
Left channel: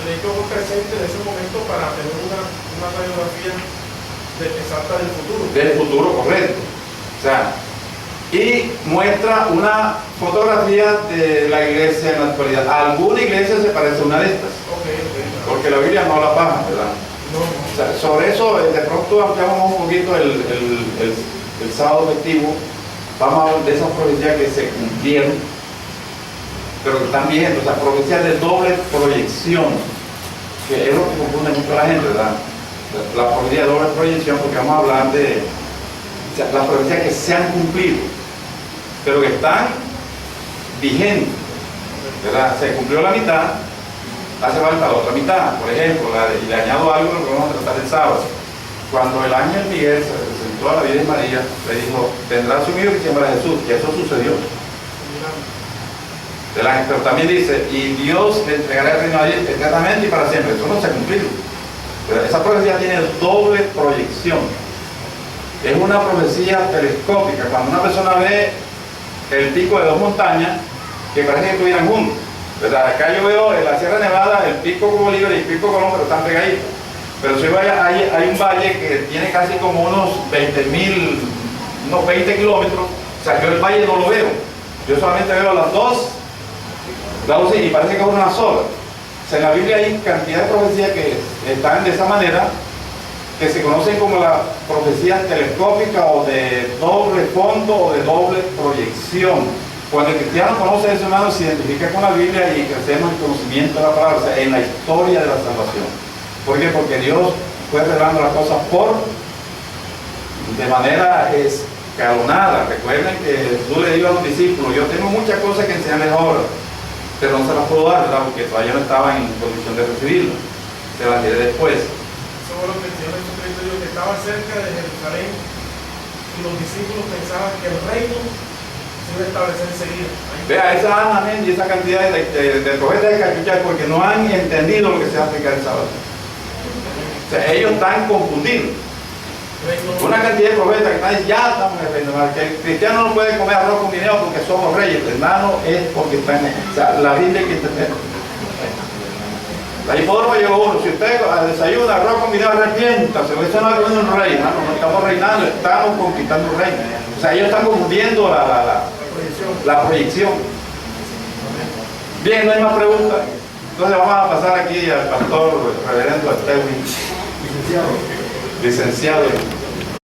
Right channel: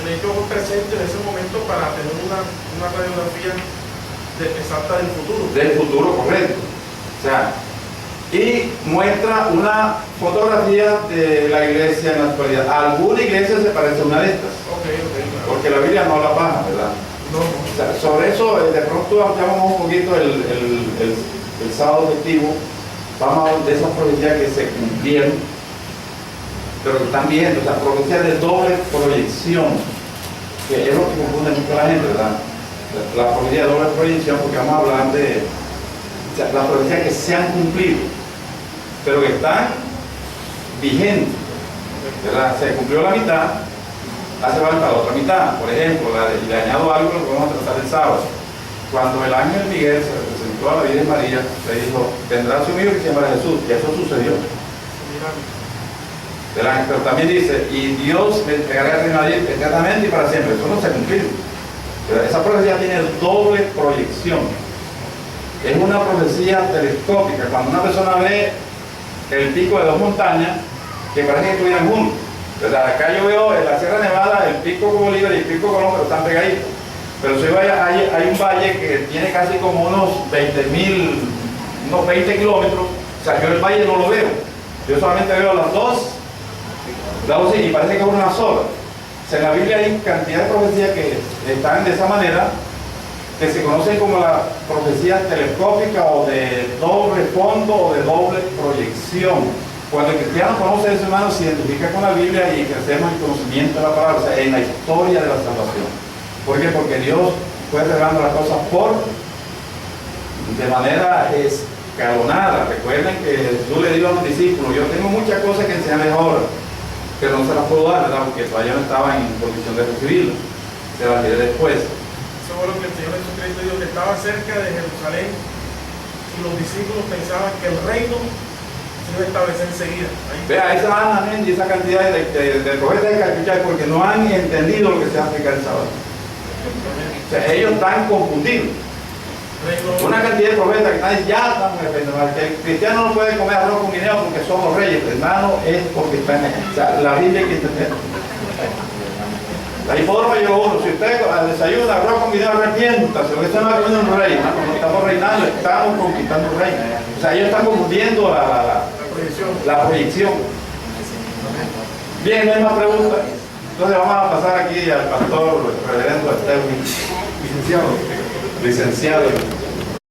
el hecho presente en ese momento para tener una radiografía exacta del futuro. Del futuro, correcto. O sea, y muestra una fotografía de la iglesia en la actualidad. Alguna iglesia se parece a una de estas, Ok, claro. porque la Biblia no la baja, ¿verdad? No, O sea, sobre eso, de pronto ampliamos un poquito el sábado festivo. Vamos a hablar de esas profecías que se cumplieron, pero que están vigentes, o sea, profecías de doble proyección, que es lo que confunde mucho a la gente, ¿verdad? La profecía de doble proyección, porque vamos a hablar de las profecías que se han cumplido, pero que están vigentes, ¿verdad? Se cumplió la mitad, hace falta la otra mitad. Por ejemplo, y le añado algo que vamos a tratar el sábado. Cuando el ángel Miguel se presentó a la Virgen María, le dijo, tendrás un hijo que se llamará Jesús, y eso sucedió. Del ángel, pero también dice, y Dios le entregará el reino a Dios eternamente y para siempre. Eso no se ha cumplido. Pero esa profecía tiene doble proyección. Es una profecía telescópica. Cuando una persona ve el pico de dos montañas que parece que estuvieran juntos, ¿verdad? Acá yo veo en la Sierra Nevada el pico Bolívar y el pico Colón, pero están pegaditos. Pero si vaya, hay un valle que tiene casi como unos 20 kilómetros. O sea, yo el valle no lo veo. Yo solamente veo las dos y parece que es una sola. O sea, en la Biblia hay cantidad de profecías que están de esa manera, que se conocen como las profecías telescópicas o de doble fondo o de doble proyección. Cuando el cristiano conoce eso, hermano, se identifica con la Biblia y crecemos en conocimiento de la palabra, o sea, en la historia de la salvación. ¿Por qué? Porque Dios fue revelando las cosas de manera escalonada. Recuerden que Jesús le dijo a los discípulos, yo tengo muchas cosas que enseñarles ahora, pero no se las puedo dar, ¿verdad? Porque todavía no estaba en condición de recibirlo. Se las diré después. Eso fue lo que el Señor Jesucristo dijo, que estaba cerca de Jerusalén y los discípulos pensaban que el reino se iba a establecer enseguida. Vea, esa amén y esa cantidad de profetas hay que escuchar porque no han entendido lo que se va a explicar el sábado. O sea, ellos están confundidos. Una cantidad de profetas que están diciendo, ya estamos en el reino, que el cristiano no puede comer arroz con guineo porque somos reyes, hermano, es porque están en. O sea, la Biblia hay que entender. La hipódromo llegó uno, si usted desayuna arroz con guineo, arrepiéntase, porque eso no es un rey, hermano, no estamos reinando, estamos conquistando un reino. O sea, ellos están confundiendo la proyección. Bien, no hay más preguntas. Entonces vamos a pasar aquí al pastor reverendo Estewin, licenciado.